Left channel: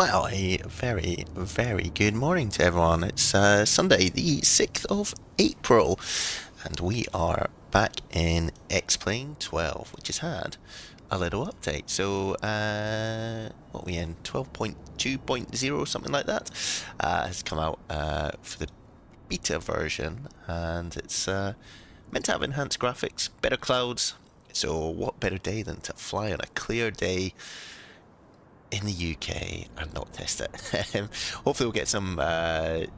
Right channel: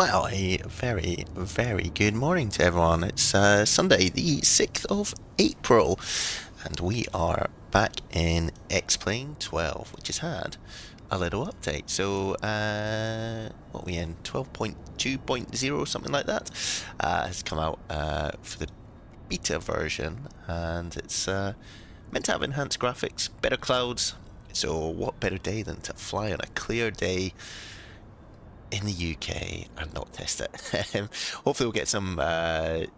Well, a very, very good morning to everyone. It's Sunday, the 6th of April, and we are back in X-Plane 12, which has had a little update. So, what are we in? 12.2.0, something like that, has come out for the beta version, and it's meant to have enhanced graphics, better clouds. So, what better day than to fly on a clear day in the UK and not test it. Hopefully we'll get some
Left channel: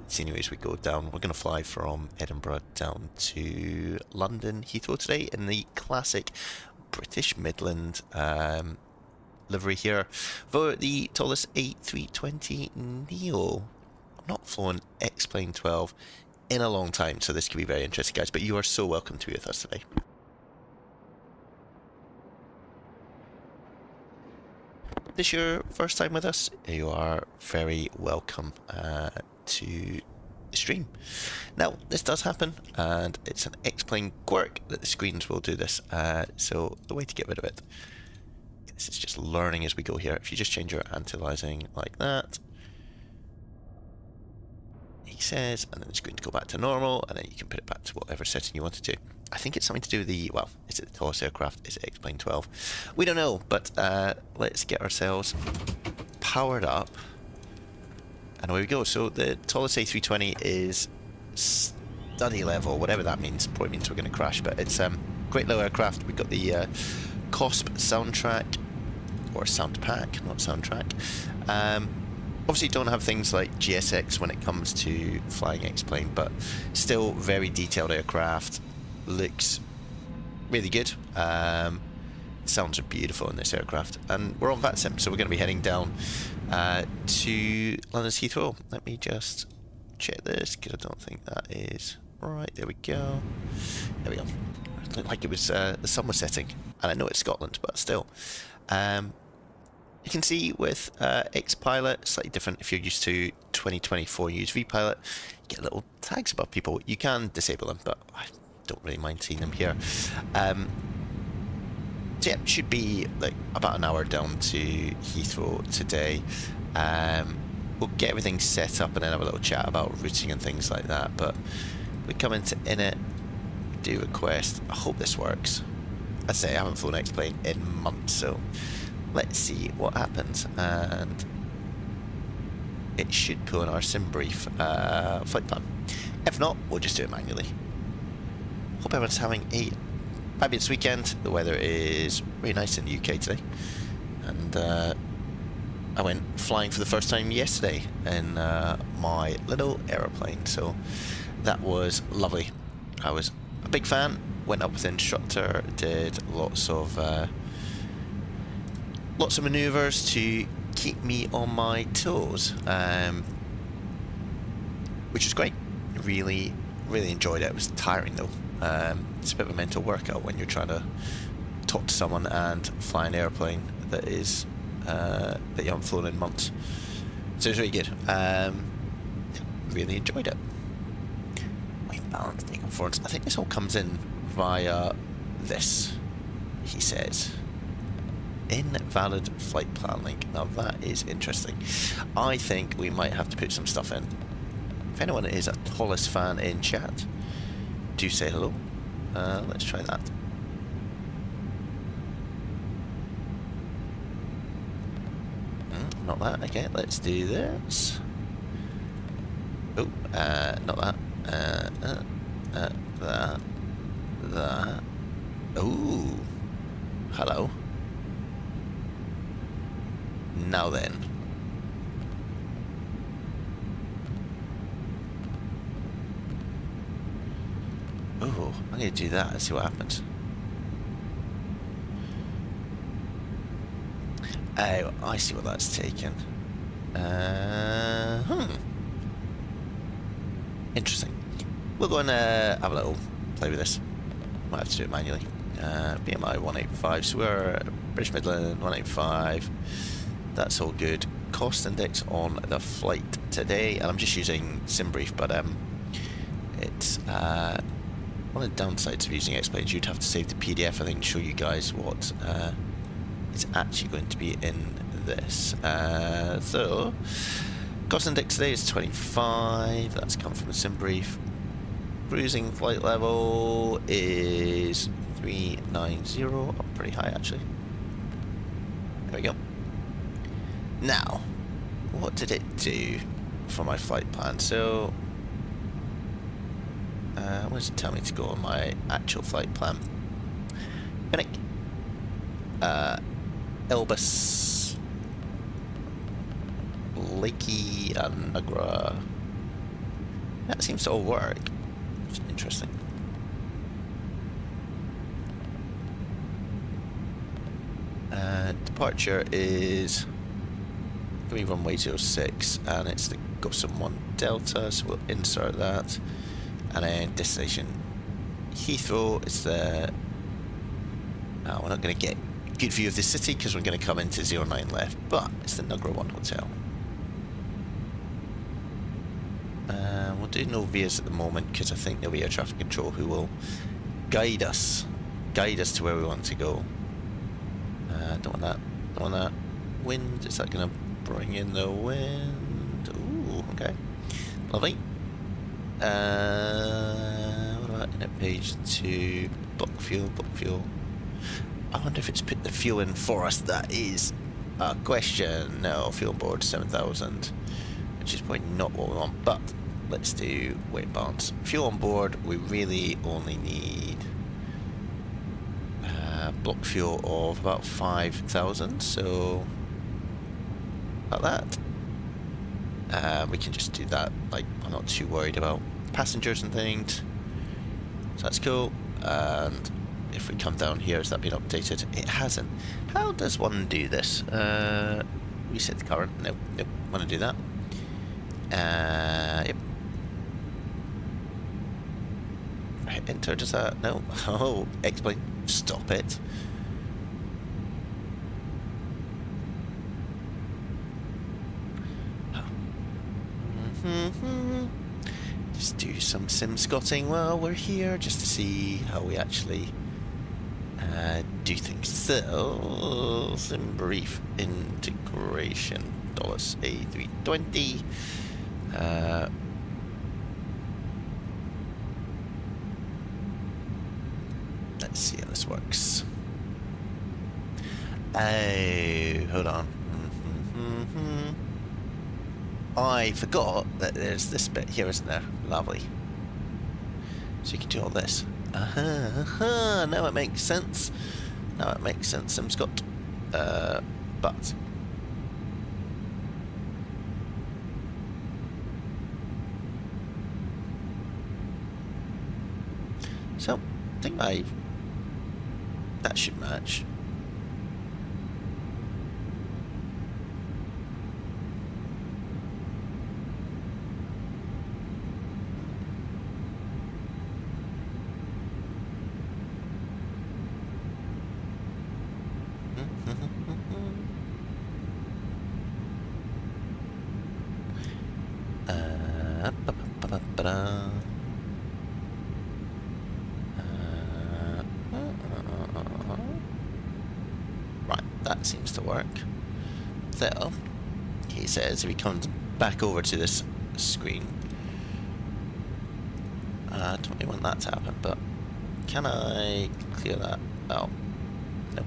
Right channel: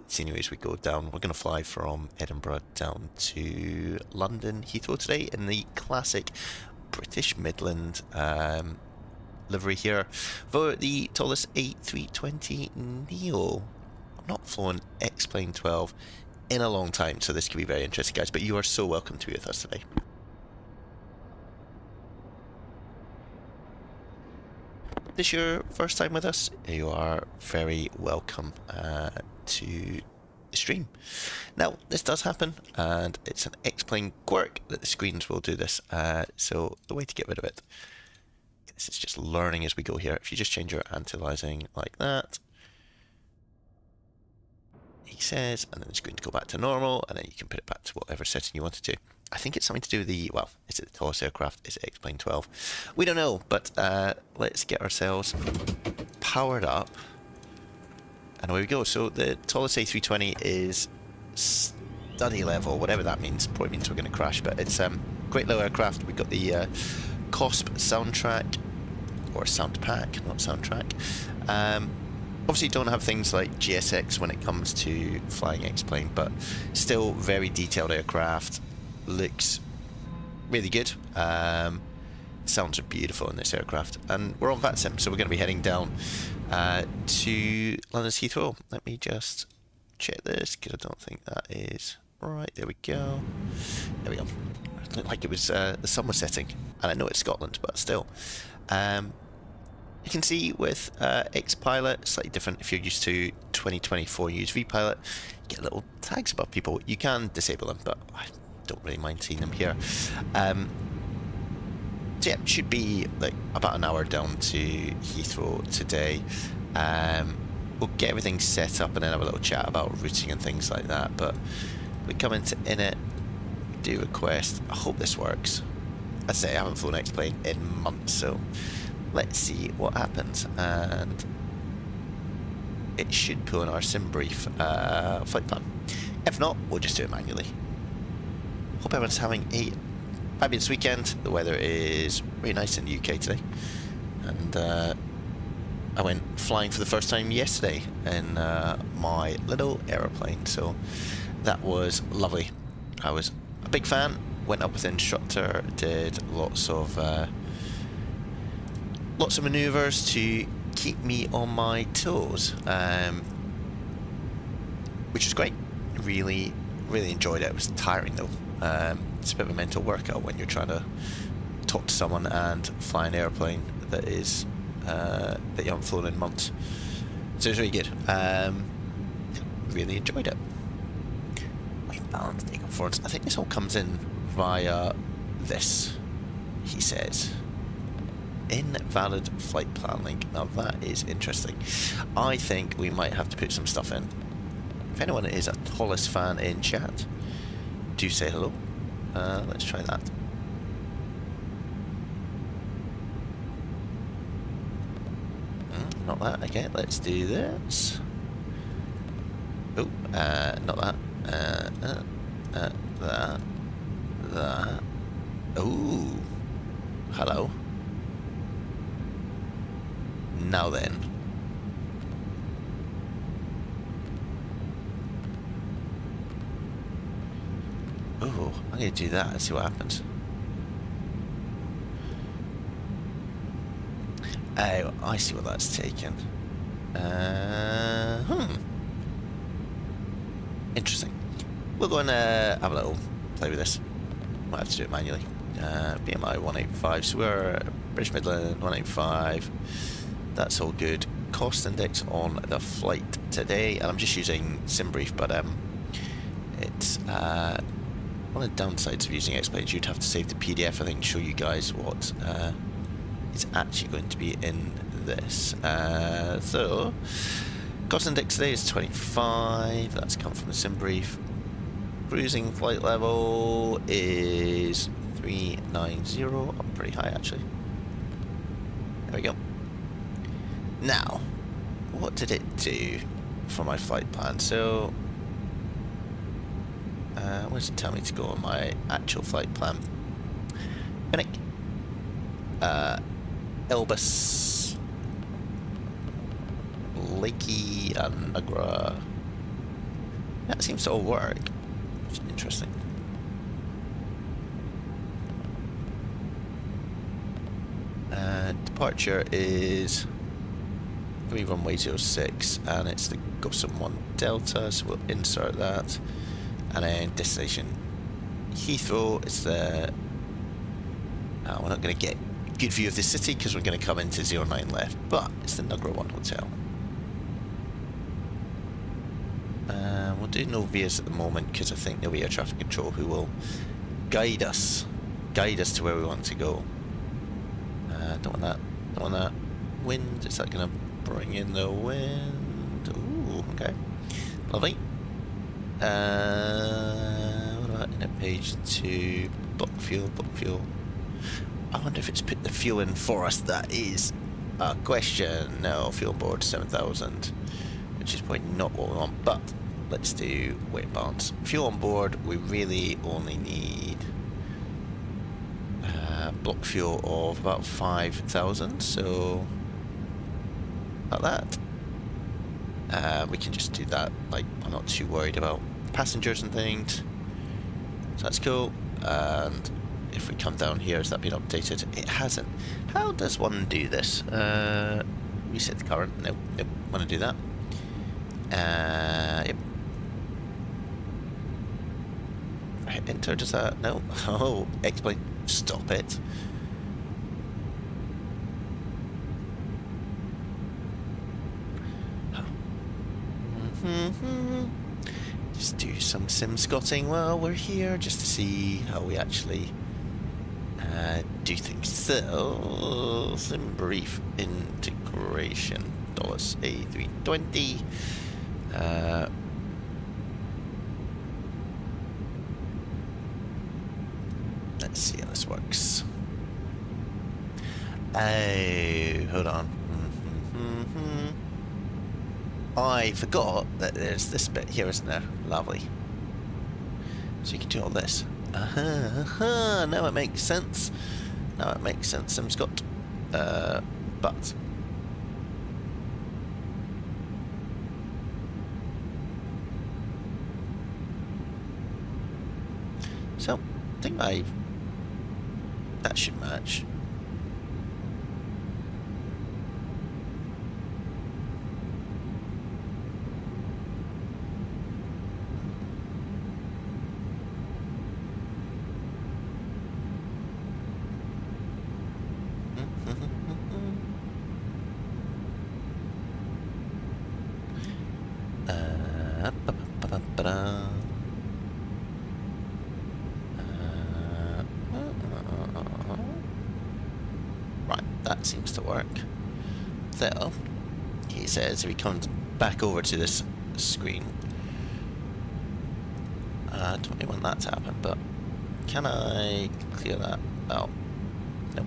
scenery as we go down. We're going to fly from Edinburgh down to London Heathrow today in the classic British Midland livery here for the Toliss A320 Neo. I've not flown X-Plane 12 in a long time, so this could be very interesting, guys, but you are so welcome to be with us today. This is your first time with us, you are very welcome to the stream. Now, this does happen, and it's an X-Plane quirk that the screens will do this, so the way to get rid of it, this is just learning as we go here. If you just change your anti-aliasing like that, he says, and then the screen to go back to normal, and then you can put it back to whatever setting you want it to. I think it's something to do with the, well, is it the Toliss aircraft? Is it X-Plane 12? We don't know, but let's get ourselves powered up. And away we go. So the Toliss A320 is study level, whatever that means. Probably means we're going to crash, but it's great little aircraft. We've got the KOSP soundtrack, or sound pack, not soundtrack. Obviously don't have things like GSX when it comes to flying X-Plane, but still very detailed aircraft. Looks really good. Sounds are beautiful in this aircraft, and we're on VATSIM, so we're going to be heading down to London's Heathrow. Let me just check this because I don't think that is right. There we go. There we go. It looked like it was the sun was setting, and I know it's Scotland, but still. You can see with X-Pilot, slightly different. If you're used to 2024 USV Pilot, you get little tags above people. You can disable them, but I don't really mind seeing them here. So yeah, should be like about an hour down to Heathrow today. We'll get everything set up and then have a little chat about routing and things like that. But we come into init, do request. I hope this works. I say I haven't flown X-Plane in months, so let's see what happens. And it should pull in our sim brief flight plan. If not, we'll just do it manually. Hope everyone's having a fabulous weekend. The weather is really nice in the UK today, and I went flying for the first time yesterday in my little aeroplane, so that was lovely. I was a big fan. Went up with the instructor, did lots of manoeuvres to keep me on my toes, which was great. Really enjoyed it. It was tiring though. It's a bit of a mental workout when you're trying to talk to someone and fly an airplane that is that you haven't flown in months. So it was really good. Really enjoyed it. Weight balance, takeoff performance. I think this all comes in via this. He says invalid flight plan link. Now that is interesting. I think we might have to put some stuff in. If anyone is a Toliss fan in chat, do say hello. Let's try that. Not that. Okay, let's do this. Oh, not that. That. Ooh. Hello. Now then. Oh, I'm going to do that and see what happens. Oh, I see what that's taken. Interesting. We'll go and have a little play with this. Might have to do it manually. BMI 185, so we're British Midland 185. That's all good. Cost index on the flight today, and I'm just using SimBrief, but it's one of the downsides of using X-Planes, you'd have to save the PDF, I think, to show you guys what is actually going to be in this. So, cost index today is 25. That's come from the sim brief. Cruising flight level is 390. Oh, pretty high actually. There we go. Now, what did it do for my flight plan? So, where does it tell me to go on my actual flight plan? Panic. Elbus, Lakey, and Nagra. That seems to all work. It's interesting. Departure is going to be runway 06, and it's the Gossamer 1 Delta, so we'll insert that. And then destination Heathrow is the... we're not going to get a good view of the city because we're going to come into 09 left, but it's the Nagra 1 hotel. We'll do no VIAs at the moment because I think there'll be air traffic control who will guide us to where we want to go. Don't want that. Don't want that. Wind, is that going to bring in the wind? Ooh, okay. Lovely. What about in at page 2? Block fuel. I wonder if it's put the fuel in for us. That is a question. No, fuel on board 7,000, which is probably not what we want, but let's do weight balance. Fuel on board, we really only need block fuel of about 5,000, so about that. We can just do that, like, I'm not too worried about passengers and things, so that's cool. And if we come down here, has that been updated? It hasn't. How does one do this? Reset the current. Nope, want to do that. Yep. Hit enter, does that? No. Oh, explain. Stop it. Just do some sim scotting while we're here, just to see how we actually do things. So, sim brief integration. Toliss A320. Let's see how this works. Oh, hold on. I forgot that there's this bit here, isn't there? Lovely. So you can do all this. Now it makes sense. Now it makes sense, Scott. But so I think that should match. Right, that seems to work. So, he says if he comes back over to this screen, I don't really want that to happen, but can I clear that out? Nope.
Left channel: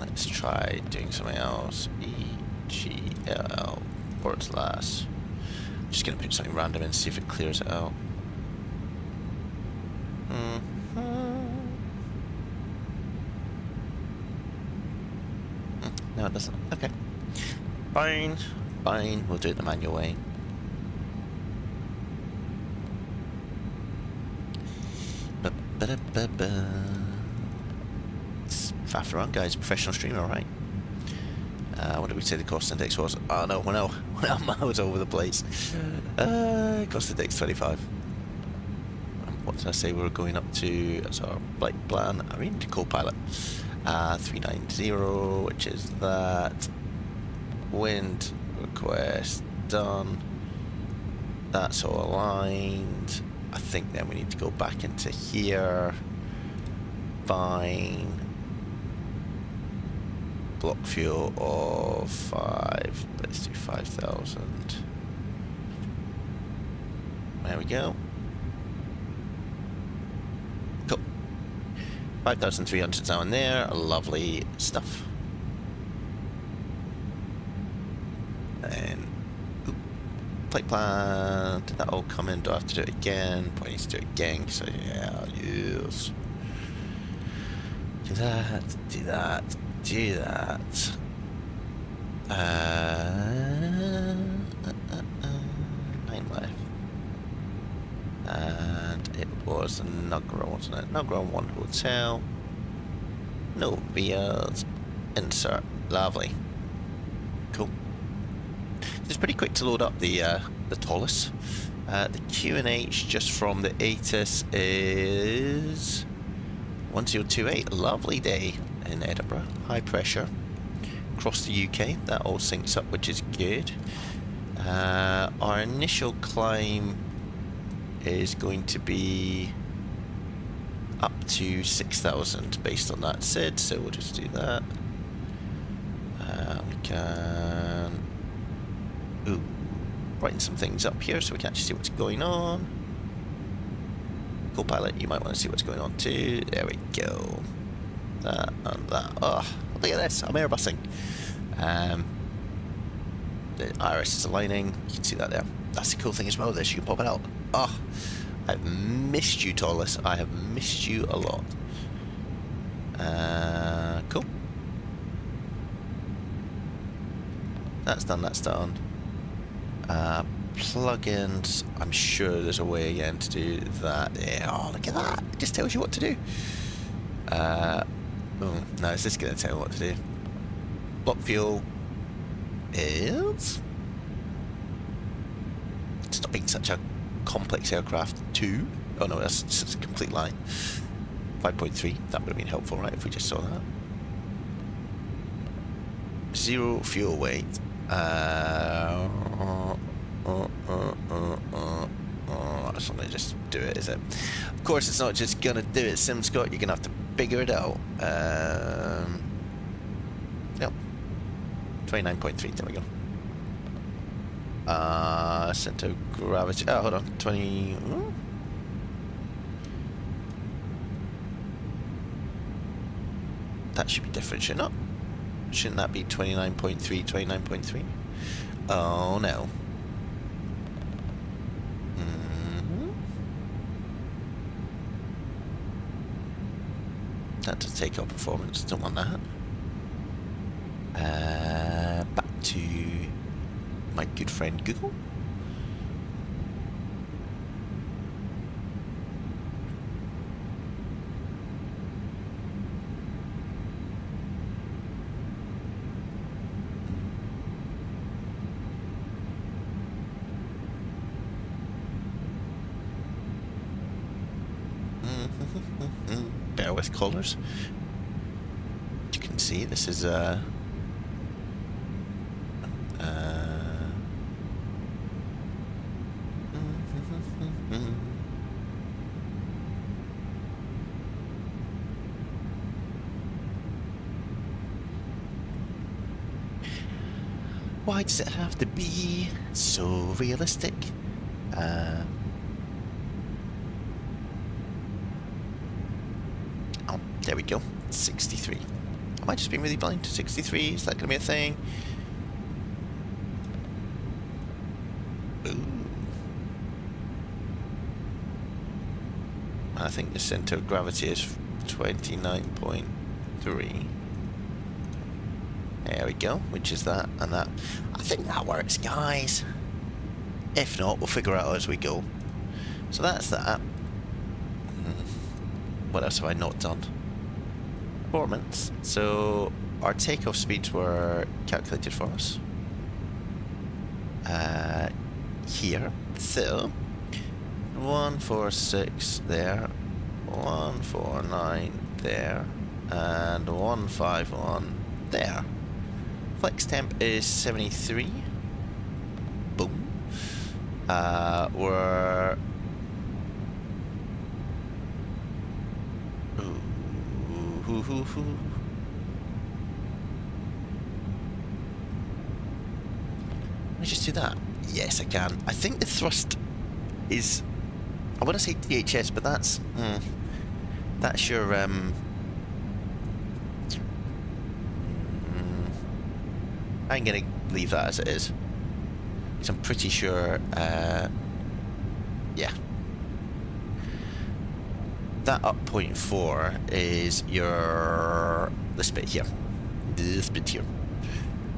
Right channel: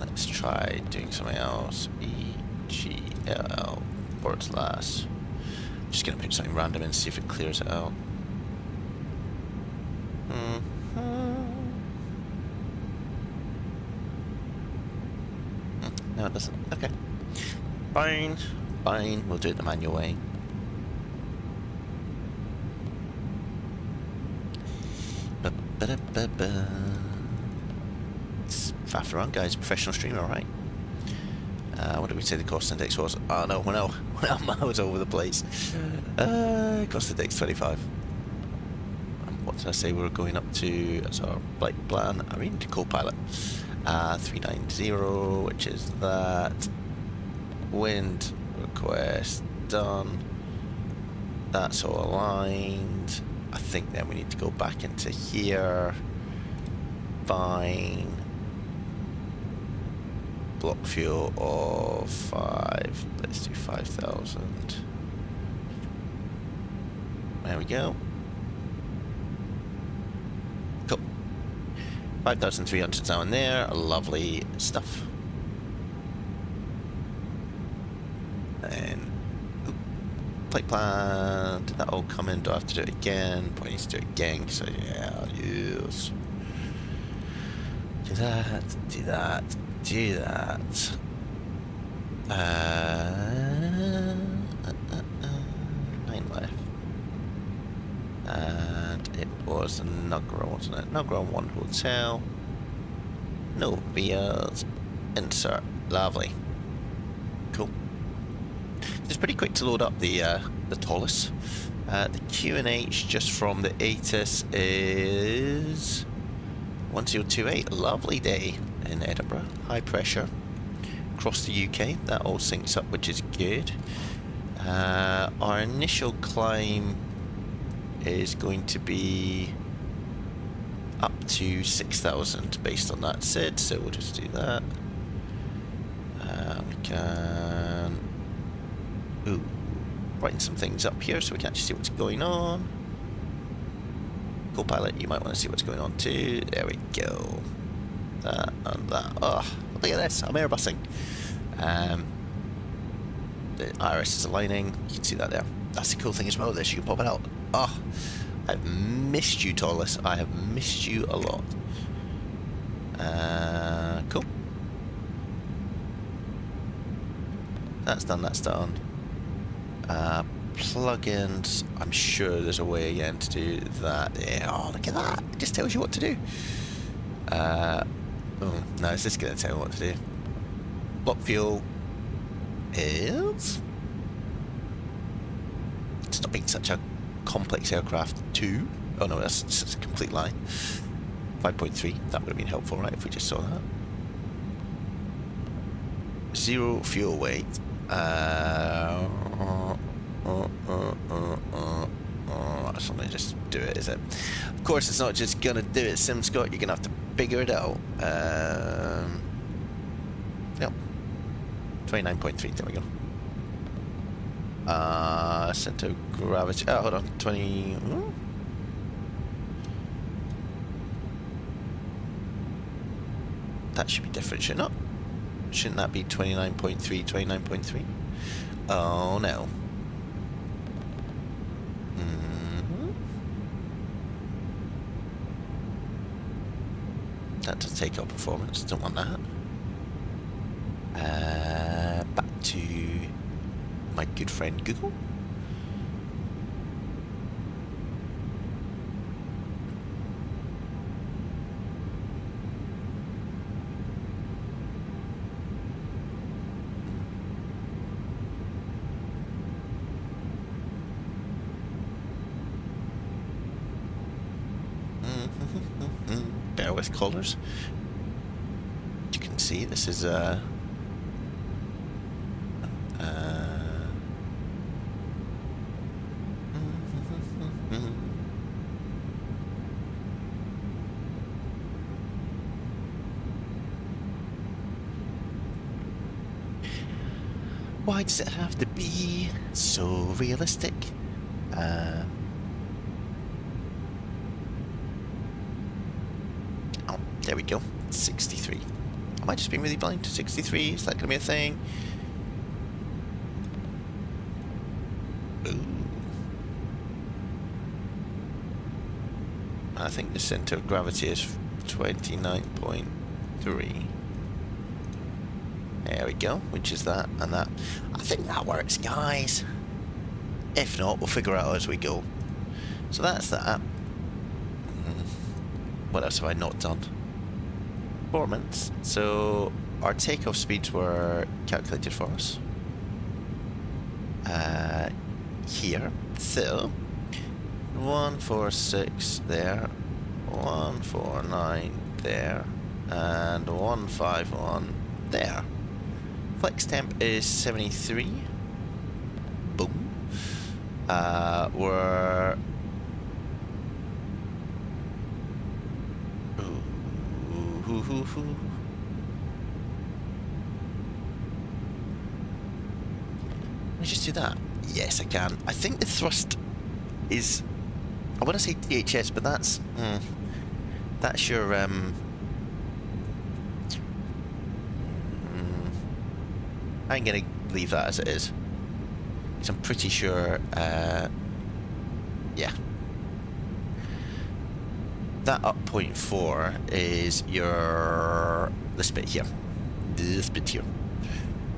Let's try doing something else. EGLL ports last. I'm just gonna put something random in, see if it clears it out. No, it doesn't. Okay. Fine. We'll do it the manual way. It's faff around, guys. Professional streamer, right? What did we say the cost index was? Oh no, we're now miles over the place. Cost index 25. What did I say we were going up to as our flight plan? I mean, to Copilot. 390, which is that. Wind request done. That's all aligned. I think then we need to go back into here. Fine. Block fuel of 5. Let's do 5,000. There we go. Cool. 5,300 down there. Lovely stuff. And flight plan. Did that all come in? Do I have to do it again? Probably need to do it again. So yeah, use. Do that. Do that. Do that. 9 left. And it was Nugra, wasn't it? Nugra 1 hotel. No beers. Insert. Lovely. Cool. It's pretty quick to load up the Toliss. The QNH just from the ASUS is 1028. Lovely day in Edinburgh. High pressure across the UK. That all syncs up, which is good. Our initial climb is going to be up to 6,000 based on that SID, so we'll just do that. We can brighten some things up here so we can actually see what's going on. Copilot, you might want to see what's going on too. There we go. That and that. Oh, look at this, I'm airbussing. The iris is aligning, you can see that there. That's the cool thing as well, this, you can pop it out. Oh, I've missed you, Toliss. I have missed you a lot. Cool. That's done, that's done. Plugins, I'm sure there's a way again to do that. Yeah, oh, look at that. It just tells you what to do. Oh, no, it's just going to tell me what to do. Block fuel is... Stop being such a complex aircraft. 2. Oh no, that's just a complete lie. 5.3. That would have been helpful, right, if we just saw that. 0 fuel weight. That's not just do it, is it? Of course, it's not just gonna do it, SimScott. You're gonna have to figure it out. Yep. 29.3. There we go. Center of gravity. Oh, hold on. 20. That should be different, should it not? Shouldn't that be 29.3, 29.3? Oh no. That's a takeoff performance. Don't want that. Back to my good friend Google. Bear with colours. You can see this is why does it have to be so realistic? Oh, there we go. 63. Am I just being really blind to 63? Is that going to be a thing? Ooh. I think the center of gravity is 29.3. There we go, which is that and that. I think that works, guys. If not, we'll figure out as we go. So that's that. What else have I not done? Performance. So our takeoff speeds were calculated for us. Here. So 146 there, 149 there, and 151 there. Flex temp is 73. Boom. We're Ooh. Let me just do that. Yes, I can. I think the thrust is... I want to say THS, but that's your... I'm going to leave that as it is. Because I'm pretty sure... yeah. That up 0.4 is your... this bit here. This bit here.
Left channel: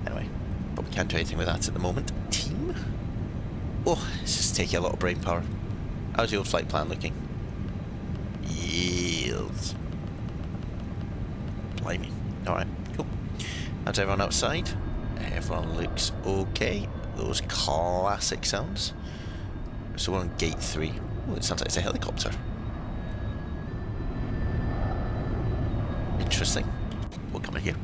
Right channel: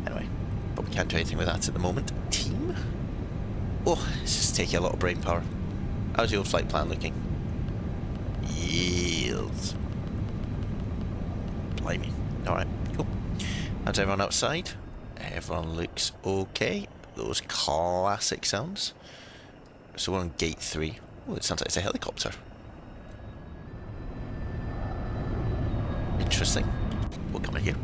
Anyway. But we can't do anything with that at the moment. Team? Oh, it's just taking a lot of brain power. How's the old flight plan looking? Yields. Blimey. Alright, cool. How's everyone outside? Everyone looks okay. Those classic sounds. So we're on gate 3. Oh, it sounds like it's a helicopter. Interesting. We'll come in here.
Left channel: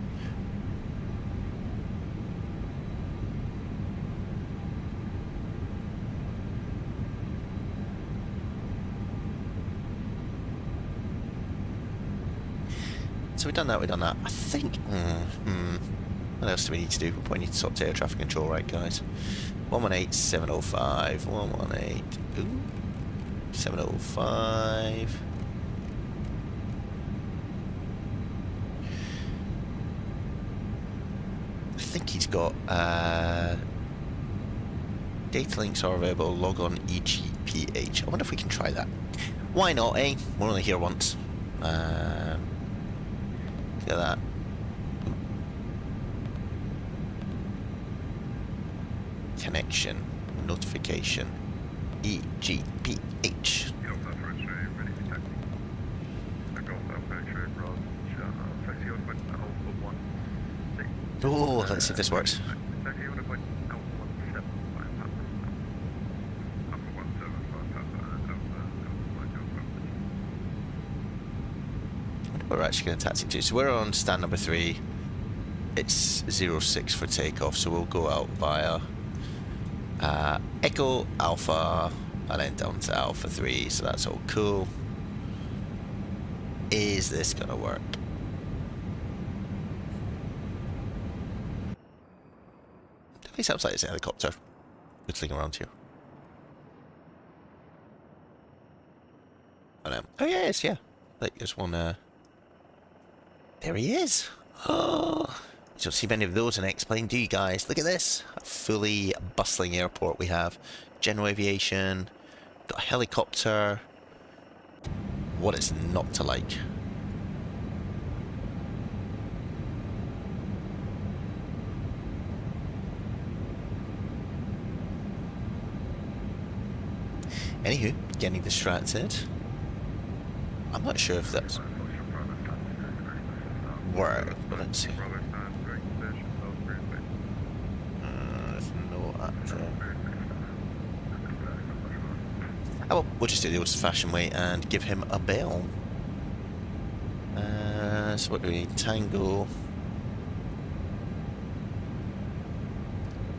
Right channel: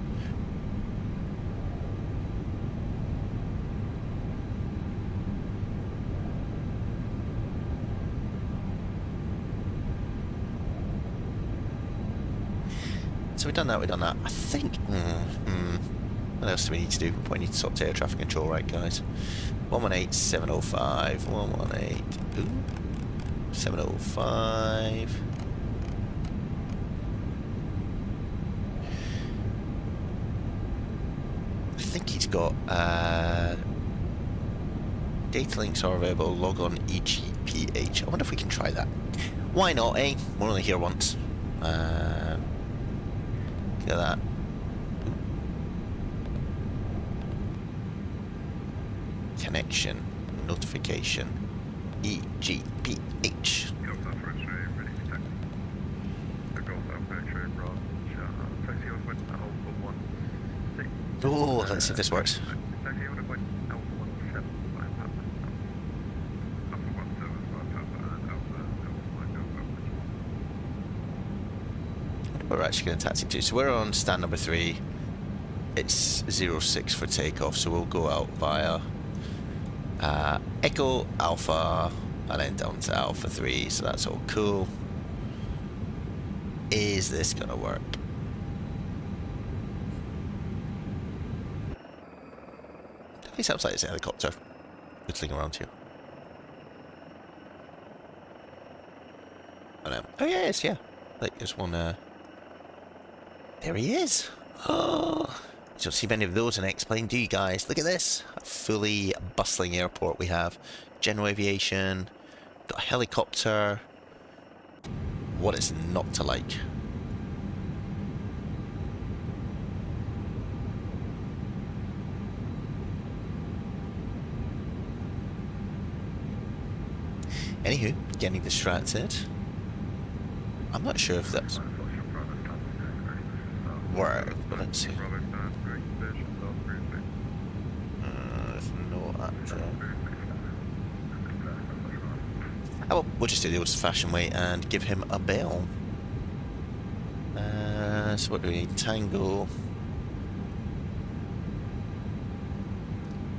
So we've done that, I think... What else do we need to do? We probably need to sort air traffic control, right, guys? 118.705, 118... Ooh. 705... I think he's got... data links are available, log on EGPH. I wonder if we can try that. Why not, eh? We're only here once. Look at that. Connection, notification, EGPH. Oh, let's see if this works. We're actually going to taxi to. So we're on stand number 3. It's 06 for takeoff, so we'll go out via Echo, Alpha, and then down to Alpha 3, so that's all cool. Is this going to work? Definitely sounds like it's a helicopter whittling around here. Oh yeah, it's, yeah. Like, there's one, there he is! Oh, you don't see many of those in X-Plane, do you guys? Look at this! A fully bustling airport we have. General aviation, got a helicopter. What is not to like? Anywho, getting distracted. I'm not sure if that's work, but let's see. There's no actor. Oh, well, we'll just do the old-fashioned way and give him a bell. So what do we need? Tango.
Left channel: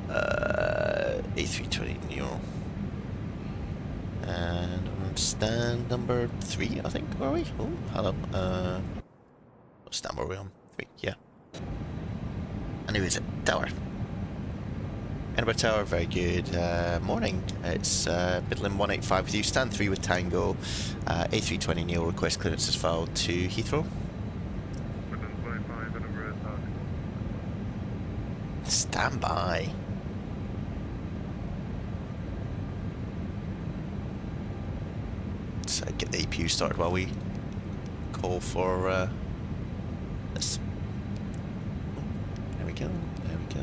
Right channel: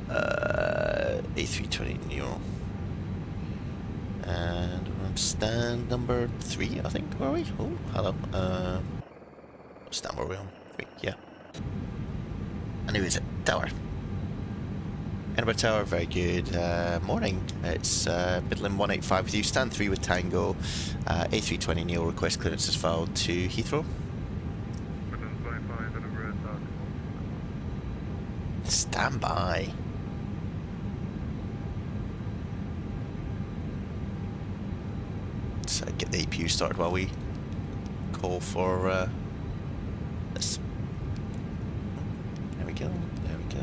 A320 Neo. And we're on stand number 3, I think, were we? Oh, hello. What stand were we on? 3, yeah. And who is it? Tower. Edinburgh Tower, very good. Morning. It's Midland 185 with you. Stand 3 with Tango. A320 Neo request clearance is filed to Heathrow. Stand by. Let's get the APU started while we call for this. There we go. There we go.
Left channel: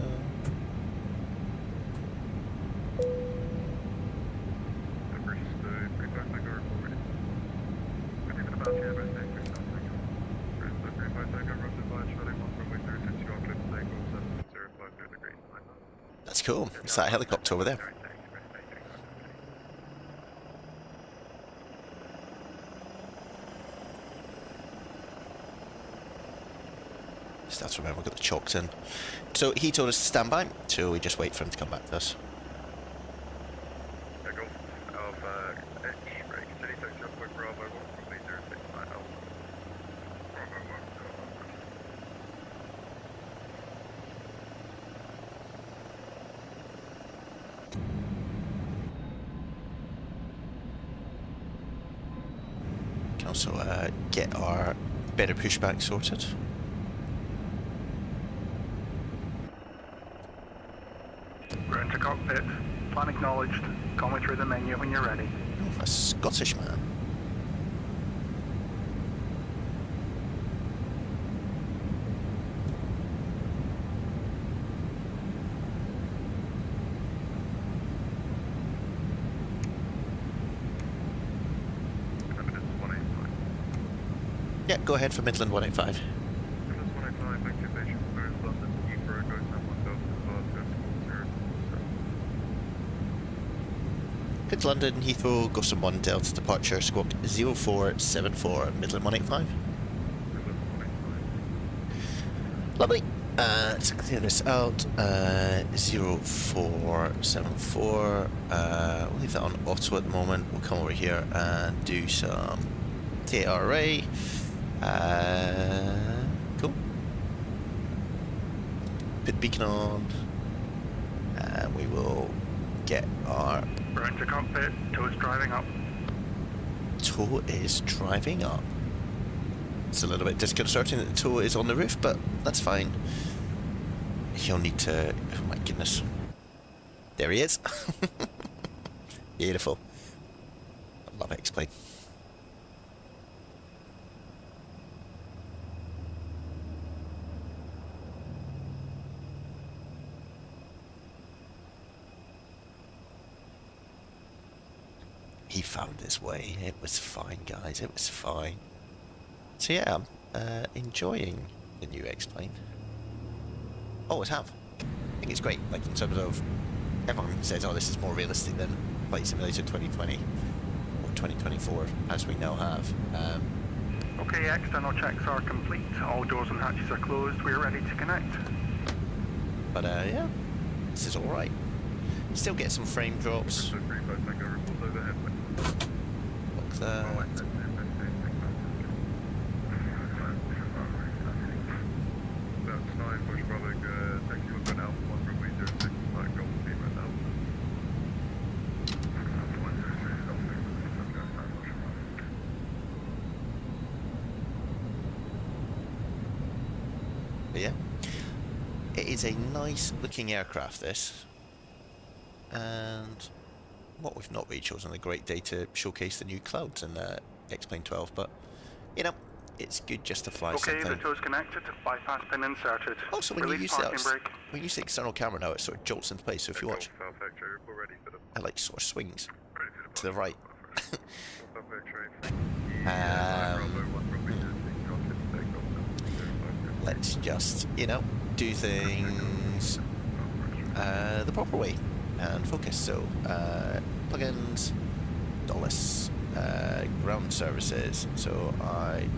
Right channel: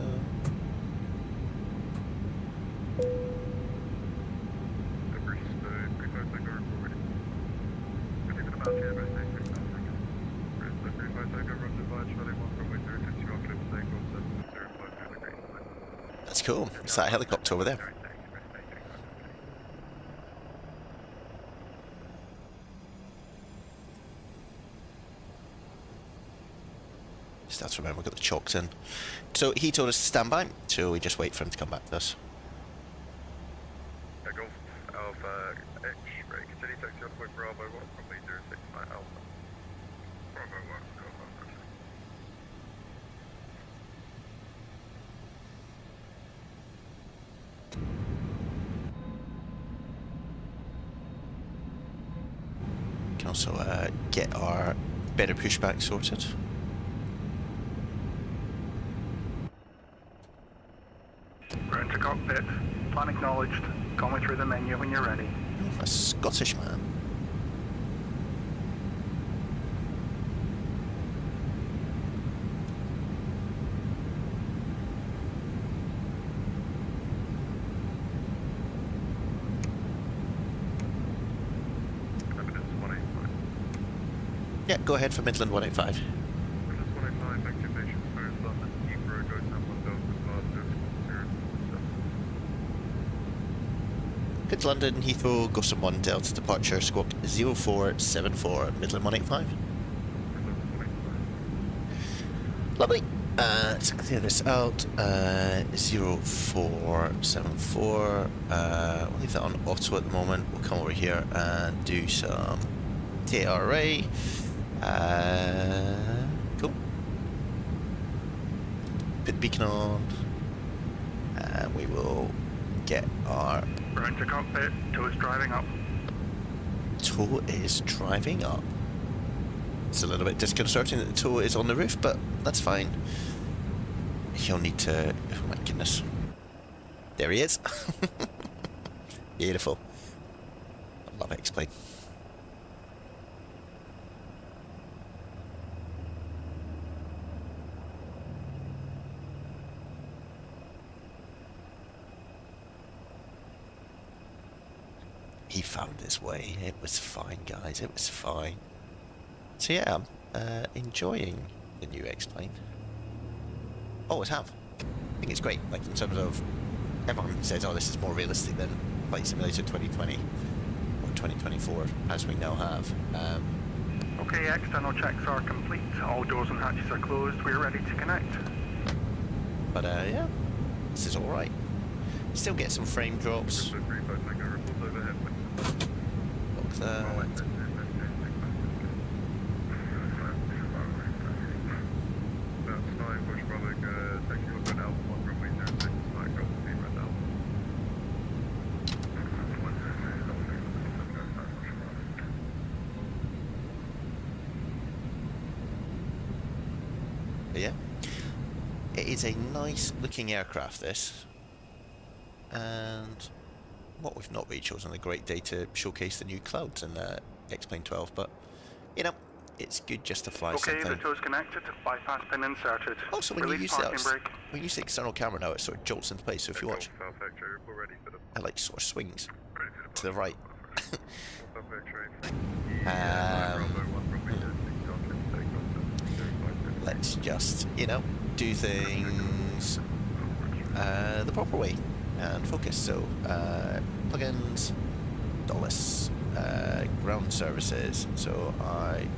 That's cool. It's that helicopter over there. Just have to remember we've got the chocks in. So he told us to stand by, so we just wait for him to come back to us. also get our better pushback sorted. Ground to cockpit. Plan acknowledged. Call me through the menu when you're ready. Oh, a Scottish man. Yeah, go ahead for Midland 185. Midland 185, activation, Paris, London, Heathrow, go San Juan Delta, departure, Corsair, Good London, Heathrow, Gossom 1 Delta departure, squawk 0474, Midland 185. Midland 185. Lovely. Let's clear this out. 0474. We'll leave that on auto at the moment. We'll come over here and do some TRA. Cool. Put beacon on. And we will get our... Ground to cockpit. Tow is driving up. Tow is driving up. It's a little bit disconcerting that the tow is on the roof, but that's fine. He'll need to... Oh my goodness. There he is. Beautiful. I love X-Plane. He found his way. It was fine, guys. It was fine. So yeah, I'm enjoying the new X-Plane. Always have. I think it's great, like in terms of everyone says, oh, this is more realistic than Flight Simulator 2020 or 2024, as we now have. Okay, external checks are complete. All doors and hatches are closed. We're ready to connect. But yeah, this is alright. Still get some frame drops. Look that. That's 9, Bush Bravo, taxi will go Alpha 1, runway 06, flight Golf Team right now. But yeah, it is a nice looking aircraft, this. And what we've not really chosen a great day to showcase the new clouds in X-Plane 12, but you know, it's good just to fly something. Okay, the tow's connected. Bypass pin inserted. Also, when you use the external camera now, it sort of jolts into place. So if you watch, it like sort of swings to the right. Let's just, you know, do things the proper way and focus. So plugins, Toliss, ground services. So I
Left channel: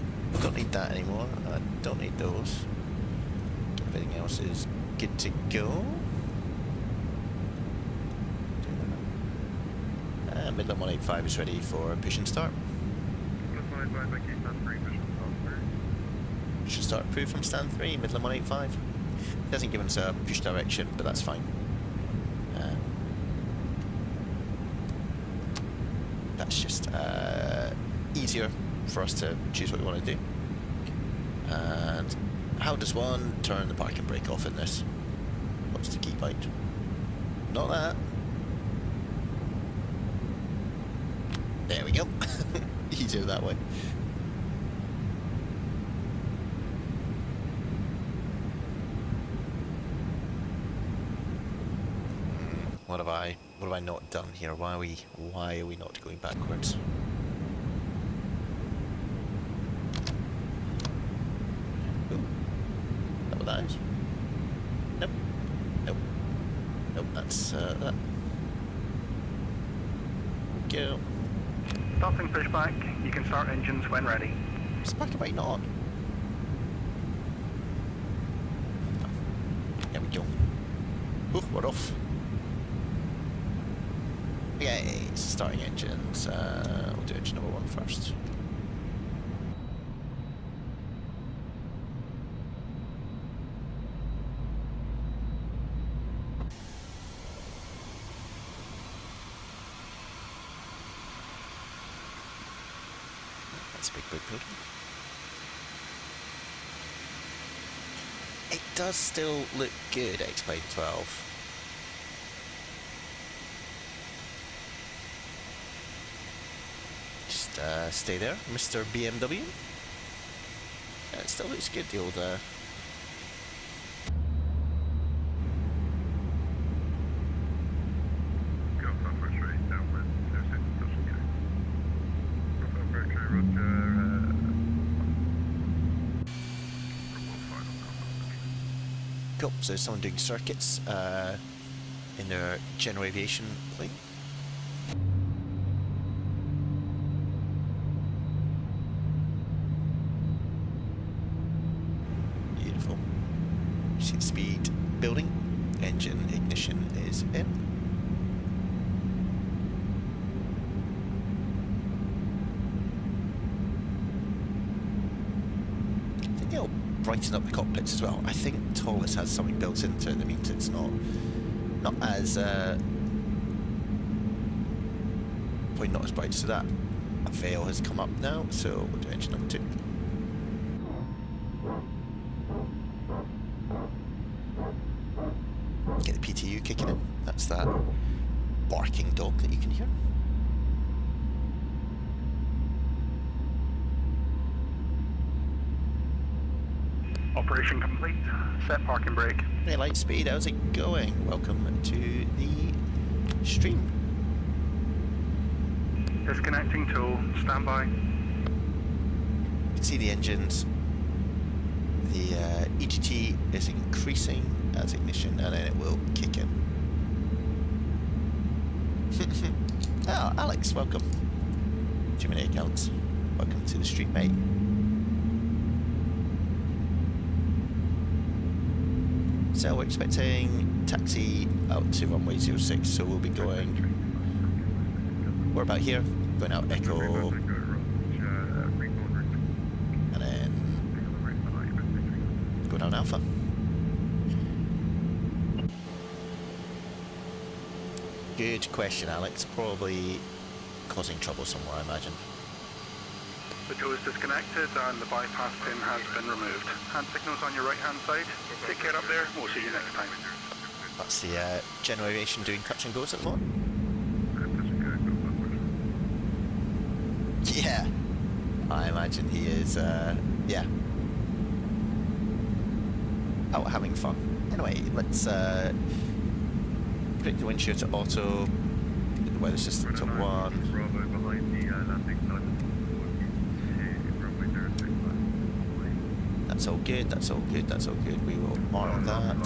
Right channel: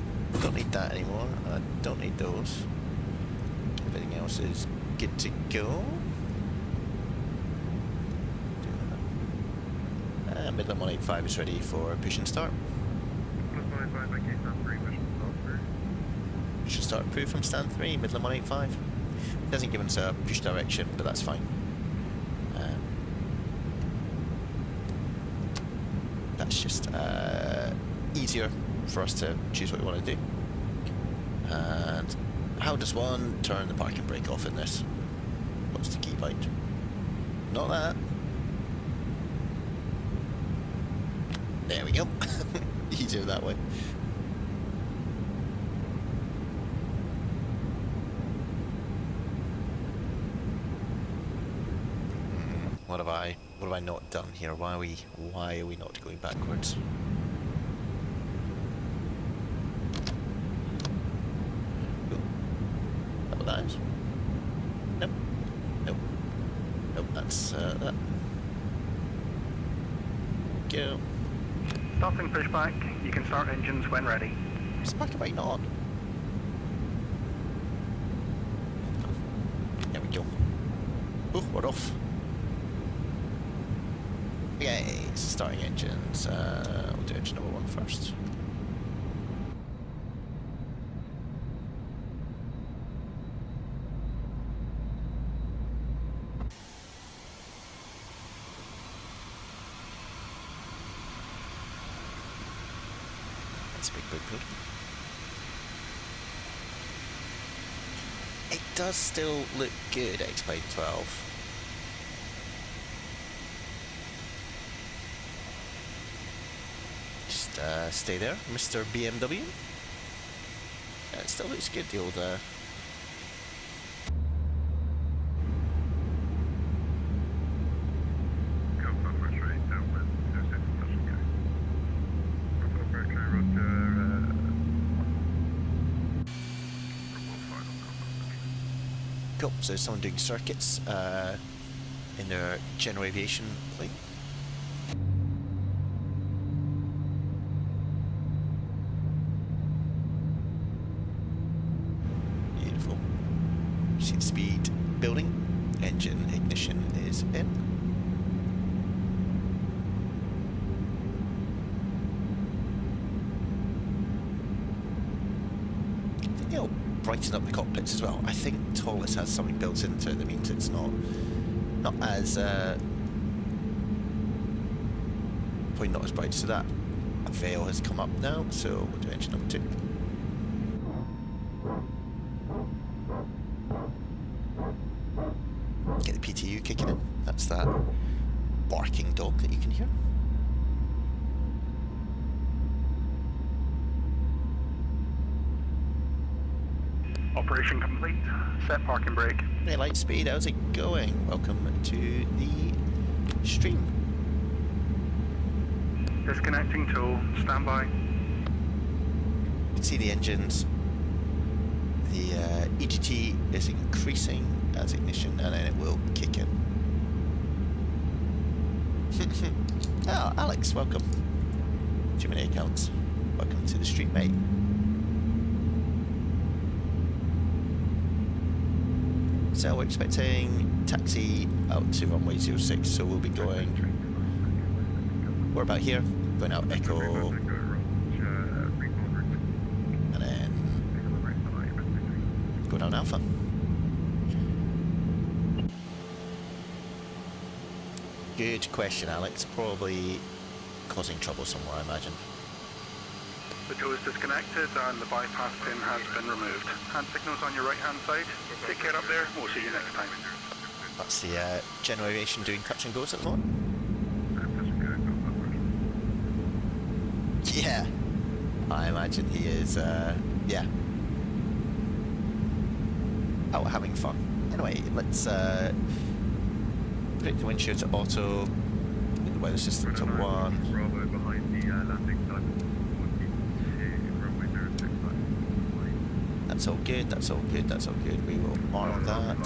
don't need that anymore. I don't need those. Everything else is good to go. Midland 185 is ready for push and start. Push and start approved from stand 3, Midland 185. It doesn't give us a push direction, but that's fine. That's just easier for us to choose what we want to do. And how does one turn the parking brake off in this? What's the key bind? Not that. There we go. Easier that way. What have I not done here? Why are we not going backwards? Ooh. Is that what that is? Nope. Nope. Nope, that's that. Go. Starting pushback. You can start engines when ready. Spark it, why not? There we go. Oh, we're off. Okay, starting engines. We'll do engine number 1 first. It's a big building. It does still look good, X-Plane 12. Just stay there, Mr. BMW. It still looks good, the old... Go for straight downwind, 06, that's okay. Go for Mercury, Roger, Cool, so there's someone doing circuits in their general aviation plane. Beautiful. See the speed building. Engine ignition is in. I think they'll brighten up the cockpits as well. I think Toliss has something built into it that means it's not as probably not as bright. So that a veil has come up now, so we'll do engine number 2. Get the PTU kicking in. That's that barking dog that you can hear. Operation complete. Set parking brake. Hey, Lightspeed, how's it going? Welcome to the stream. Disconnecting tool. Stand by. You can see the engines. The EGT is increasing as ignition, and then it will kick in. Oh, Alex, welcome. Too many accounts. Welcome to the stream, mate. So we're expecting taxi out to runway 06, so we'll be going... We're about here, going out Echo, and then go down Alpha. Good question, Alex. Probably causing trouble somewhere, I imagine. The tool is disconnected and the bypass pin has been removed. Hand signals on your right hand side. Take care up there. We'll see you next time. That's the general aviation doing touch and goes at the moment. Yeah, I imagine he is, yeah, out having fun. Anyway, let's predict the wind shear to auto, put the weather system to 1. Bravo behind the landing side. That's all good, that's all good, that's all good. We will honor that.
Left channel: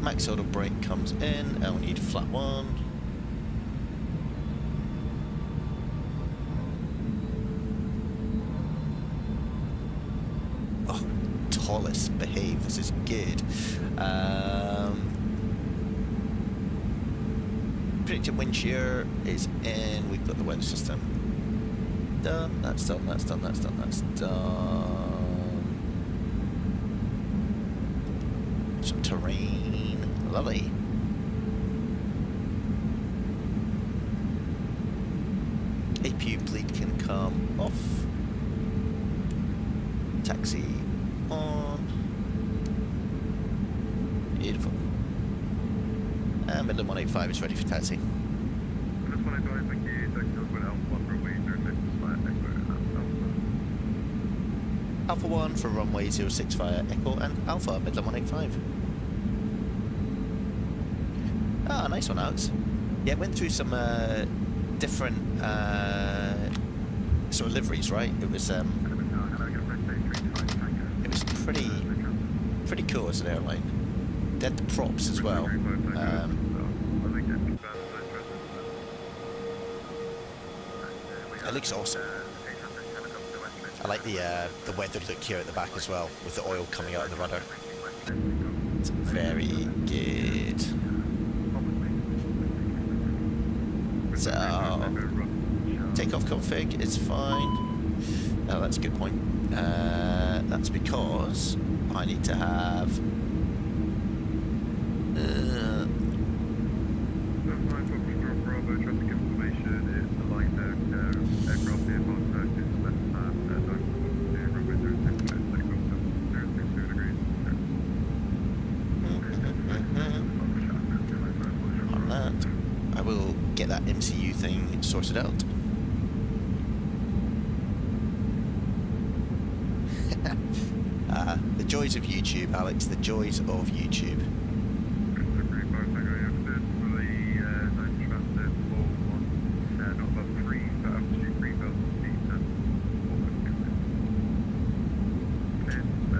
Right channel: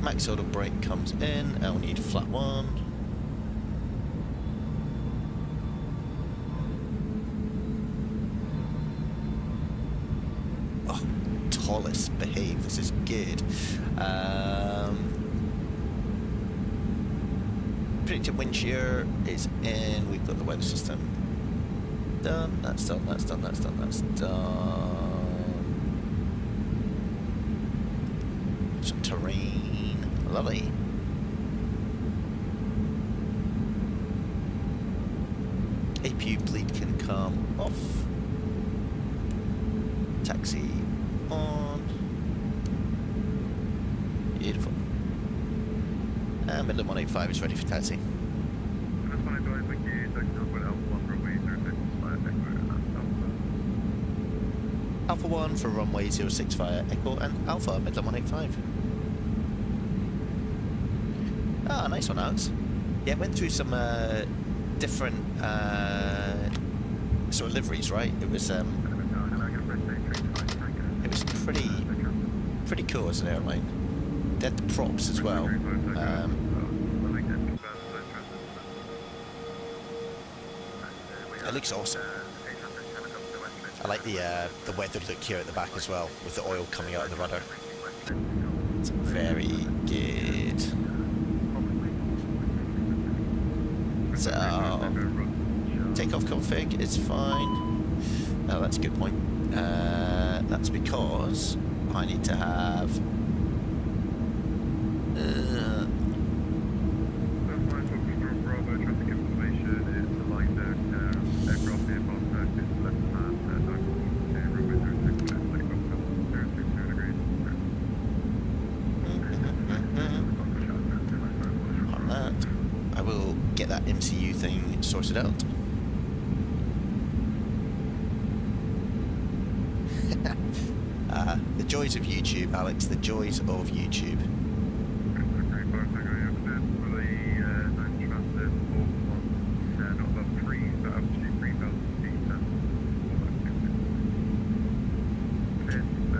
Max auto brake comes in, and we need flat 1. Oh, Toliss, behave, this is good. Predicted wind shear is in, we've got the weather system done, that's done, that's done, that's done, that's done. Some terrain, lovely. APU bleed can come off. Taxi on. Beautiful. And Midland 185 is ready for taxi. This 185, thank you. Taxi over Alpha 1 runway 06 via Echo and Alpha. Alpha 1 for runway 06 via Echo and Alpha, Midland 185. Ah, nice one, Alex. Yeah, went through some different sort of liveries, right? It was pretty cool as an airline. They had the props as well. It looks awesome. I like the weathered look here at the back as well, with the oil coming out of the rudder. It's very good. So, takeoff config is fine. Oh, that's a good point. That's because I need to have... Bravo, traffic information, it's a line down there. I will get that MCU thing sorted out. The joys of YouTube, Alex, the joys of YouTube.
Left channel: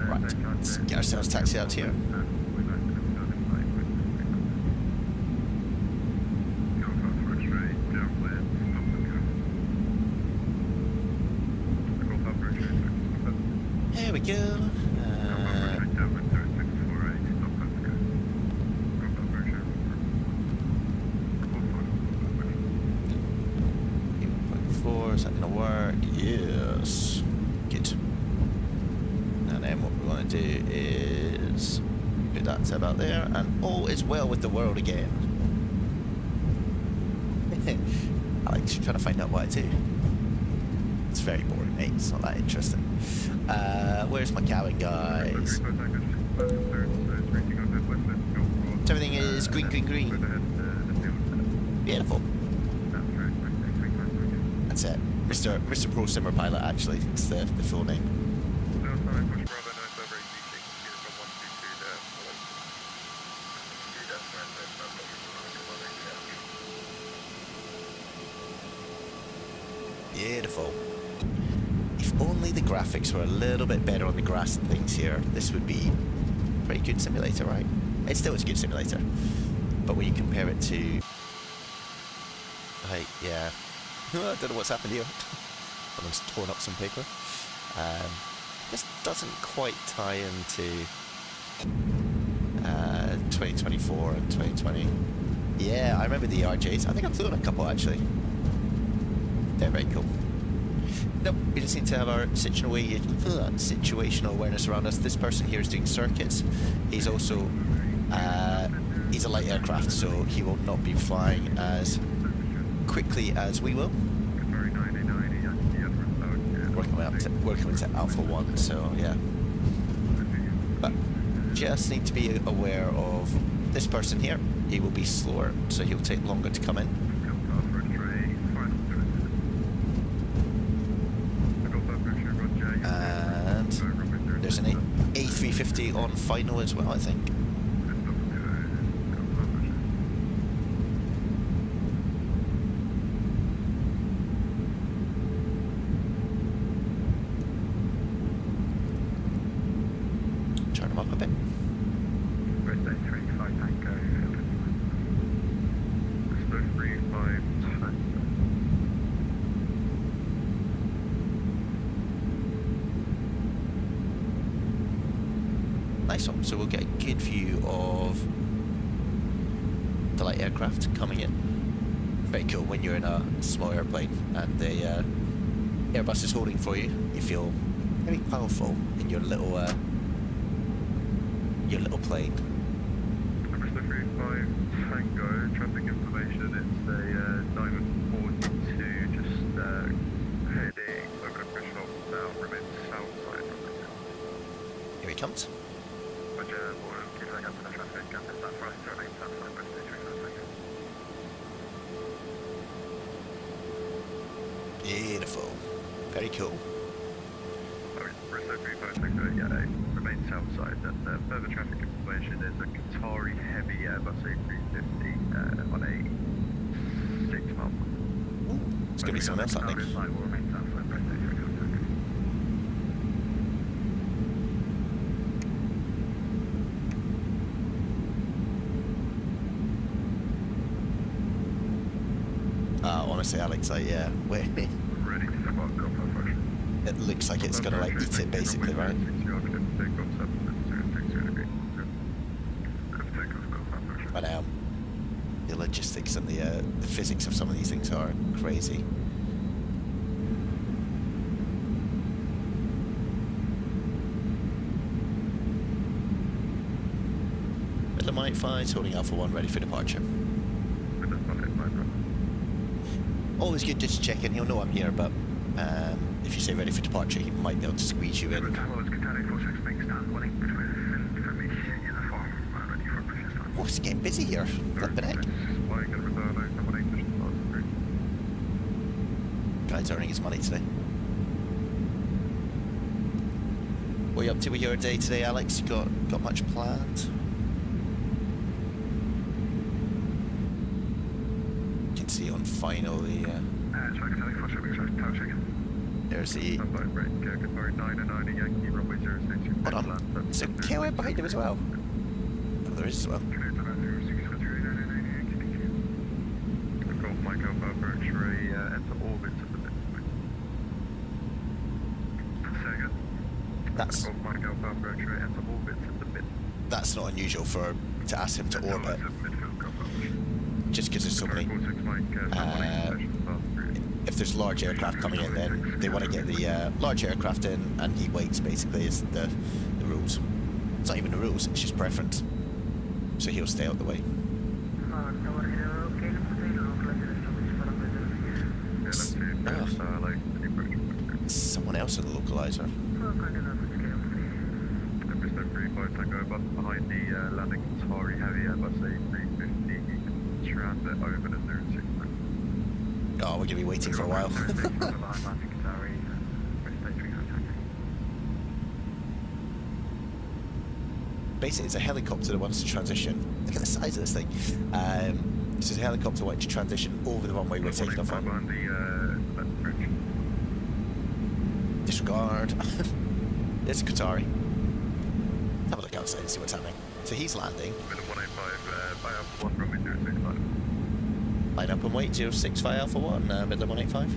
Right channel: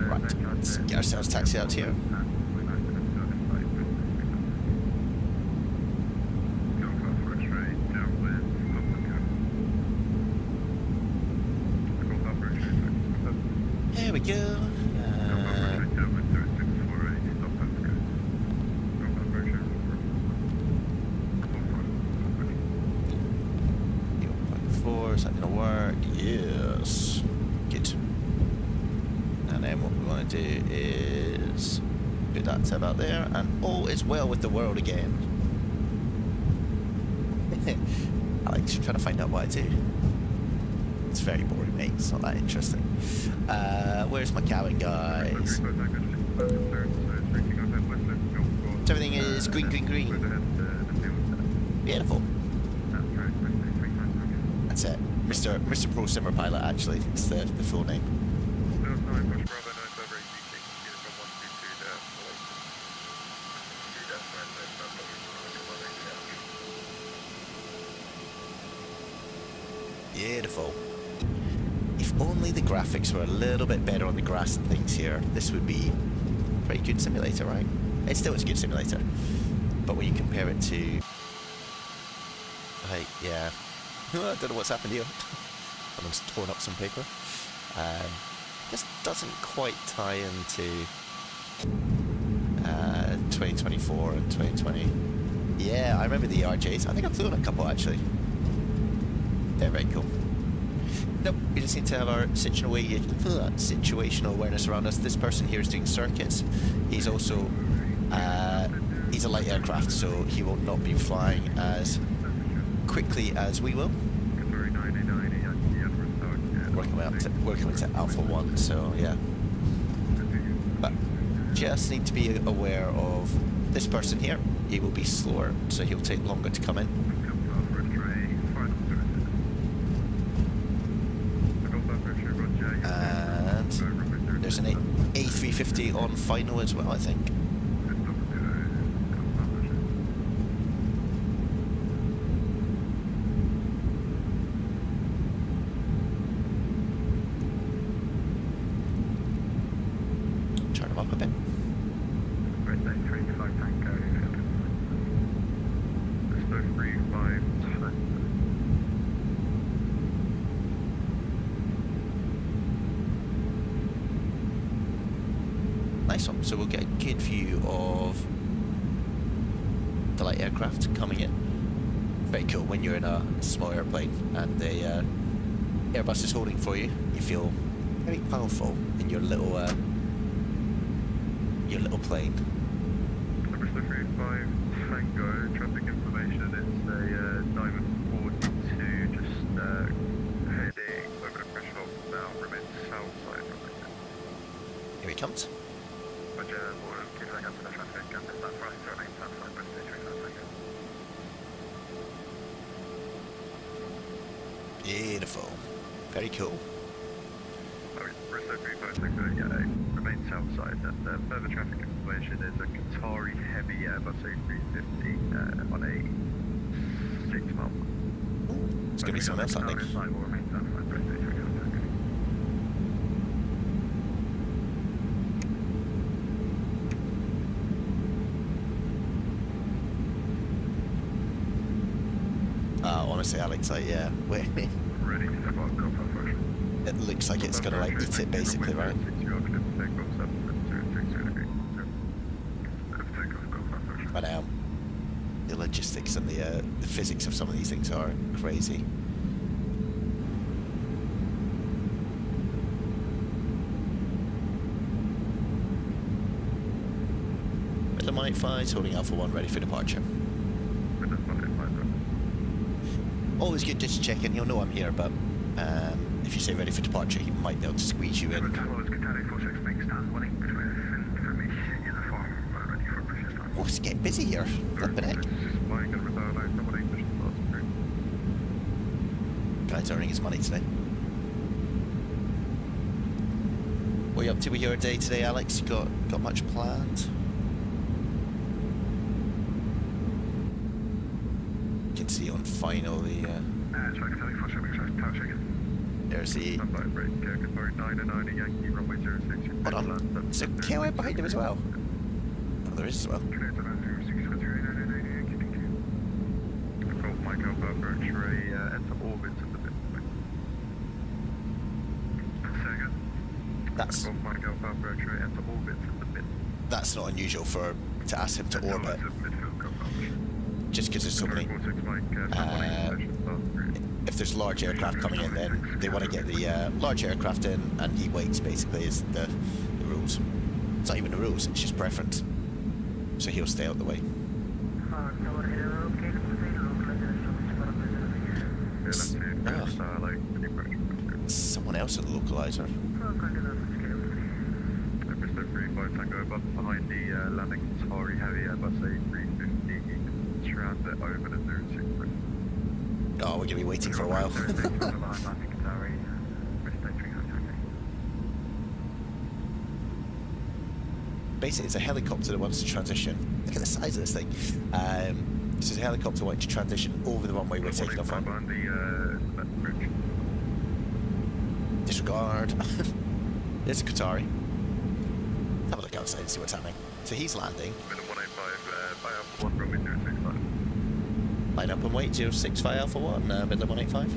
Right, let's get ourselves taxi out here. There we go. Is that going to work? Yes. Good. And then what we want to do is put that tab out there, and all is well with the world again. Alex, you're trying to find out what I do. It's very boring, mate. It's not that interesting. Where's my cabin, guys? So everything is green, green, green. Beautiful. That's it. Mr. Pro Simmer Pilot, actually. It's the full name. Beautiful. If only the graphics were a little bit better on the grass and things here, this would be a pretty good simulator, right? It still is a good simulator. But when you compare it to... Like, yeah... I don't know what's happened here. Someone's torn up some paper. This doesn't quite tie into 2024 and 2020. Yeah, I remember the RJs. I think I've flown a couple actually. They're very cool. Nope, we just need to have our situational awareness around us. This person here is doing circuits. He's also he's a light aircraft, so he will not be flying as quickly as we will. Working with Alpha 1, so yeah. But just need to be aware of this person here. He will be slower, so he'll take longer to come in. And there's an A350 on final as well, I think. Turn them up a bit. Nice one. So we'll get a good view of the light aircraft coming in. Very cool when you're in a small airplane and the Airbus is holding for you. You feel very powerful in your little plane. Number 35 Tango, traffic information. It's a Diamond 42, just heading over the threshold now, remains south side from it. Here he comes. Roger, we'll keep an eye out for the traffic, and if that's right, remain south side, but stay 35 seconds. Beautiful. Very cool. Bristol 35 Tango, yeah, remain south side, and further traffic information is a Qatari heavy Airbus A350 on a 6-mile. Ooh, it's going to be someone else, I think. Will remain south side, Bristol 35 Tango. Honestly, Alex, yeah, wait. Ready to spot Golf function. It looks like it's gonna like eat it basically, right? But the logistics and the physics of some of these things are crazy. Middle Mike 5 holding Alpha 1 ready for departure. Always good just to check in. He'll know I'm here, but if you say ready for departure, he might be able to squeeze you in. Toliss A320 Neo, stand 1 with information in the form ready for push start. Oh, it's getting busy here. Flipping heck. Flying in return, I have an English class crew. Guy's earning his money today. What are you up to with your day today, Alex? You got much planned? You can see on final the Track telly, for shipping, touching. there's the Standby break, Qatar 909 Yankee, runway 06. hold on. Is there KOE behind him as well? Oh, there is as well. Golf Mike Alpha for X-ray, enter orbit at the bit. Second. That's Golf Mike Alpha for X-ray, enter orbit at the bit. that's not unusual to ask him to orbit, Midfield coverage. just because there's so many. If there's large aircraft coming in, then they want to get the large aircraft in, and he waits. Basically, is the rules. It's not even the rules; it's just preference. So he'll stay out the way. Someone else in the localizer. Bristol 35 Tango button behind the landing Atari Heavy Airbus A320. You can transit over the 06. Oh, we're gonna be waiting for a while. Basically, it's a helicopter that wants to transition. Look at the size of this thing. This is a helicopter wanting to transition over the runway we're taking off on. Disregard. There's a Qatari. Have a look outside and see what's happening. So he's landing. Minute 185, by Alpha 1, runway 065. Line up and wait, 065 Alpha 1, Midland 185.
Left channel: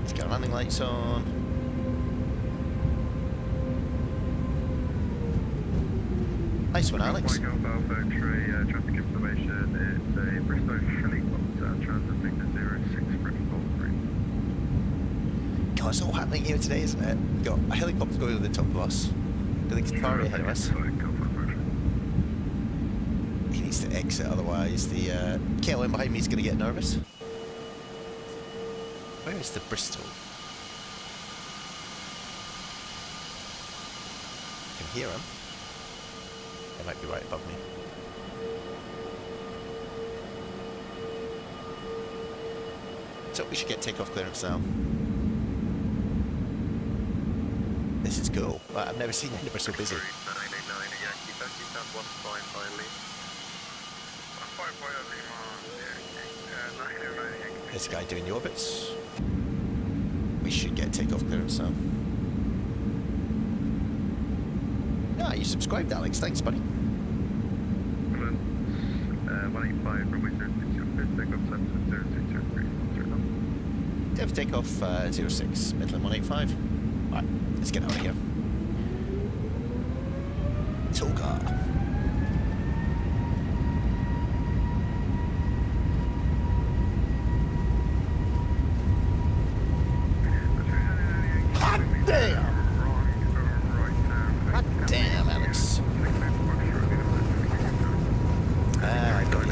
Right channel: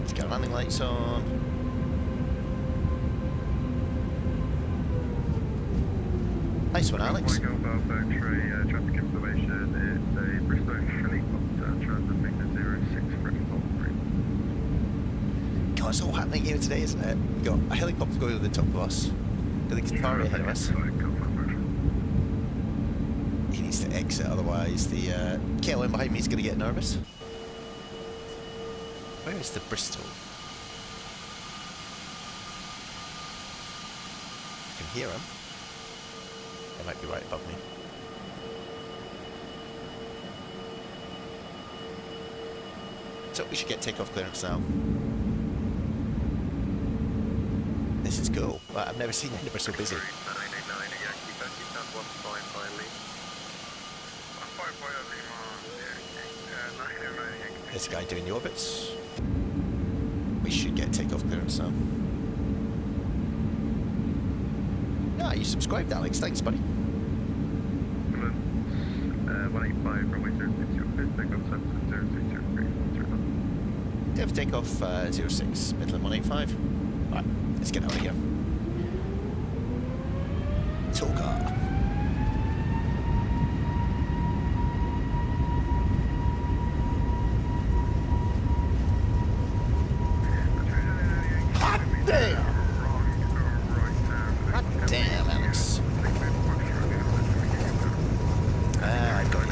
Let's get our landing lights on. Nice one, Alex. Mike Alpha Alpha X-ray, traffic information. It's a Bristol helicopter transiting the 06 threshold route. God, it's all happening here today, isn't it? We've got a helicopter going over the top of us. Got the Qatari ahead of us. He needs to exit, otherwise the KLM behind me is going to get nervous. Where is the Bristol? I can hear him. They might be right above me. So we should get takeoff clearance now. This is cool. Well, I've never seen anybody so busy. 989 Yankee, Yankee, stand 15 by Lee. 15 by Lee, 989 Yankee. There's a guy doing the orbits. We should get takeoff clearance now. Ah, you subscribed, Alex. Thanks, buddy. 185, runway 060, takeoff 72063, Dev takeoff 06, Midland 185. Alright, let's get out of here. Toga. Hot damn! Hot damn, Alex. I've got it.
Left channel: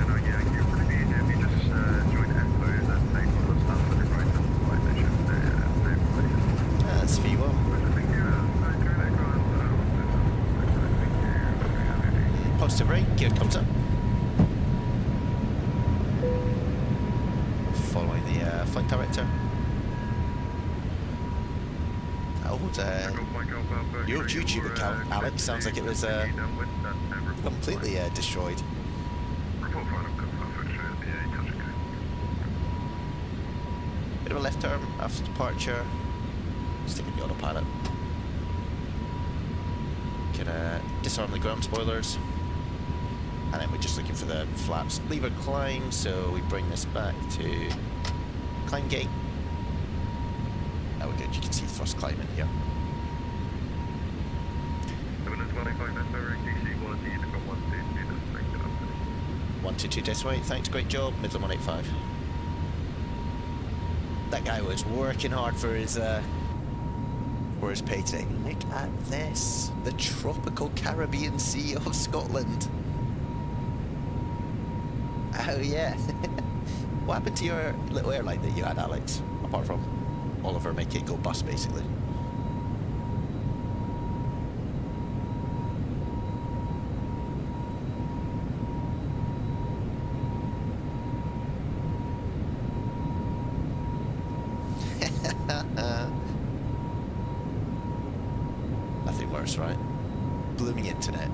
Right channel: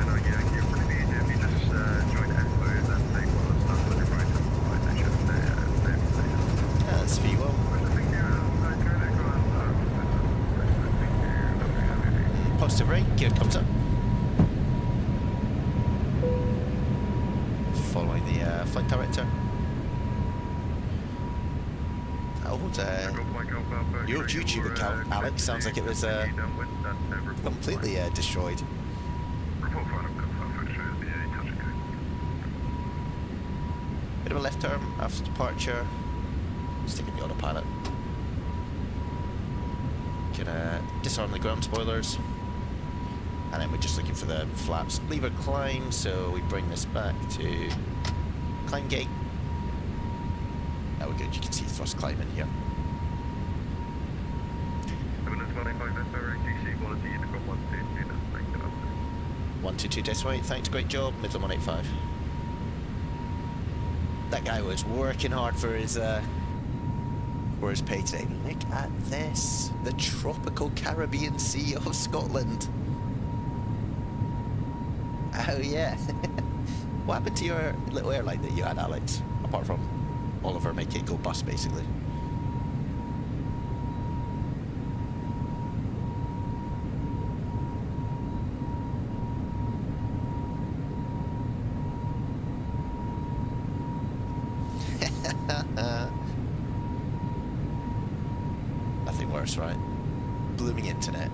That's V1. Positive rate, gear comes up. Following the flight director. Your YouTube account, Alex, sounds like it was completely destroyed. Bit of a left turn after departure. Sticking the autopilot. Can disarm the ground spoilers. And then we're just looking for the flaps. Lever climb, so we bring this back to climb gate. Oh, we're good. You can see thrust climb in here. 122 Desway, thanks, great job. Midland 185. That guy was working hard for his pay today. Look at this. The tropical Caribbean Sea of Scotland. Oh yeah. What happened to your little airline that you had, Alex? Apart from Oliver make it go bust, basically. Nothing worse, right? Blooming internet.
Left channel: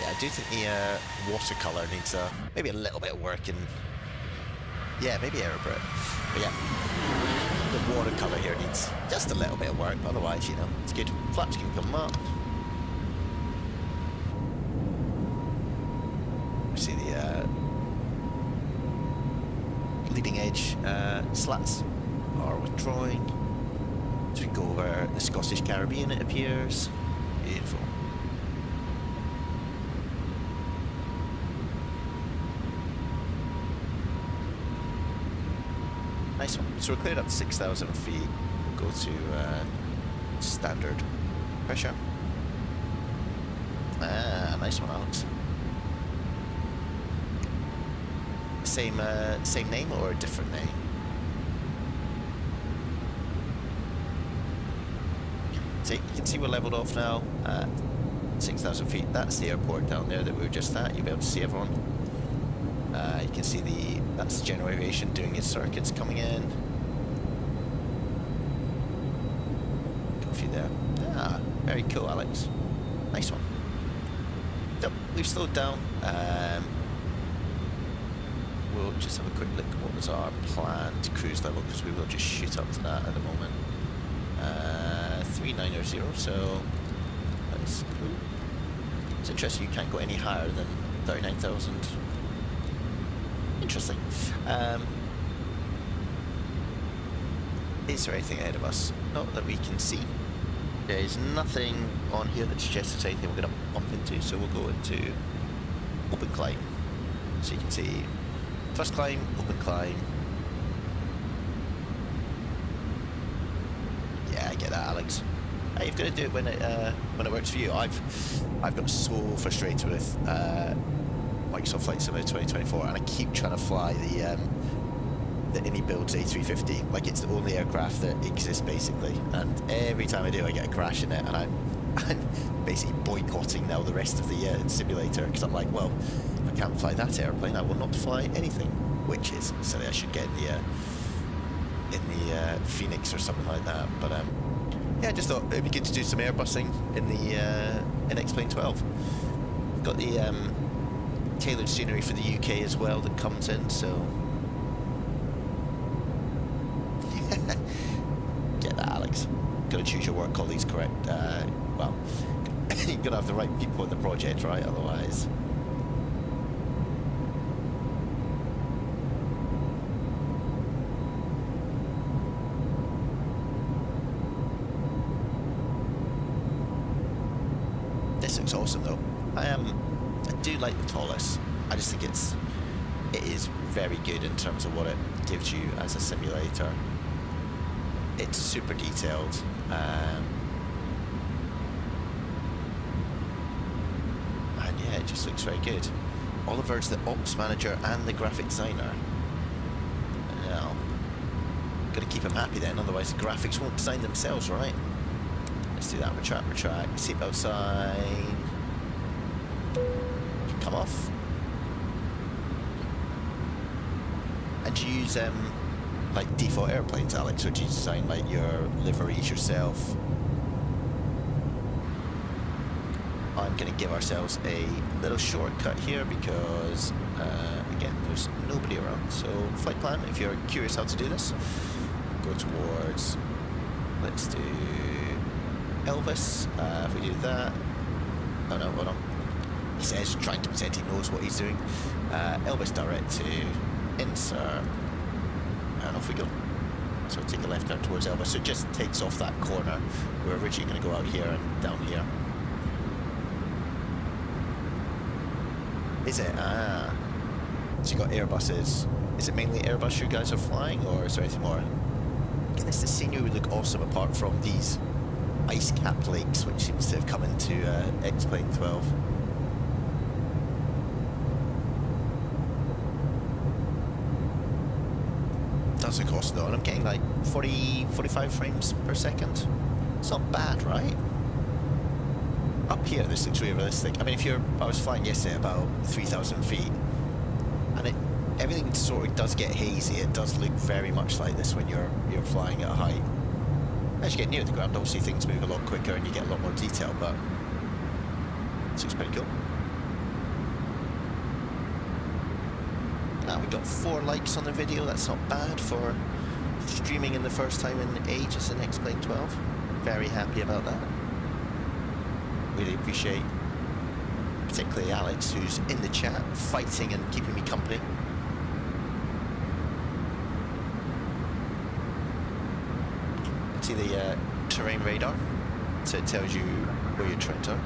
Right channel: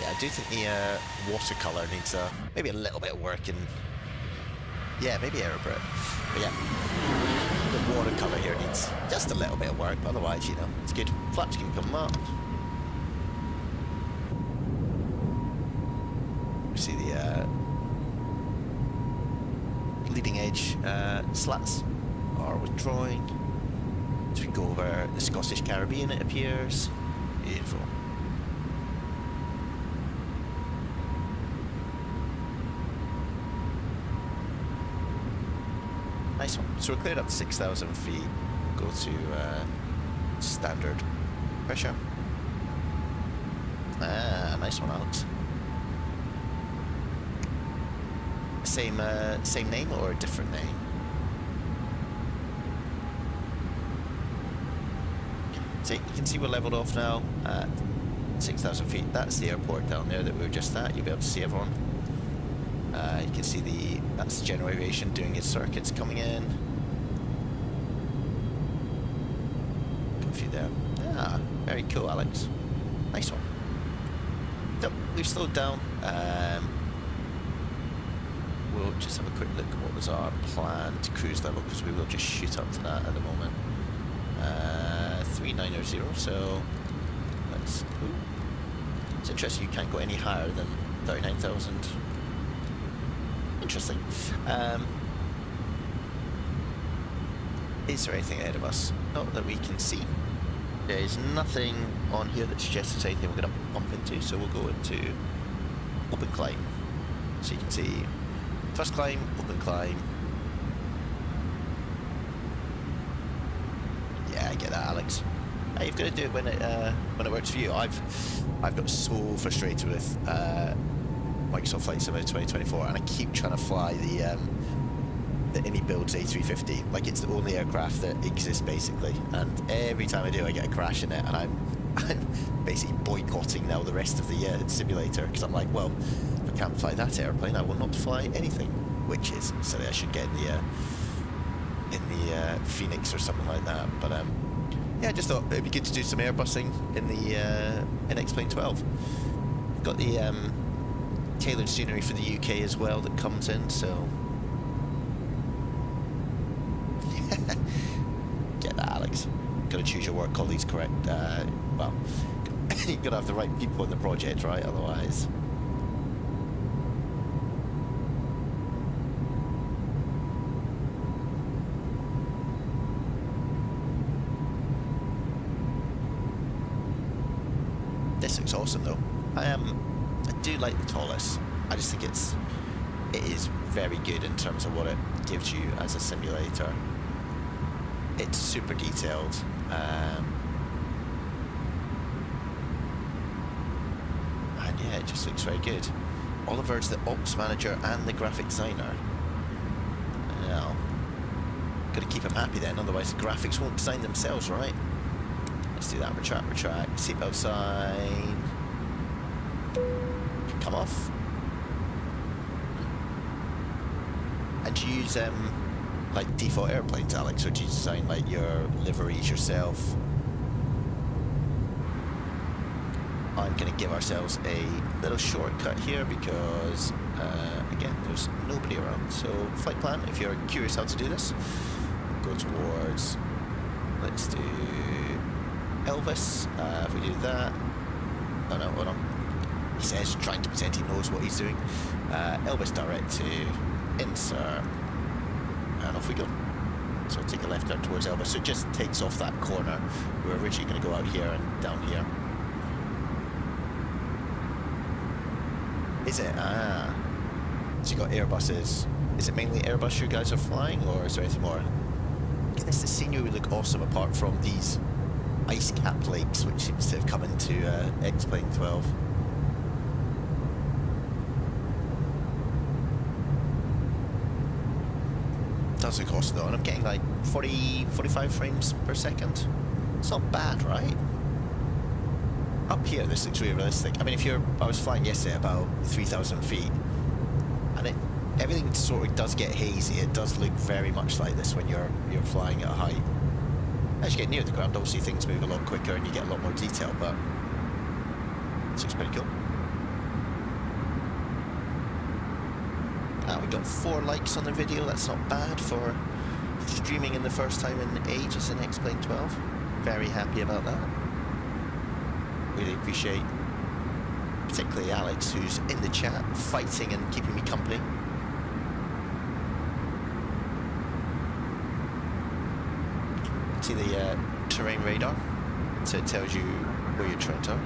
Yeah, I do think the watercolour needs maybe a little bit of work in... Yeah, maybe Aerobrite. But yeah, the watercolour here needs just a little bit of work, but otherwise, you know, it's good. Flaps can come up. We see the leading edge slats are withdrawing. So we go over the Scottish Caribbean, it appears. Beautiful. Nice one. So we're cleared up to 6,000 feet. We'll go to standard pressure. Ah, nice one, Alex. Same name or a different name? So you can see we're leveled off now at 6,000 feet. That's the airport down there that we were just at. You'll be able to see everyone. You can see that's the general aviation doing its circuits coming in. Got a few there. Ah, very cool, Alex. Nice one. So we've slowed down. We'll just have a quick look at what was our planned cruise level, because we will just shoot up to that at the moment. 3900, so that's... Ooh. It's interesting, you can't go any higher than 39,000. Interesting. Is there anything ahead of us? Not that we can see. There is nothing on here that suggests there's anything we're going to bump into, so we'll go into open climb. So you can see first climb, open climb. Yeah, I get that, Alex. Hey, you've got to do it when it works for you. I've got so frustrated with Microsoft Flight Simulator 2024, and I keep trying to fly the AnyBuilds A320 like it's the only aircraft that exists, basically. And every time I do, I get a crash in it, and I'm basically boycotting now the rest of the simulator, because I'm like, well, if I can't fly that airplane, I will not fly anything. Which is silly. I should get in the Phoenix or something like that. But yeah, I just thought it'd be good to do some airbusing in the in X-Plane 12. We've got the tailored scenery for the UK as well that comes in, so get that, Alex. Got to choose your work colleagues correct. Well, you got to have the right people in the project, right? Otherwise. This looks awesome, though. I do like the Toliss. I just think it is very good in terms of what it gives you as a simulator. It's super detailed. And yeah, it just looks very good. Oliver's the ops manager and the graphic designer. Now, got to keep him happy then, otherwise the graphics won't design themselves, right? Let's do that. Retract. Seatbelt sign. Come off. And do you use like default airplanes, Alex, or do you design like your liveries yourself? I'm going to give ourselves a little shortcut here because again, there's nobody around. So flight plan, if you're curious how to do this, go towards, let's do Elvis. If we do that, oh no, hold on. He says, trying to pretend he knows what he's doing. Elvis direct to insert, and off we go. So take a left turn towards Elvis. So it just takes off that corner. We're originally going to go out here and down here. Is it? Ah. So you got Airbuses. Is it mainly Airbus you guys are flying, or is there anything more? Goodness, the scenery would look awesome apart from these ice cap lakes, which seems to have come into X-Plane 12. does the cost though, and I'm getting like 45 frames per second. It's not bad, right? Up here, this looks really realistic. I mean, I was flying yesterday about 3,000 feet, and everything sort of does get hazy. It does look very much like this when you're flying at a height. As you get near the ground, obviously things move a lot quicker and you get a lot more detail, but it looks pretty cool. We got 4 likes on the video. That's not bad for streaming in the first time in ages in X-Plane 12. Very happy about that. Really appreciate particularly Alex, who's in the chat fighting and keeping me company. See the terrain radar, so it tells you where your trains are.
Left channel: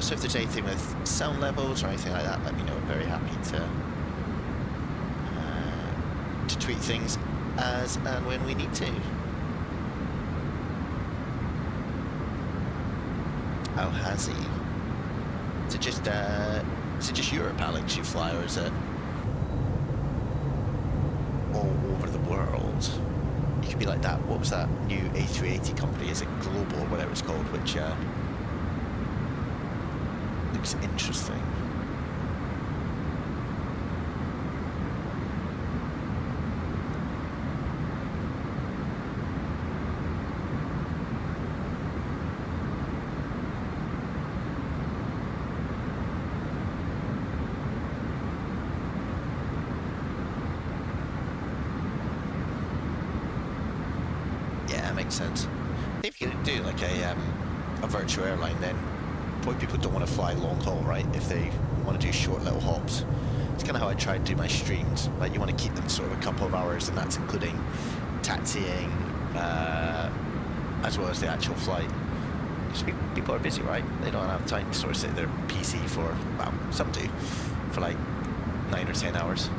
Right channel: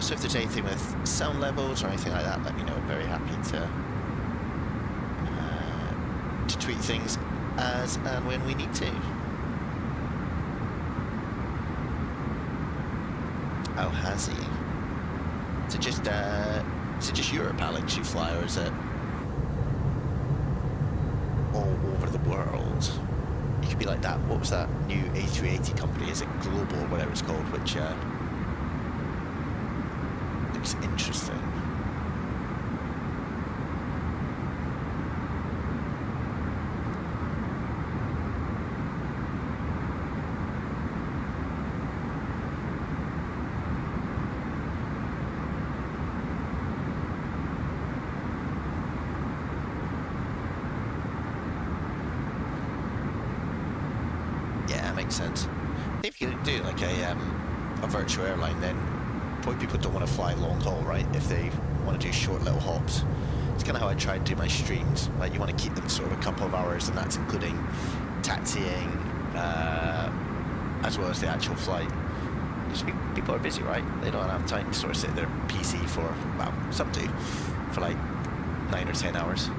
So if there's anything with sound levels or anything like that, let me know. I'm very happy to tweet things as and when we need to. Oh, has he? Is it just Europe, Alex, you fly, or is it all over the world? You could be like that. What was that new A380 company? Is it Global or whatever it's called? Which looks interesting. Makes sense. If you do like a virtual airline, then probably people don't want to fly long haul, right? If they want to do short little hops. It's kind of how I try to do my streams. Like, you want to keep them sort of a couple of hours, and that's including taxiing as well as the actual flight. Because people are busy, right? They don't have time to sort of sit at their PC for, well, some do, for like 9 or 10 hours.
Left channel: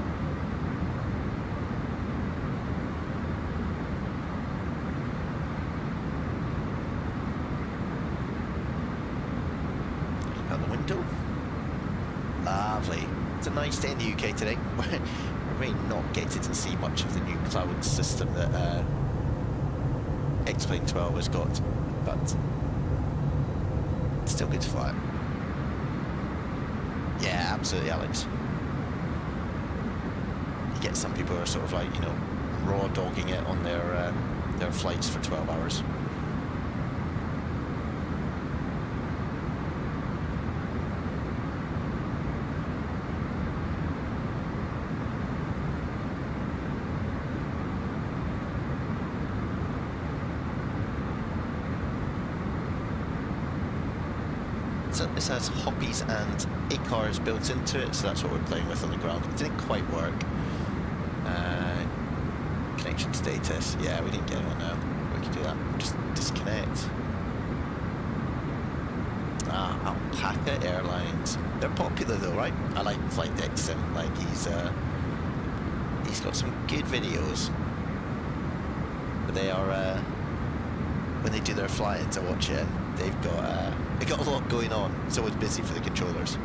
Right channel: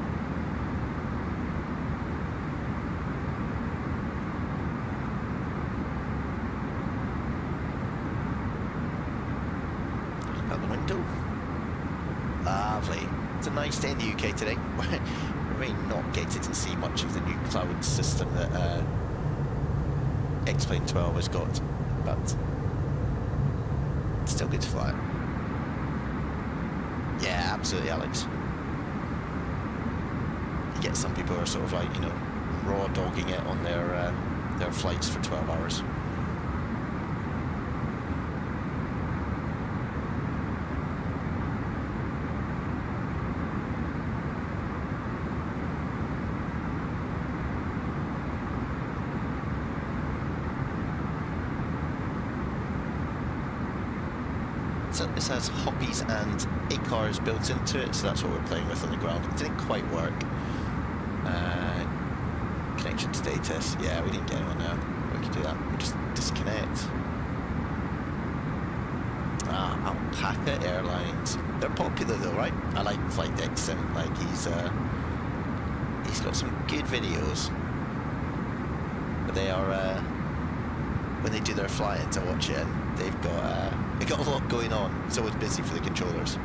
Lovely. It's a nice day in the UK today. We may not get to see much of the new cloud system that X-Plane 12 has got, but it's still good to fly. Yeah, absolutely, Alex. You get some people who are sort of like, you know, raw dogging it on their flights for 12 hours. So this has hoppies and ACARs built into it, so that's what we're playing with on the ground. It didn't quite work. Connection status, yeah, we didn't get anyone now. We can do that, we'll just disconnect. Alpaca Airlines. They're popular though, right? I like Flight Deck Sim, like he's got some good videos. But they are, when they do their fly-ins, I watch it, and they've got a lot going on. It's always busy for the controllers.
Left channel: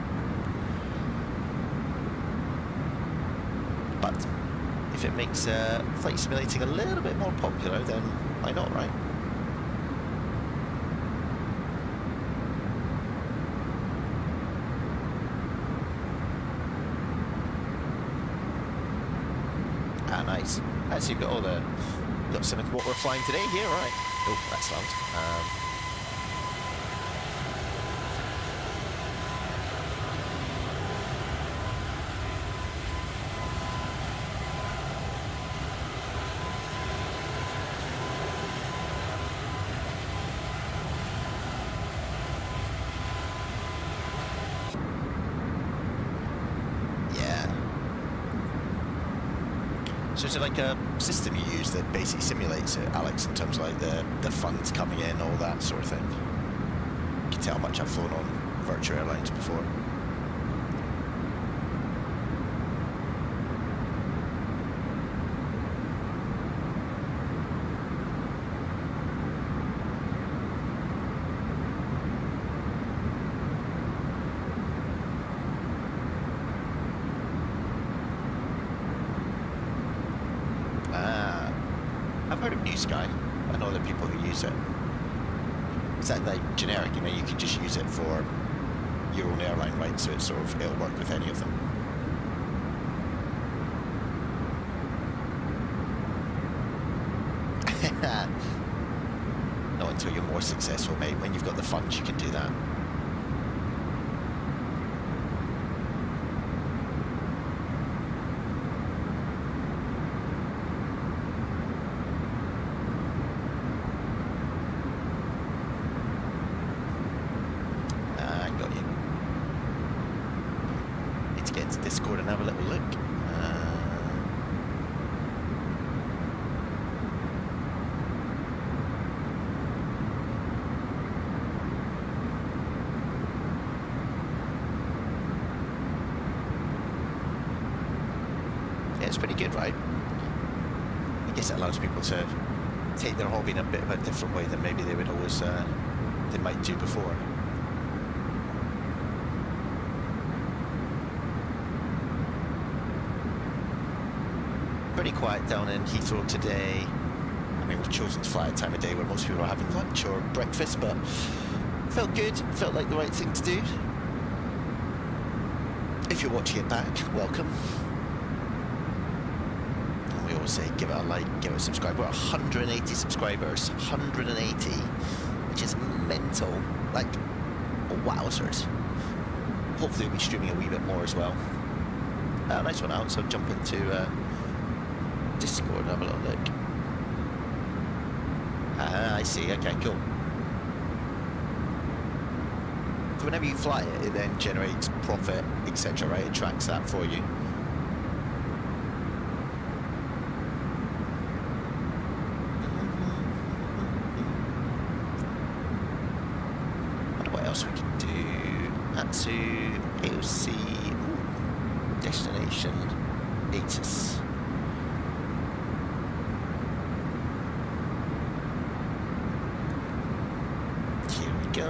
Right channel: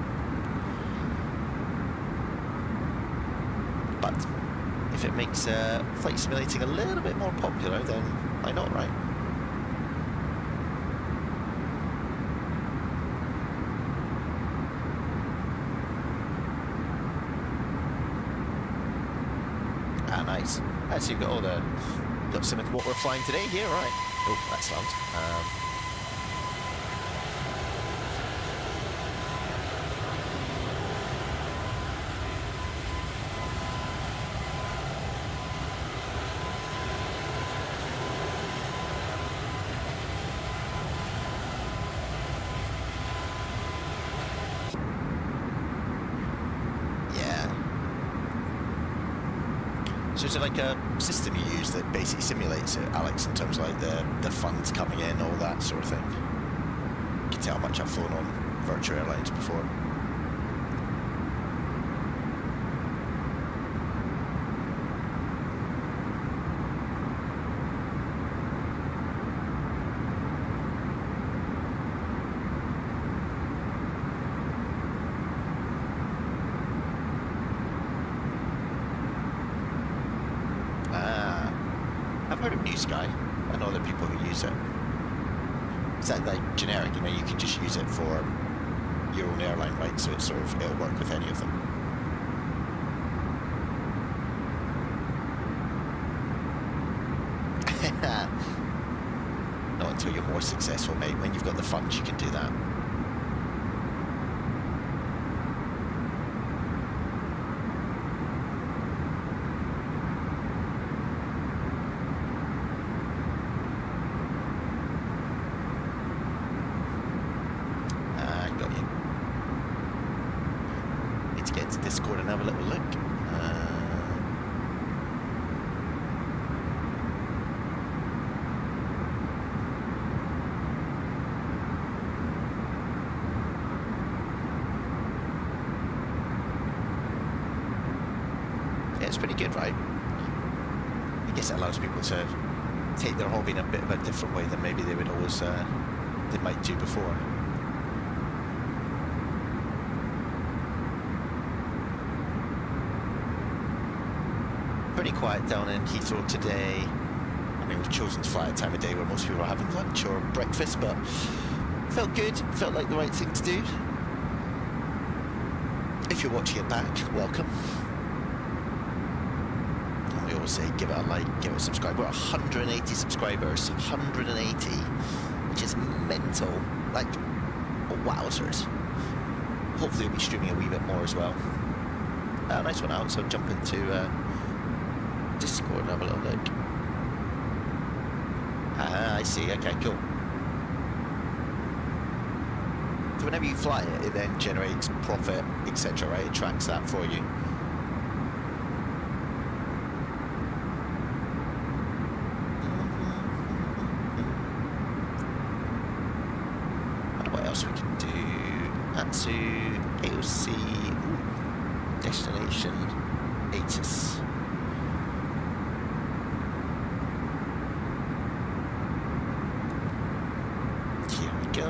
But if it makes flight simulating a little bit more popular, then why not, right? Ah, nice. So you've got some of what we're flying today here, right? Oh, that's loud. So is it like a system you use that basically simulates it, Alex, in terms of like the funds coming in, all that sort of thing? You can tell how much I've flown on virtual airlines before. I've heard of New Sky. I know other people who use it. Is that like generic? You know, you can just use it for your own airline, right? So it's sort of, it'll work with any of them. Not until you're more successful, mate. When you've got the funds, you can do that. Got you. Need to get into Discord and have a little look. Yeah, it's pretty good, right? I guess it allows people to take their hobby in a bit of a different way than maybe they would always, they might do before. Pretty quiet down in Heathrow today. I mean, we've chosen to fly at a time of day where most people are having lunch or breakfast, but felt good, felt like the right thing to do. If you're watching it back, welcome. And we always say give it a like, give it a subscribe. We're at 180 subscribers, 180, which is mental. Like, wowzers. Hopefully we'll be streaming a wee bit more as well. Nice one out, so jump into Discord and have a little look. I see, okay, cool. So whenever you fly it, it then generates profit, etc., right? It tracks that for you. Wonder what else we can do. ASUS, AOC, ooh, destination, ASUS. Go.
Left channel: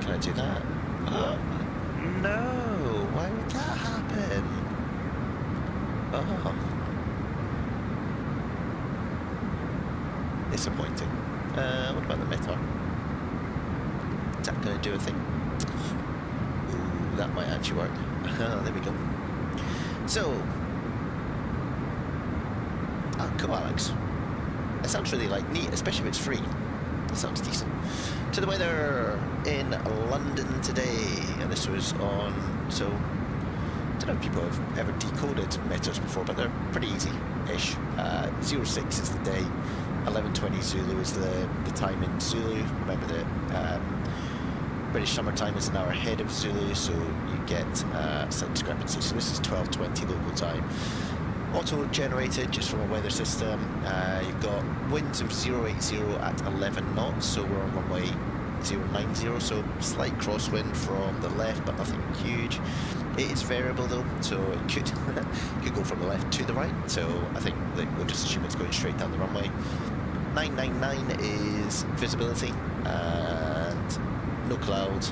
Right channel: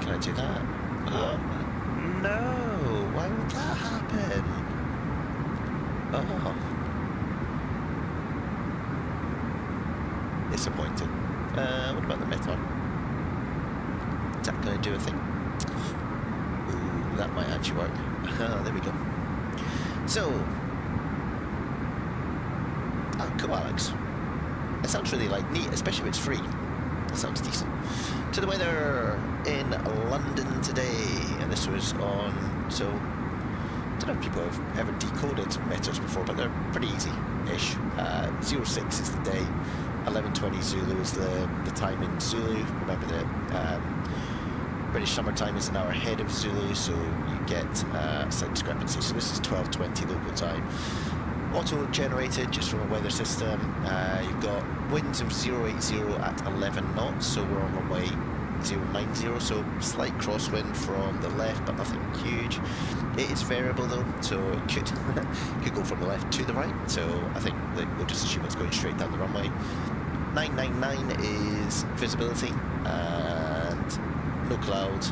Can I do that? Oh, no! Why would that happen? Oh. Disappointing. What about the Metar? Is that going to do a thing? Ooh, that might actually work. There we go. So. Oh, cool, Alex. That sounds really, like, neat, especially if it's free. That sounds decent. To the weather in London today, and this was on, so I don't know if people have ever decoded meters before, but they're pretty easy-ish. 06 is the day, 11:20 Zulu is the time in Zulu. Remember that British summertime is an hour ahead of Zulu, so you get a slight discrepancy. So this is 12:20 local time. Auto-generated just from a weather system. You've got winds of 080 at 11 knots, so we're on runway 090, so slight crosswind from the left, but nothing huge. It is variable though, so it could go from the left to the right, so I think that we'll just assume it's going straight down the runway. 999 is visibility, and no cloud.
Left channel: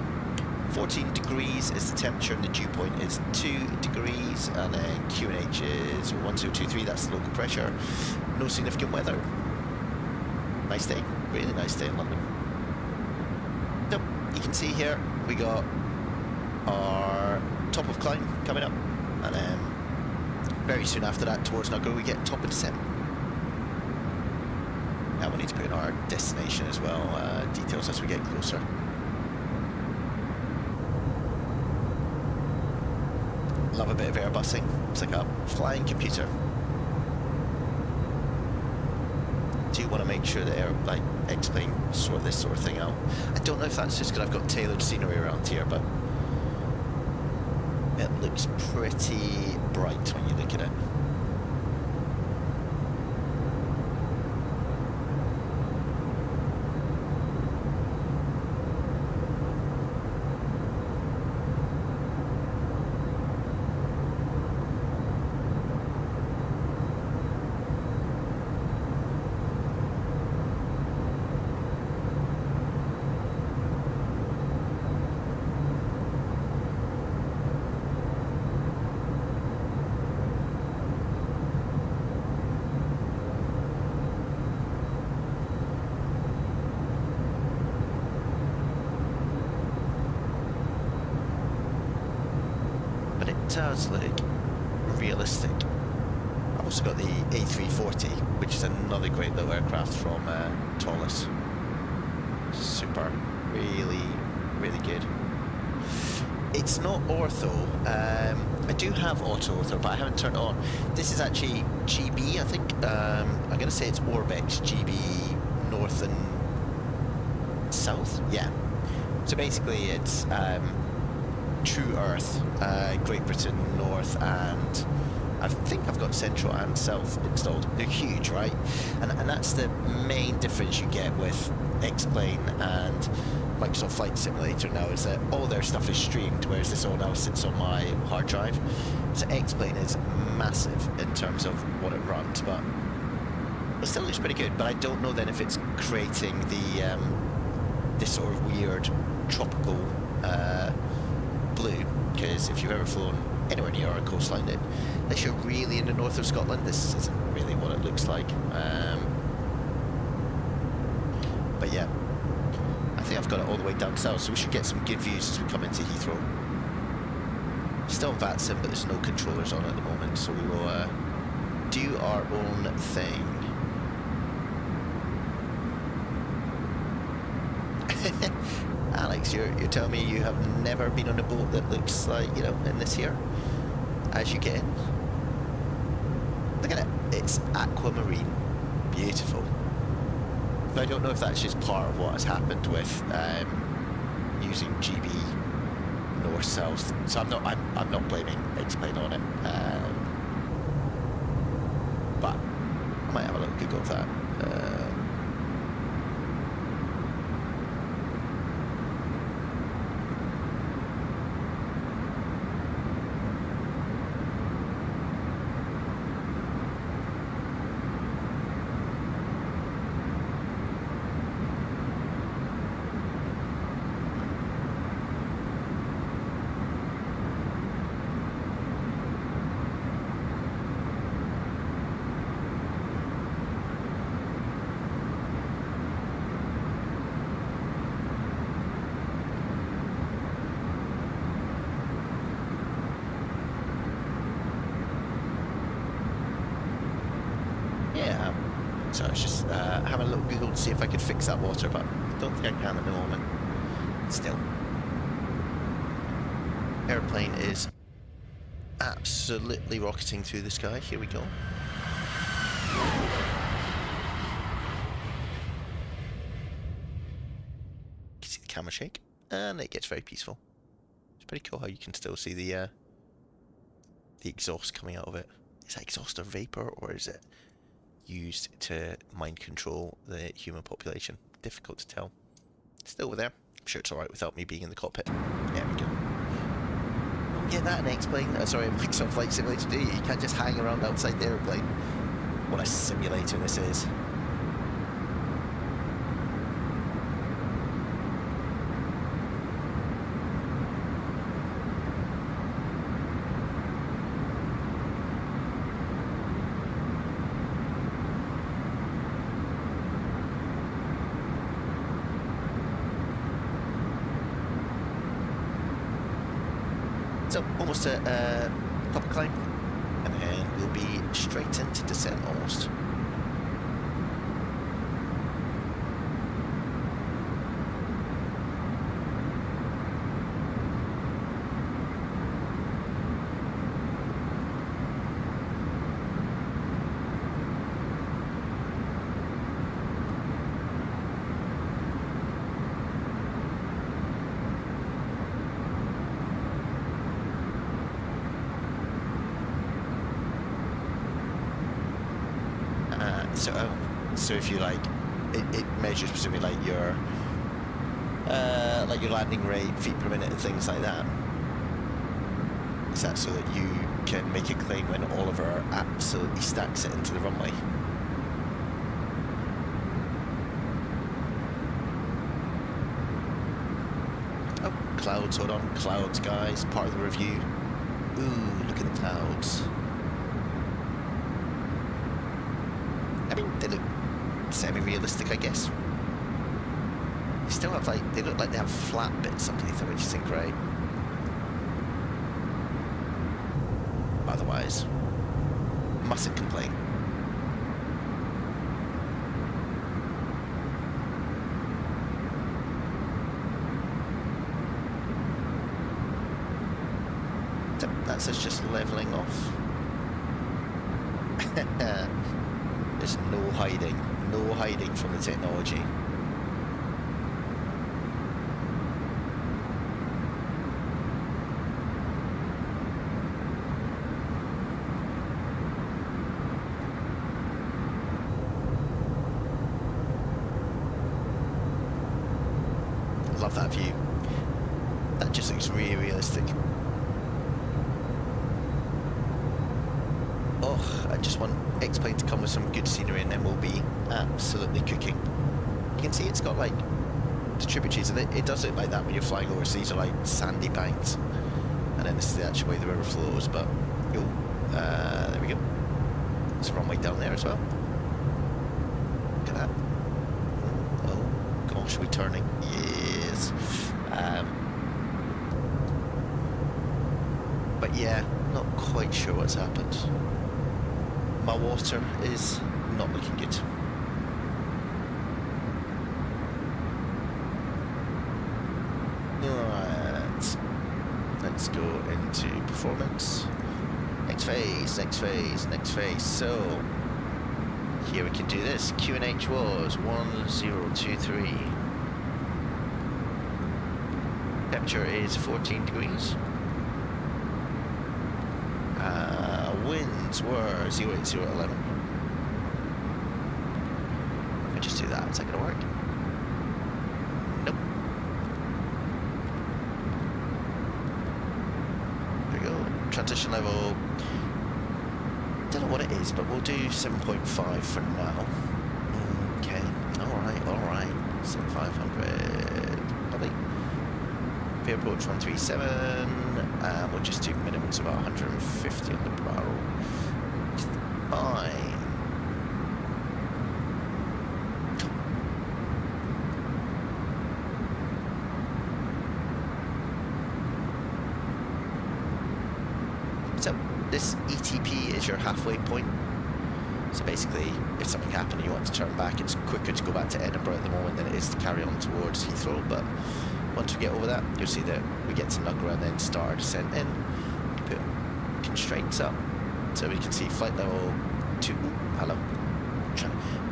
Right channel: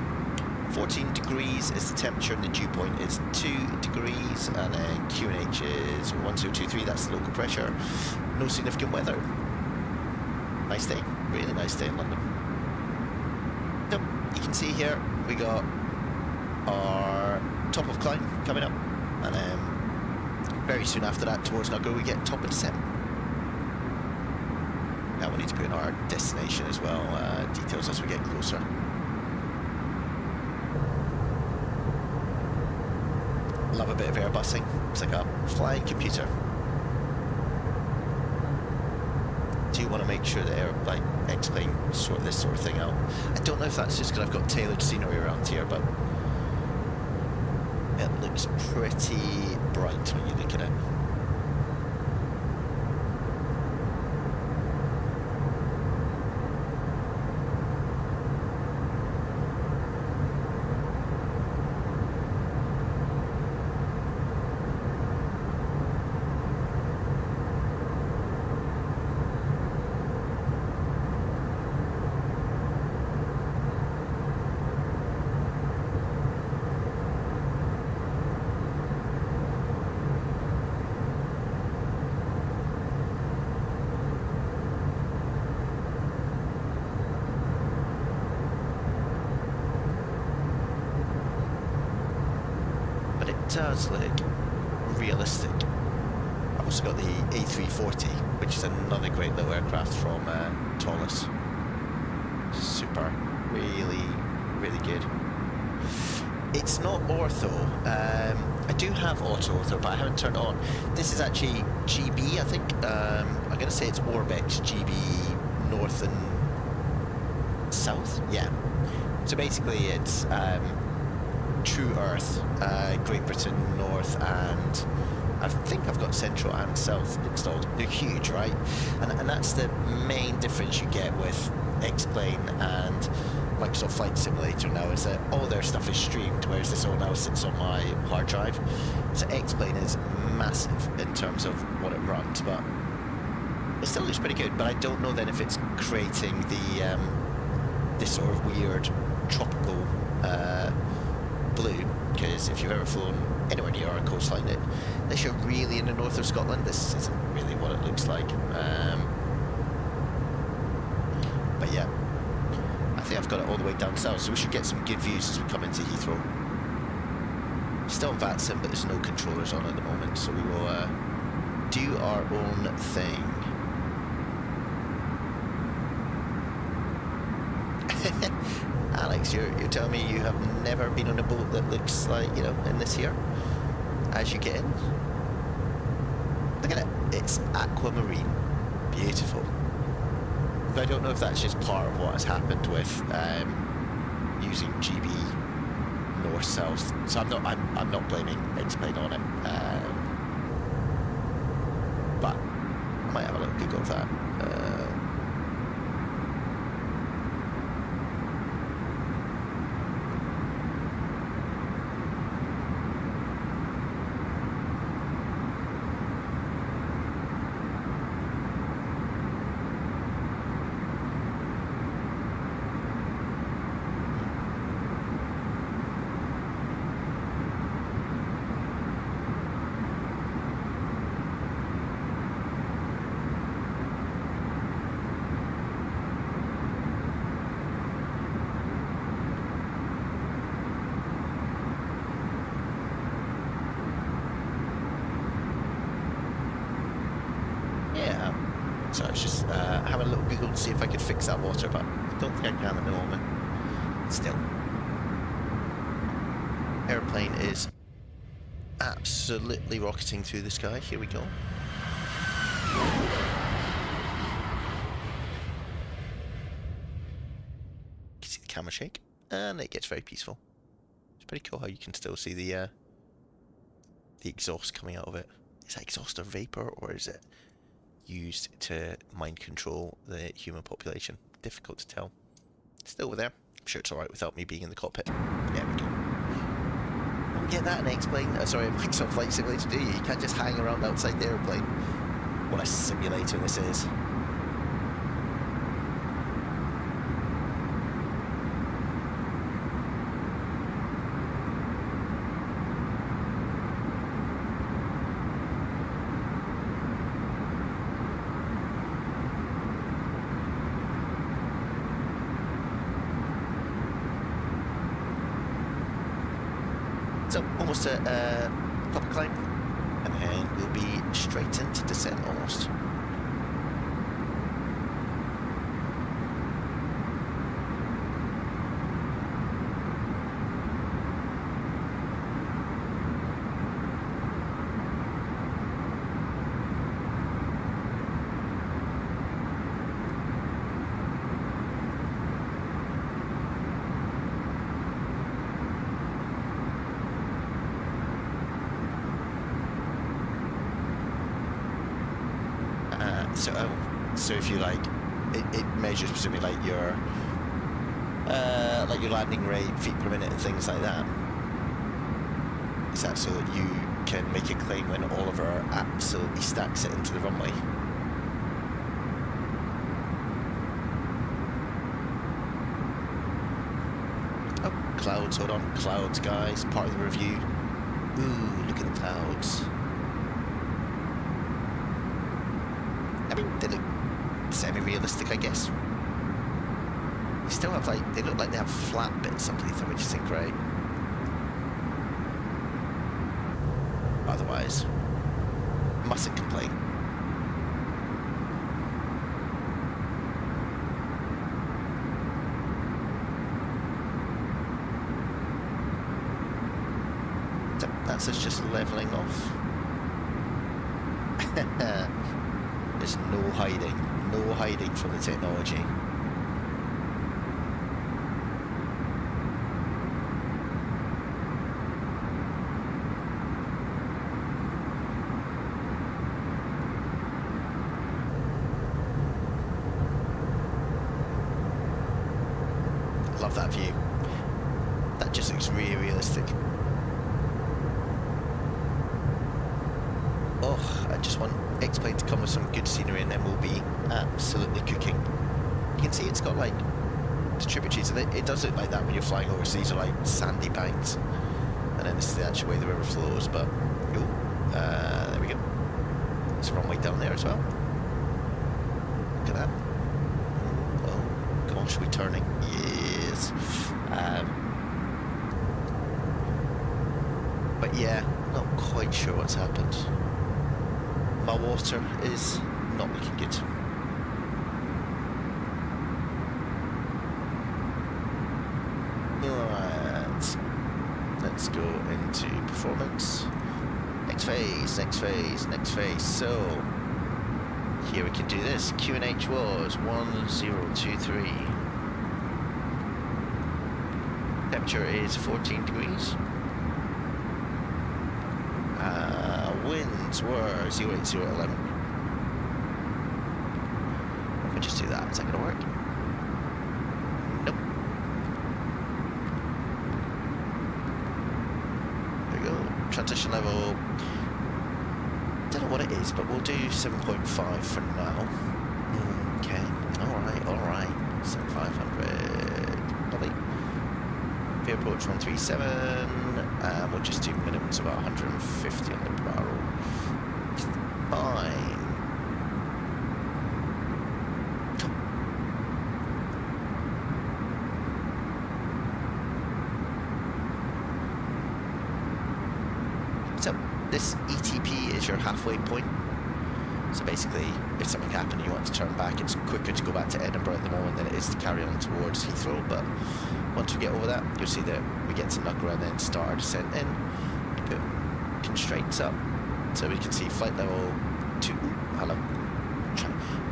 14 degrees is the temperature, and the dew point is 2 degrees, and then QNH is 1023, that's the local pressure. No significant weather. Nice day, really nice day in London. So, you can see here, we got our top of climb coming up, and then very soon after that, towards Nugger, we get top of descent. Now we need to put in our destination as well, details as we get closer. Love a bit of airbusing. It's like a flying computer. Do you want to make sure that like X-Plane sort this sort of thing out? I don't know if that's just because I've got tailored scenery around here, but it looks pretty bright when you look at it. but it does look realistic. I've also got the A320, which is another great little aircraft from Toliss. Super, really, really good. It's not ortho. I do have auto ortho, but I haven't turned it on. This is actually GB, I think. I'm going to say it's Orbex GB North and South. Yeah. So basically, it's True Earth, Great Britain North, and I think I've got Central and South installed. They're huge, right? And that's the main difference you get with X-Plane and Microsoft Flight Simulator now, is that all their stuff is streamed, whereas this all now sits on my hard drive. So X-Plane is massive in terms of what it runs, but it still looks pretty good. But I don't know then if it's creating the this sort of weird tropical blue, because if you've ever flown anywhere near our coastline, unless you're really in the north of Scotland, this isn't really what it looks like. But yeah, I think I've got it all the way down south, so we should get some good views as we come into Heathrow. Still on VATSIM, but there's no controllers on at the moment, so we will do our own thing. Alex, you're telling me you have never been on a boat that looks like, you know, in this here, as you get in? Look at it, it's aquamarine, beautiful. But I don't know if that's just part of what has happened with using GB north-south. So I'm not blaming X-Plane on it. But I might have a little Google of that. Yeah, so I was just having a little Google to see if I could fix that water, but I don't think I can at the moment. Still, airplane is absolutely rocketing through the sky. Here we go. You can see the camera shake, and it gets very peaceful. It's pretty cool how you can still see the exhaust coming out of it. Is that exhaust or vapor, or is it used to mind control the human population? Difficult to tell. Still over there. I'm sure it's alright without me being in the cockpit. There we go. Don't get that in X-Plane. Sorry, Microsoft Flight Simulator, do you? You can't just hang around outside the airplane. What a simulator this is. So almost a proper climb, and then we'll be straight into descent almost. So if you like, it measures presumably like your landing rate, feet per minute, and things like that. Is that so that you can make a claim when Oliver absolutely stacks it into the runway? Oh, clouds, hold on, clouds, guys, part of the review. Ooh, look at the clouds. I mean, they look semi-realistic, I guess. They still have, like, they look like they have flat bits underneath them, which isn't great. otherwise. Mustn't complain. So that's us just levelling off. There's no hiding from the technology. Love that view. That just looks really realistic. Oh, I just want X-Plane to come with some good scenery and then we'll be absolutely cooking. You can see it's got like the tributaries, and it does look like that when you're flying over, so these are like sandy banks. And then this is the actual way the river flows, but oh, there we go. There's a runway down there as well. Look at that. Oh gosh, we're turning. Yes. But yeah, not quite sure what's happened. My water is not looking good. Alright, let's go into performance. Next phase, next phase, next phase. So, here we can do this. QNH was 1023. Temperature is 14 degrees. Winds were 08011. If I just do that, is that going to work? Nope. There we go. Transition level. Don't know what it is, but we'll do 7.5 for now. Okay. Alright. 7500. Lovely. Veer approach 137. We'll just do minimums of about 150 on the barrel. Fine. So this ETP is your halfway point. So basically, if something happened and you want to turn back, it's quicker to go back to Edinburgh at the moment than it is to carry on towards Heathrow. But once we get over that, you'll see that we get to Nugra and then start our descent in. Put constraints up so we can see flight level 2. Ooh, hello.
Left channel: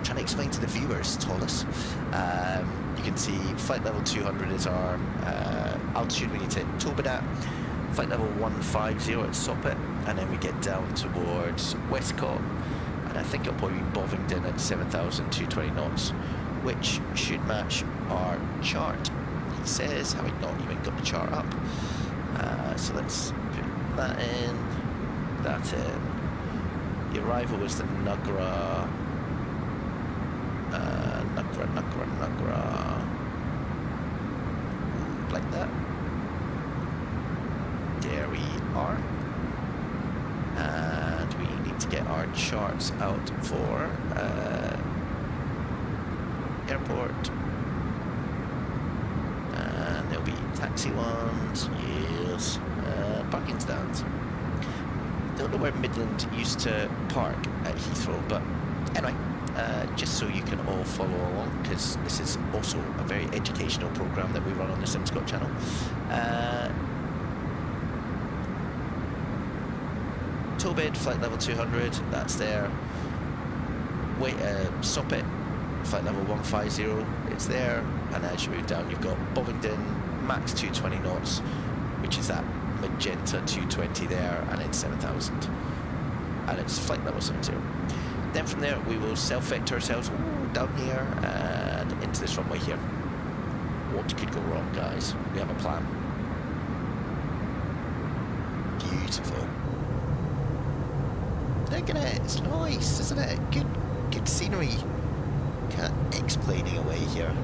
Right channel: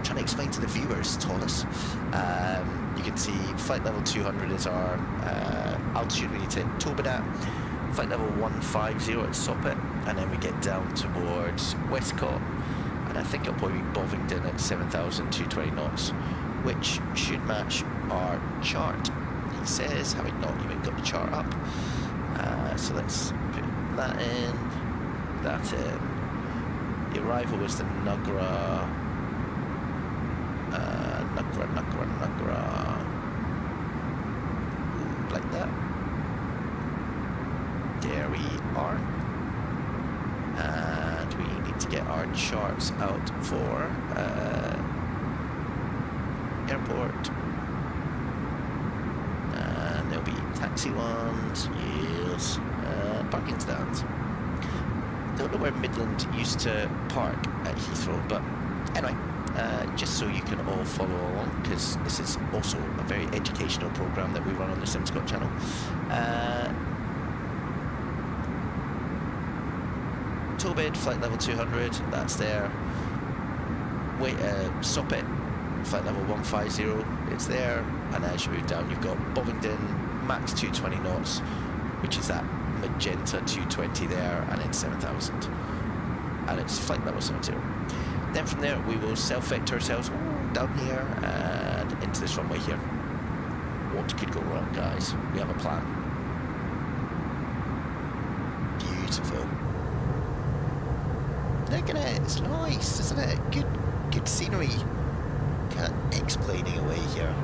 Trying to explain to the viewers, Toliss. You can see flight level 200 is our altitude we need to hit Tobin at. Flight level 150 at Soppet, and then we get down towards Westcott, and I think it'll probably be Bovingdon at 7,220 knots, which should match our chart. He says, having not even got the chart up. So let's put that in, that in. The arrival was the Nugra. Nugra. Ooh, like that. There we are. And we need to get our charts out for airport. And there'll be taxi ones, yes, parking stands. Don't know where Midland used to park at Heathrow, but anyway, just so you can all follow along, because this is also a very educational program that we run on the SimScott channel. Tobid, flight level 200, that's there. Wait, Soppet, flight level 150, it's there. And as you move down, you've got Bovingdon, max 220 knots, which is that magenta 220 there, and it's 7,000. And it's flight level 70. Then from there, we will self-vector ourselves down here and into this runway here. What could go wrong, guys? We have a plan. Beautiful. Look at it, it's nice, isn't it? Good scenery. Kind of explaining away here.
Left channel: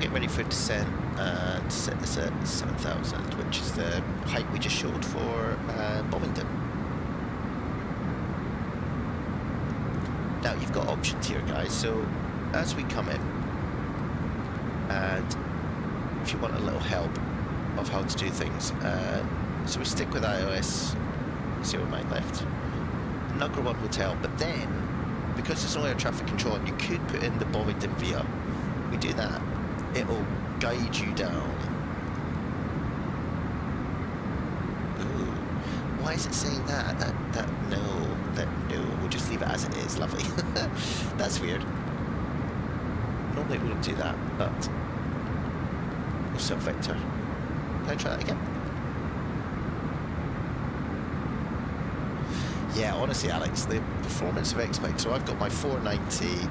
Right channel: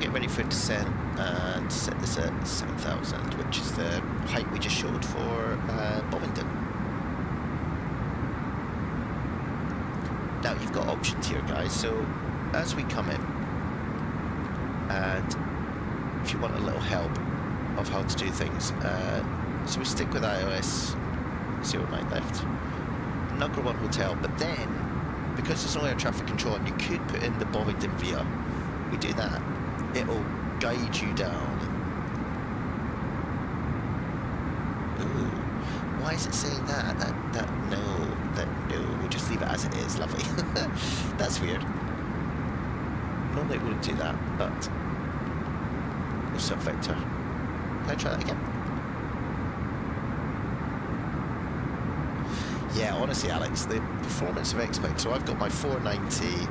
get ready for descent and set this at 7,000, which is the height we just showed for Bovington. Now you've got options here, guys, so as we come in, and if you want a little help of how to do things, so we stick with iOS 09 left, Nugger 1 Hotel, but then, because there's no air traffic control and you could put in the Bovington via, we do that, it'll guide you down. Ooh, why is it saying that? No, we'll just leave it as it is, lovely. That's weird. Normally it wouldn't do that, but no sub-vector. Can I try that again? Yeah, honestly, Alex, the performance of X-Plane, so I've got my 490,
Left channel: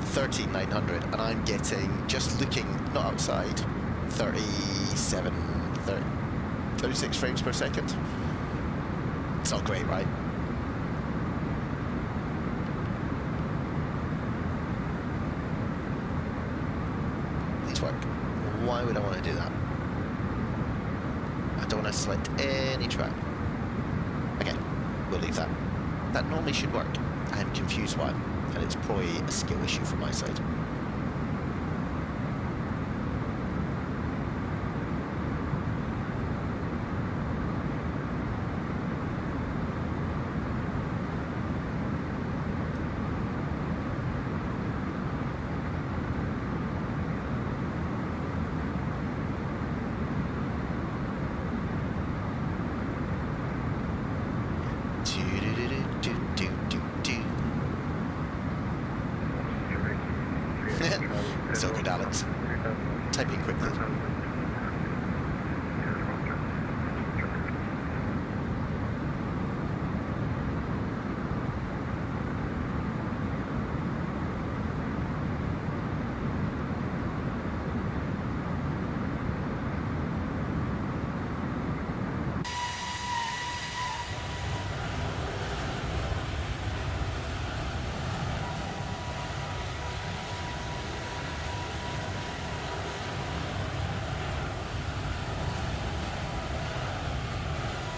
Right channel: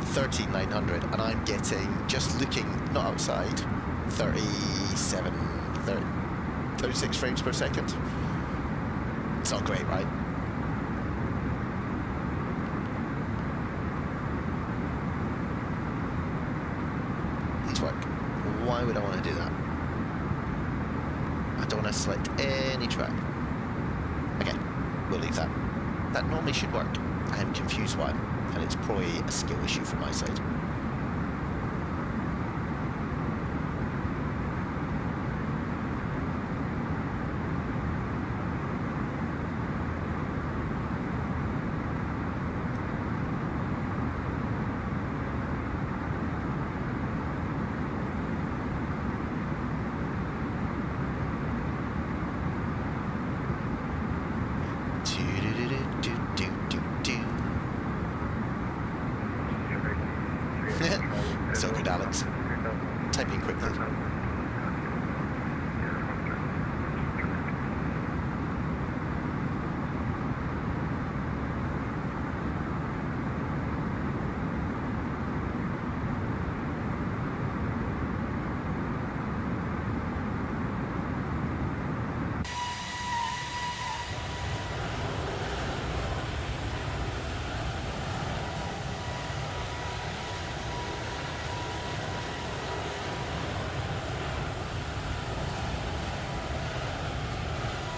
13900, and I'm getting, just looking, not outside, 36 frames per second. It's not great, right? Please work. Why would I want to do that? I don't want to select any track. Okay, we'll leave that. That normally should work. I'm confused why, and it's probably a skill issue from my side. It's all good, Alex. Typing quickly.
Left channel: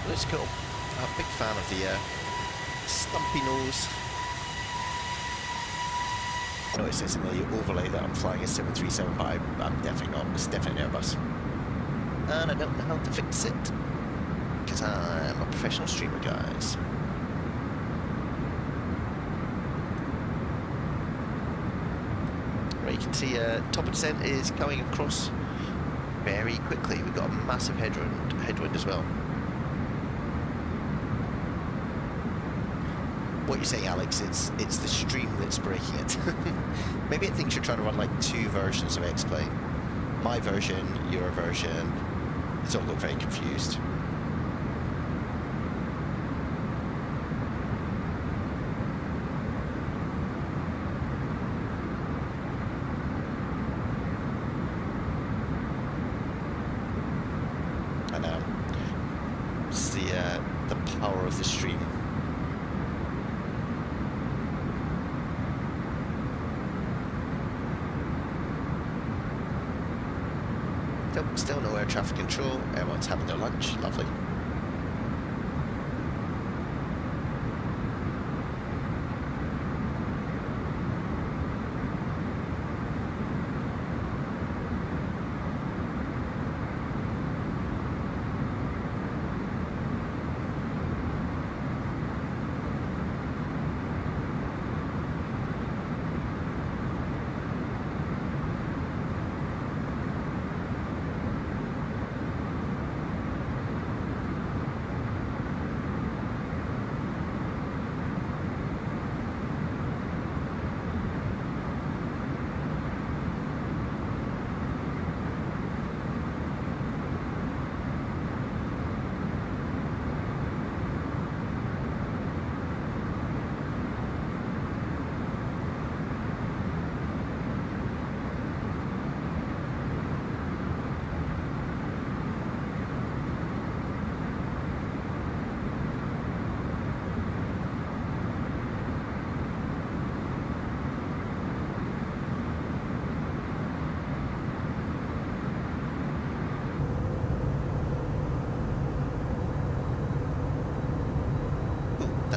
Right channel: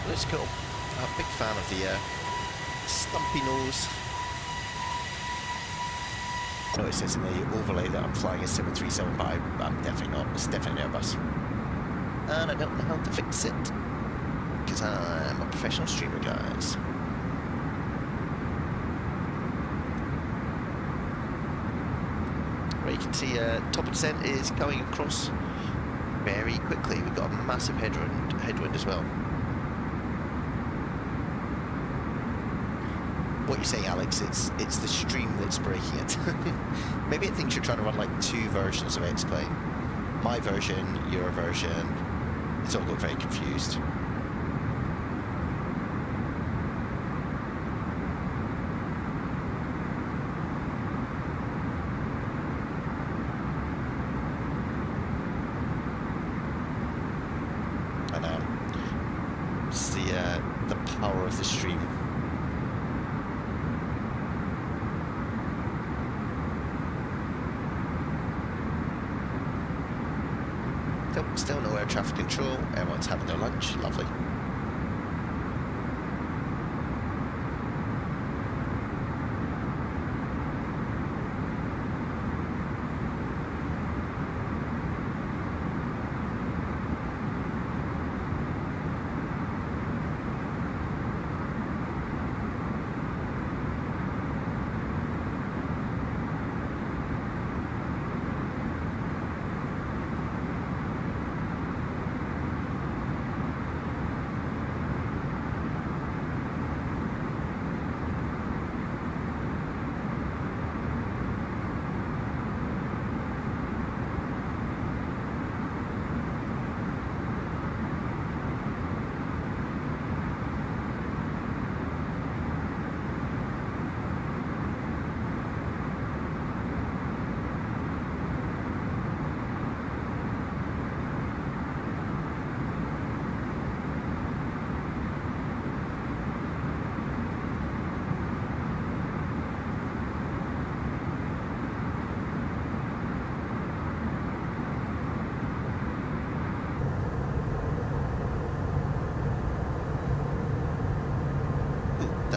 It's cool. I'm a big fan of the stumpy nose. No, it says in the overlay that I'm flying a 737, but I'm definitely not. It's definitely an Airbus. And I don't know how to fix it, because I'm a professional streamer, guys. Right, you can see top of descent is going across very quickly. We've got a massive headwind as well. What you're saying, Alex, it's the stream that's breaking it. Maybe it thinks you're trying to run like two versions of X-Plane. My version, your version. It's all got very confused. I know. It's the power of the stream. Still no air traffic control. Everyone's having their lunch. Lovely.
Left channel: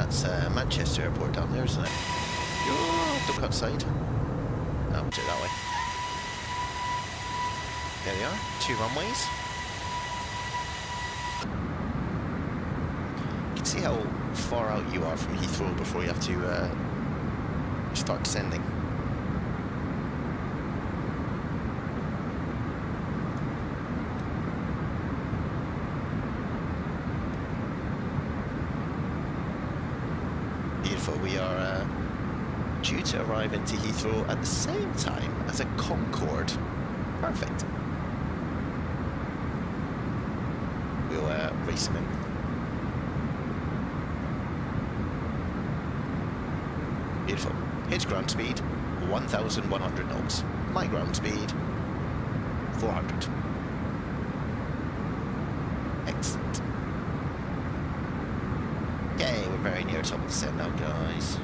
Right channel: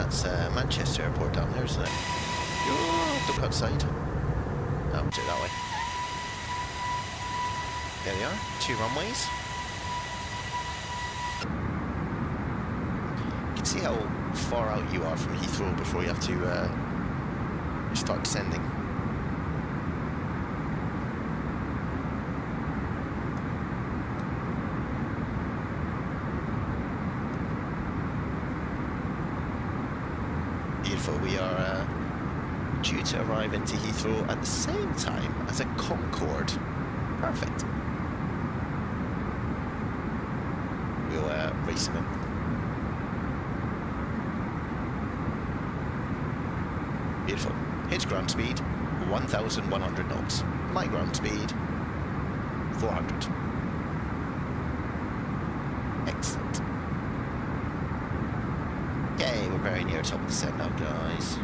that's Manchester Airport down there, isn't it? Oh, don't go outside. Oh, do it that way. There we are, 2 runways. You can see how far out you are from Heathrow before you have to start descending. Beautiful. We are due to arrive into Heathrow at the same time as a Concorde. Perfect. We'll race him in. Beautiful. His ground speed, 1,100 knots. My ground speed, 400. Excellent. Okay, we're very near top of the descent now, guys.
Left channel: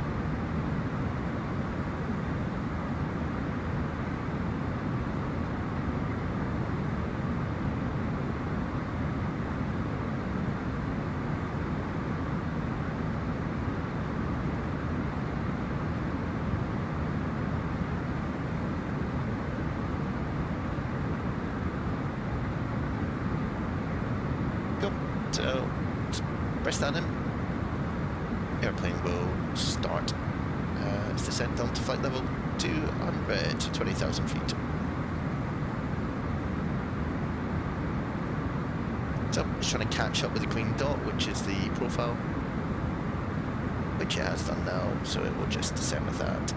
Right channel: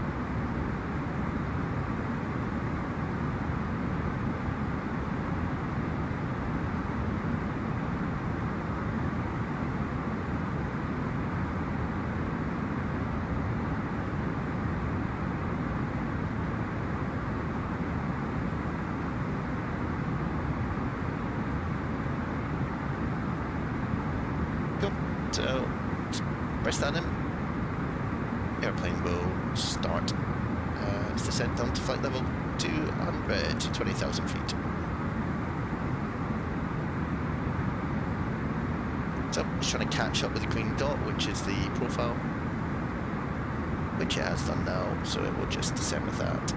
Cool. So, press that in. Airplane will start its descent down to flight level 200 to 20,000 feet. So it's trying to catch up with the green dot, which is the profile, which it has done now, so it will just descend with that.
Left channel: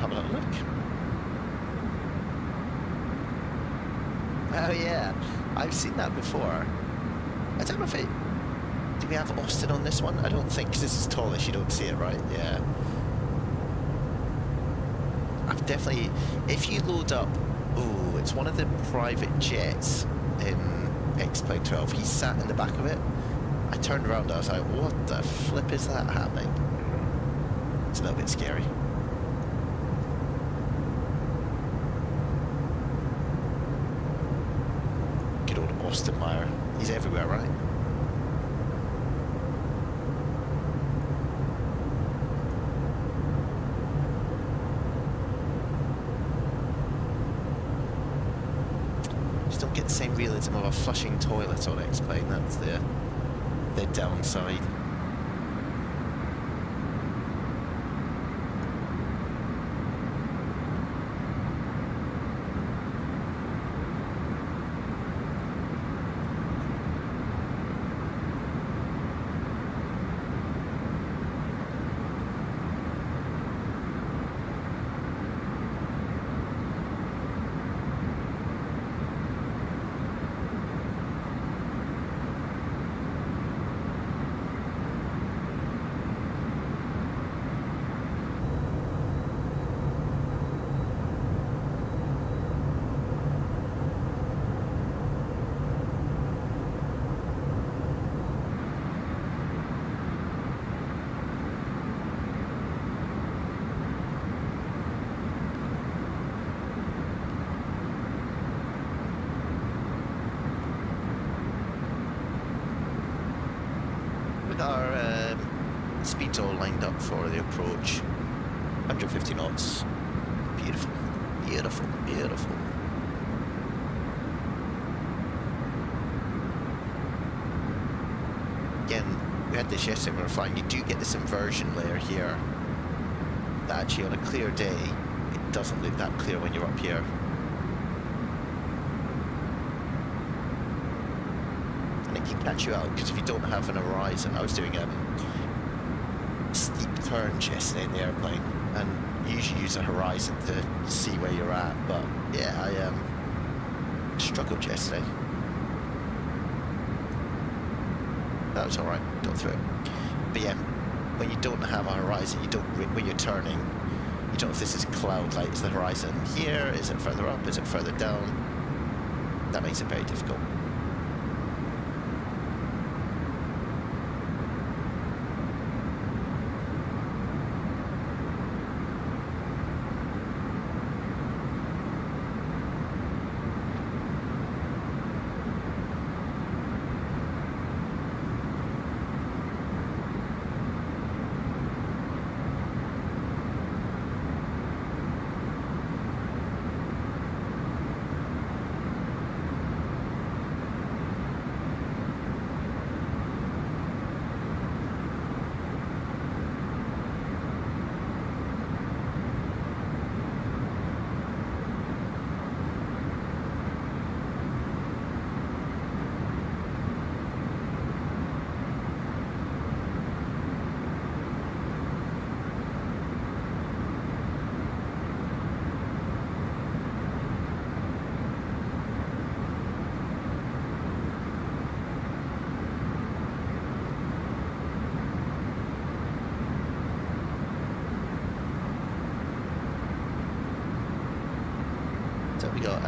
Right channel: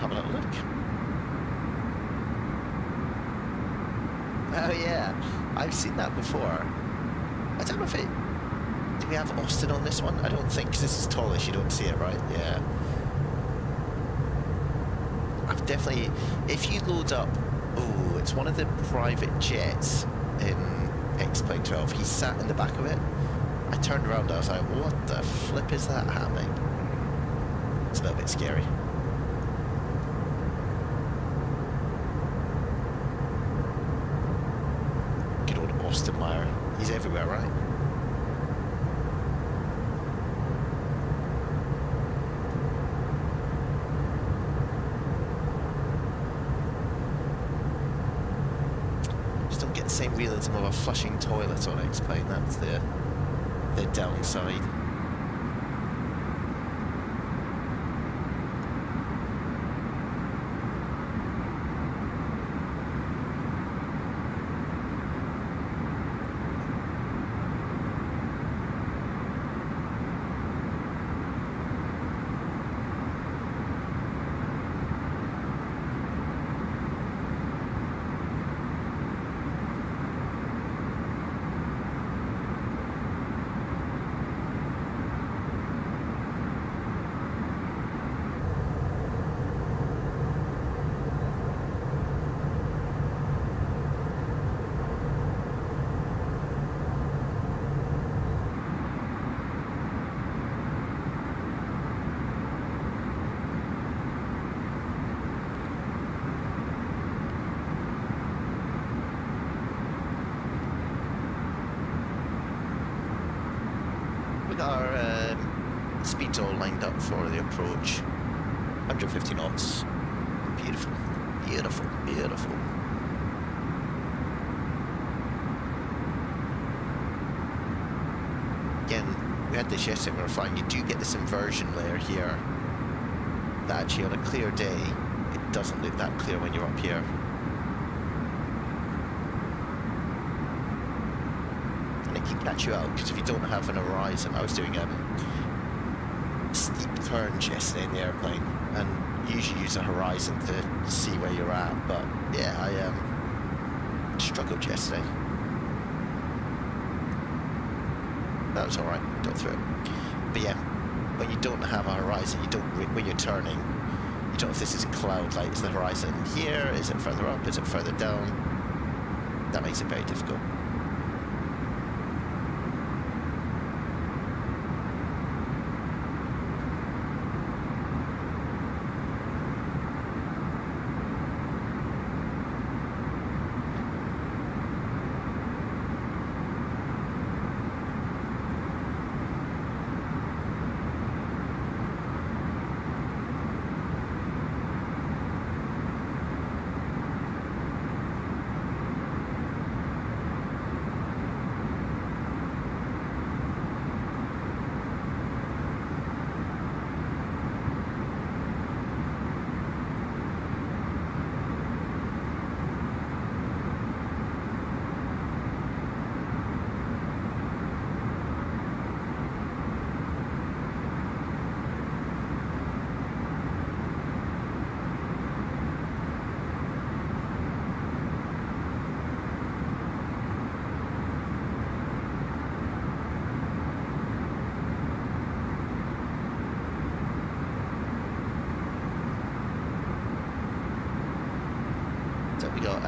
Have a little look. Oh yeah, I've seen that before. I don't know if it... Do we have Austin on this one? I don't think, because this is Toliss, you don't see it, right? Yeah. I've definitely... If you load up... Oh, it's one of the private jets in X-Plane 12. He sat in the back of it. I turned around, I was like, what the flip is that happening? It's a little bit scary. Good old Austin Meyer. He's everywhere, right? Just don't get the same realism of a flushing toilet on X-Plane. That's the downside. We got our speeds all lined up for the approach. 150 knots. Beautiful, beautiful, beautiful. Again, we had this yesterday when we were flying. You do get this inversion layer here that actually on a clear day, it doesn't look that clear when you're up here. And it can catch you out, because if you don't have an horizon, I was doing steep turns yesterday in the airplane, and usually use a horizon to see where you're at, but yeah, I struggled yesterday. That was alright, got through it. But yeah, when you don't have a horizon, you don't, when you're turning, you don't know if this is cloud light. Is the horizon here? Is it further up? Is it further down? That makes it very difficult. So we got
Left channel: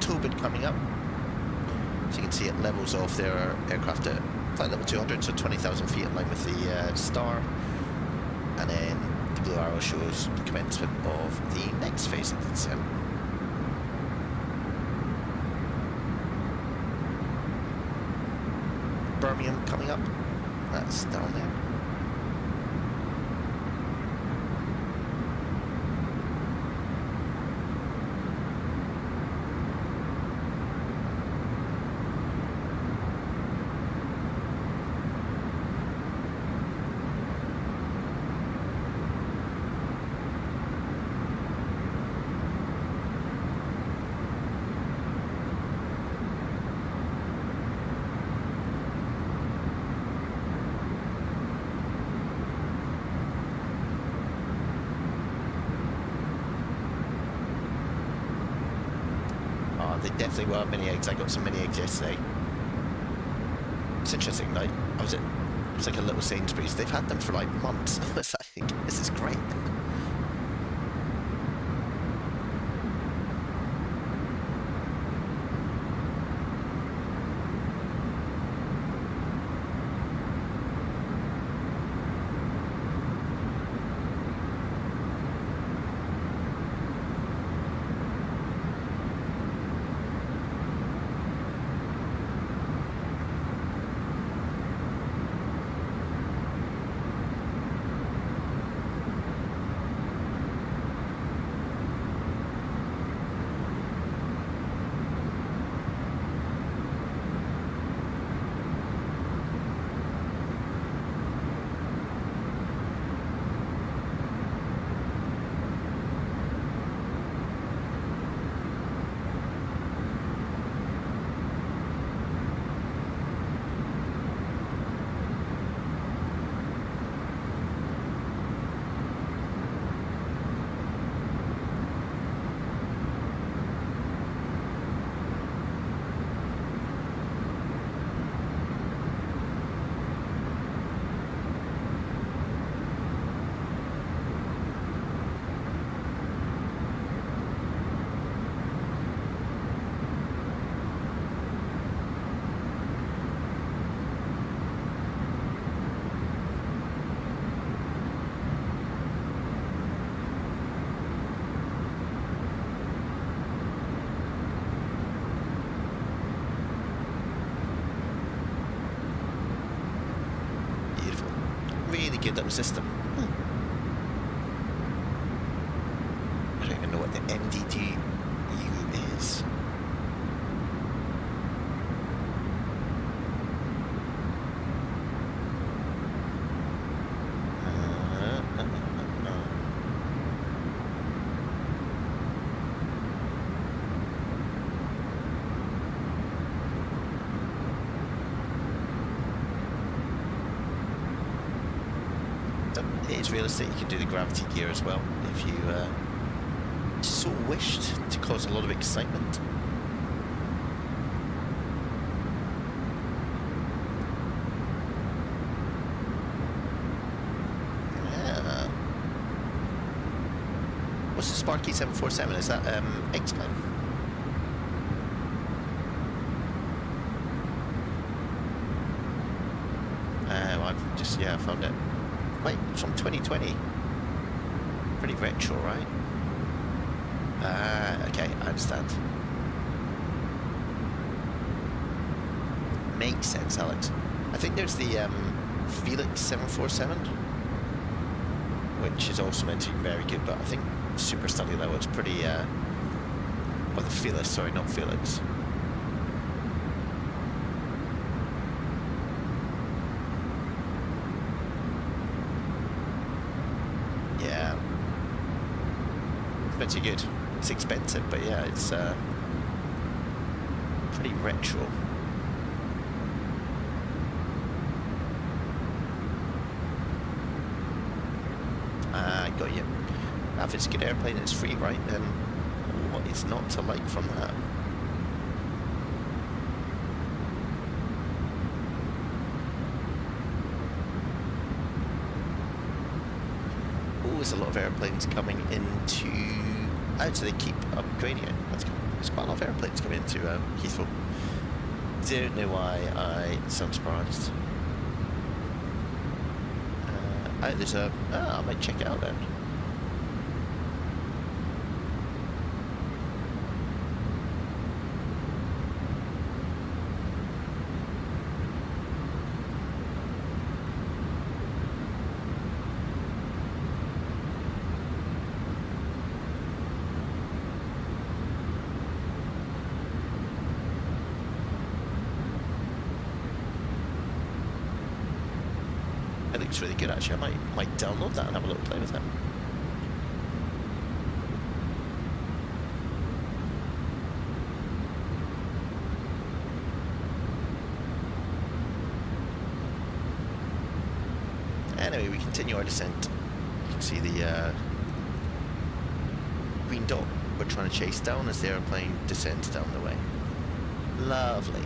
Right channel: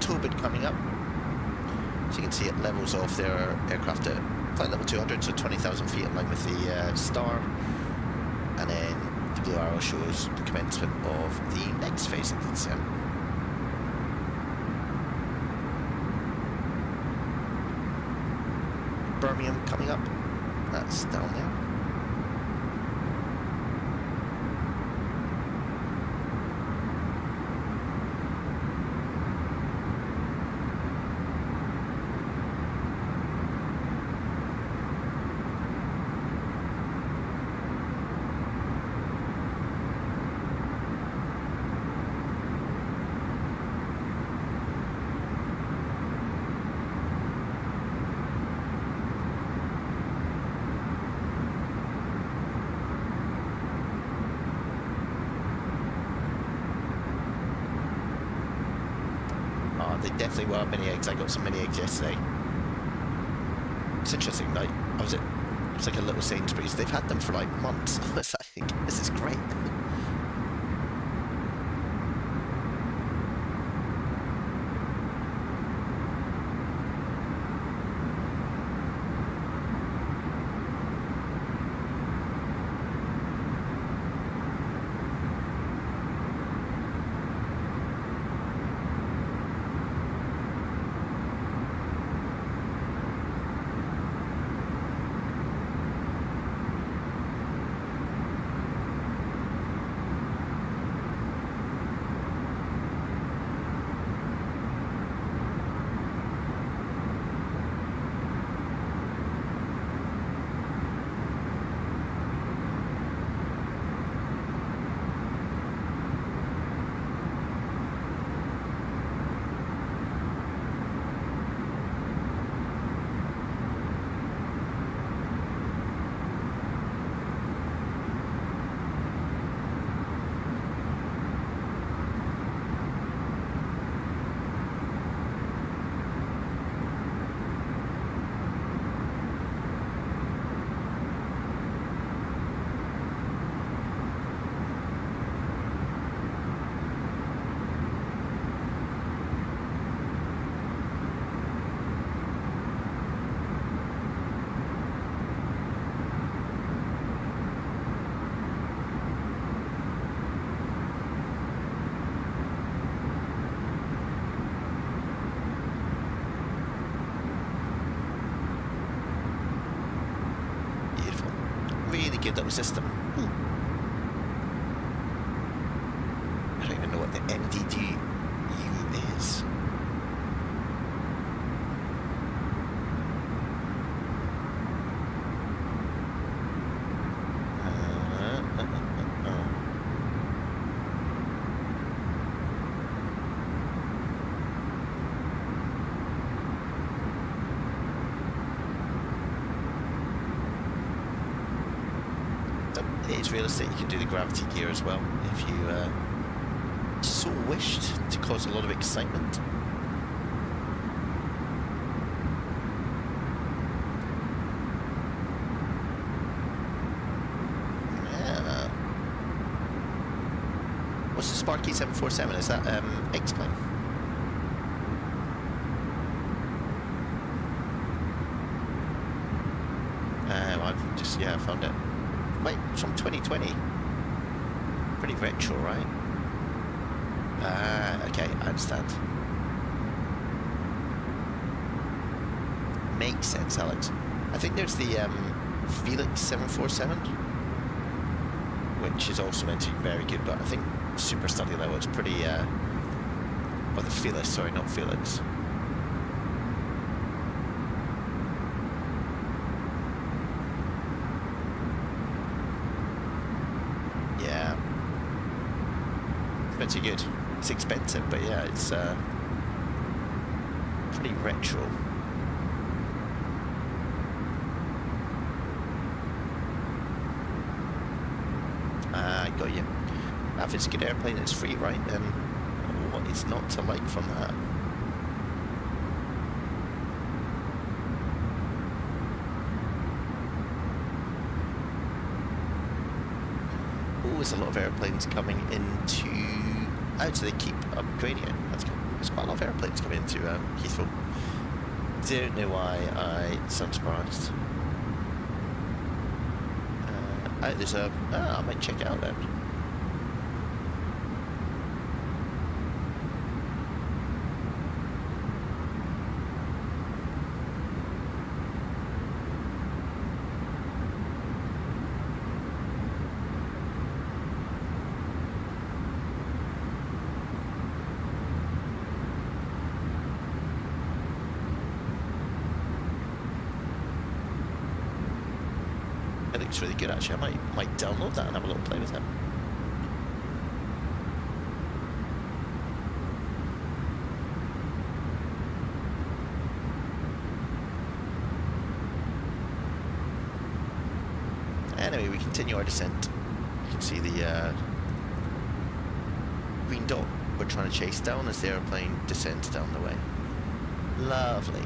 Tobin coming up. So you can see it levels off their aircraft at flight level 200, so 20,000 feet in line with the star. And then the blue arrow shows the commencement of the next phase of the descent. Birmingham coming up. That's down there. They definitely were mini eggs. I got some mini eggs yesterday. It's interesting, like, I was at, it's like a little Sainsbury's. They've had them for like months. I was like, this is great. Really good little system. I don't even know what the MDDU is. It is realistic. You can do the gravity gear as well if you so wished to cause a lot of excitement. Sparky 747, is that X-Plane? I've just, yeah, found it. Wait, it's from 2020. Pretty retro, right? Okay, I understand. Makes sense, Alex. I think there's the Felix 747, which is also meant to be very good, but I think super study level is pretty, or the Felix, sorry, not Felix. Yeah. It's pretty good. It's expensive, but yeah, it's pretty retro. I got you. If it's a good airplane, it's free, right? Then what is not to like from that? Oh, there's a lot of airplanes coming into. Oh, so they keep upgrading it. That's cool. There's quite a lot of airplanes coming into Heathrow. Don't know why I sound surprised. Oh, there's a. I might check it out then. It looks really good actually. I might download that and have a little play with it. Anyway, we continue our descent. You can see the green dot we're trying to chase down as the airplane descends down the way. Lovely.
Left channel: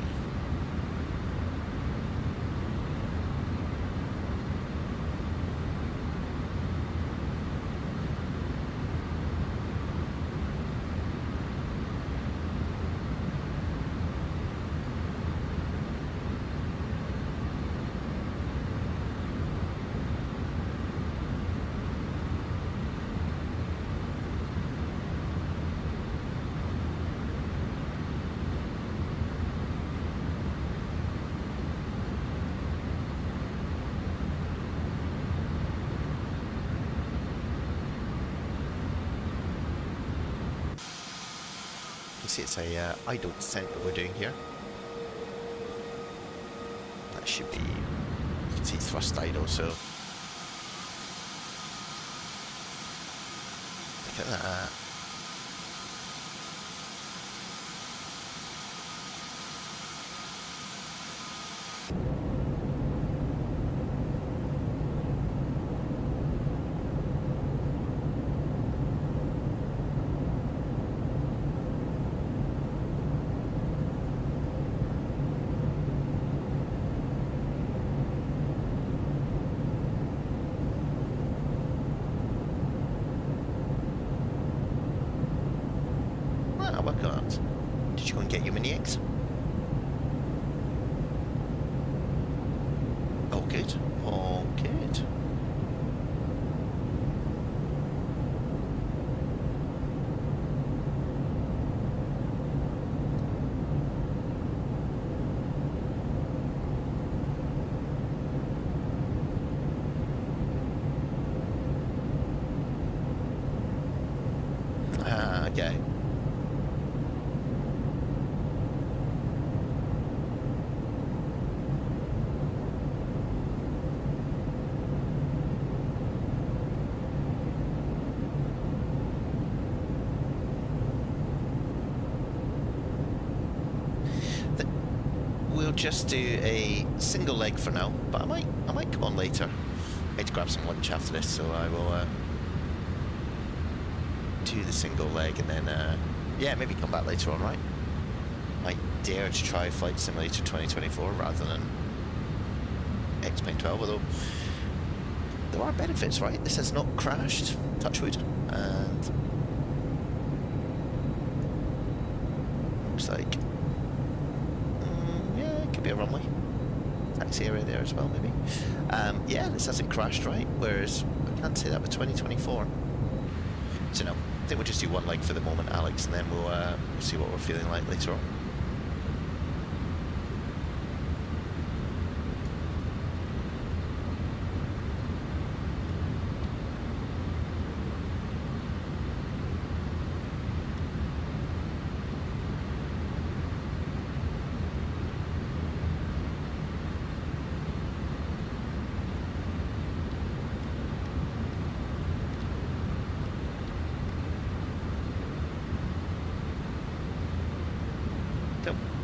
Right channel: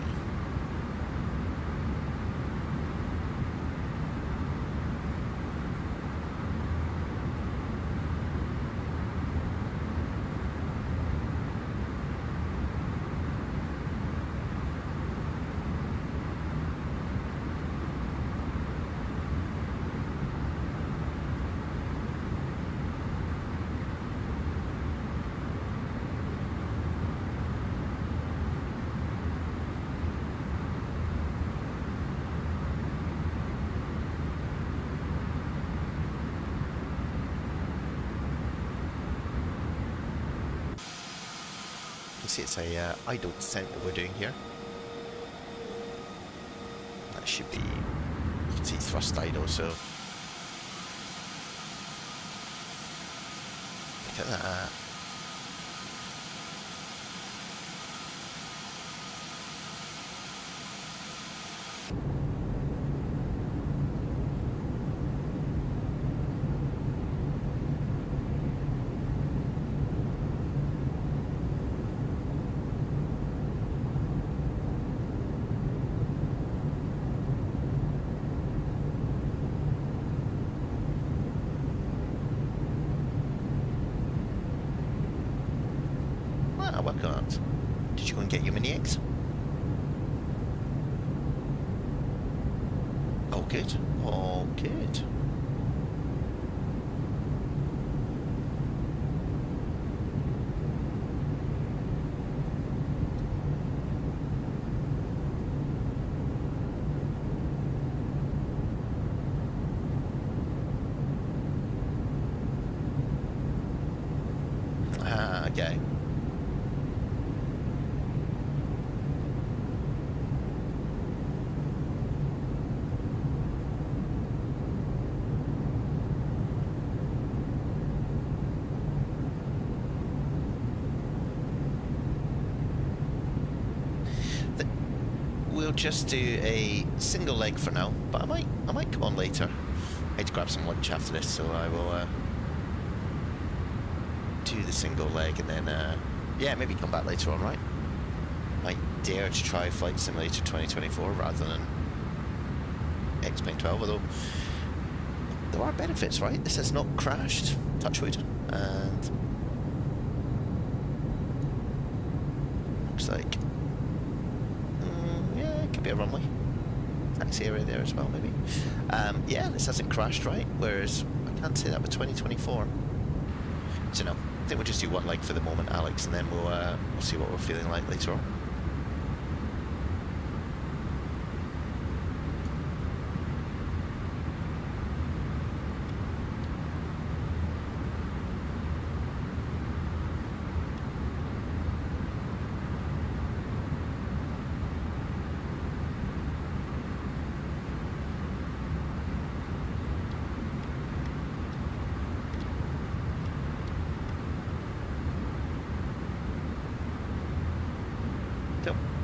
See, it's a idle descent that we're doing here. That should be, you can see thrust idle, so look at that. Well done. Did you go and get your mini X? Oh, good. Oh, good. Okay. We'll just do a single leg for now, but I might come on later. I need to grab some lunch after this, so I will do the single leg and then yeah, maybe come back later on, right? Might dare to try Flight Simulator 2024 rather than X-Plane 12, although there are benefits, right? This has not crashed, touch wood, and looks like. Yeah, it could be a runway. Taxi area there as well, maybe. Yeah, this hasn't crashed, right? Whereas I can't say that with 2024. So no, I think we'll just do one leg for the moment, Alex, and then we'll see what we're feeling like later on.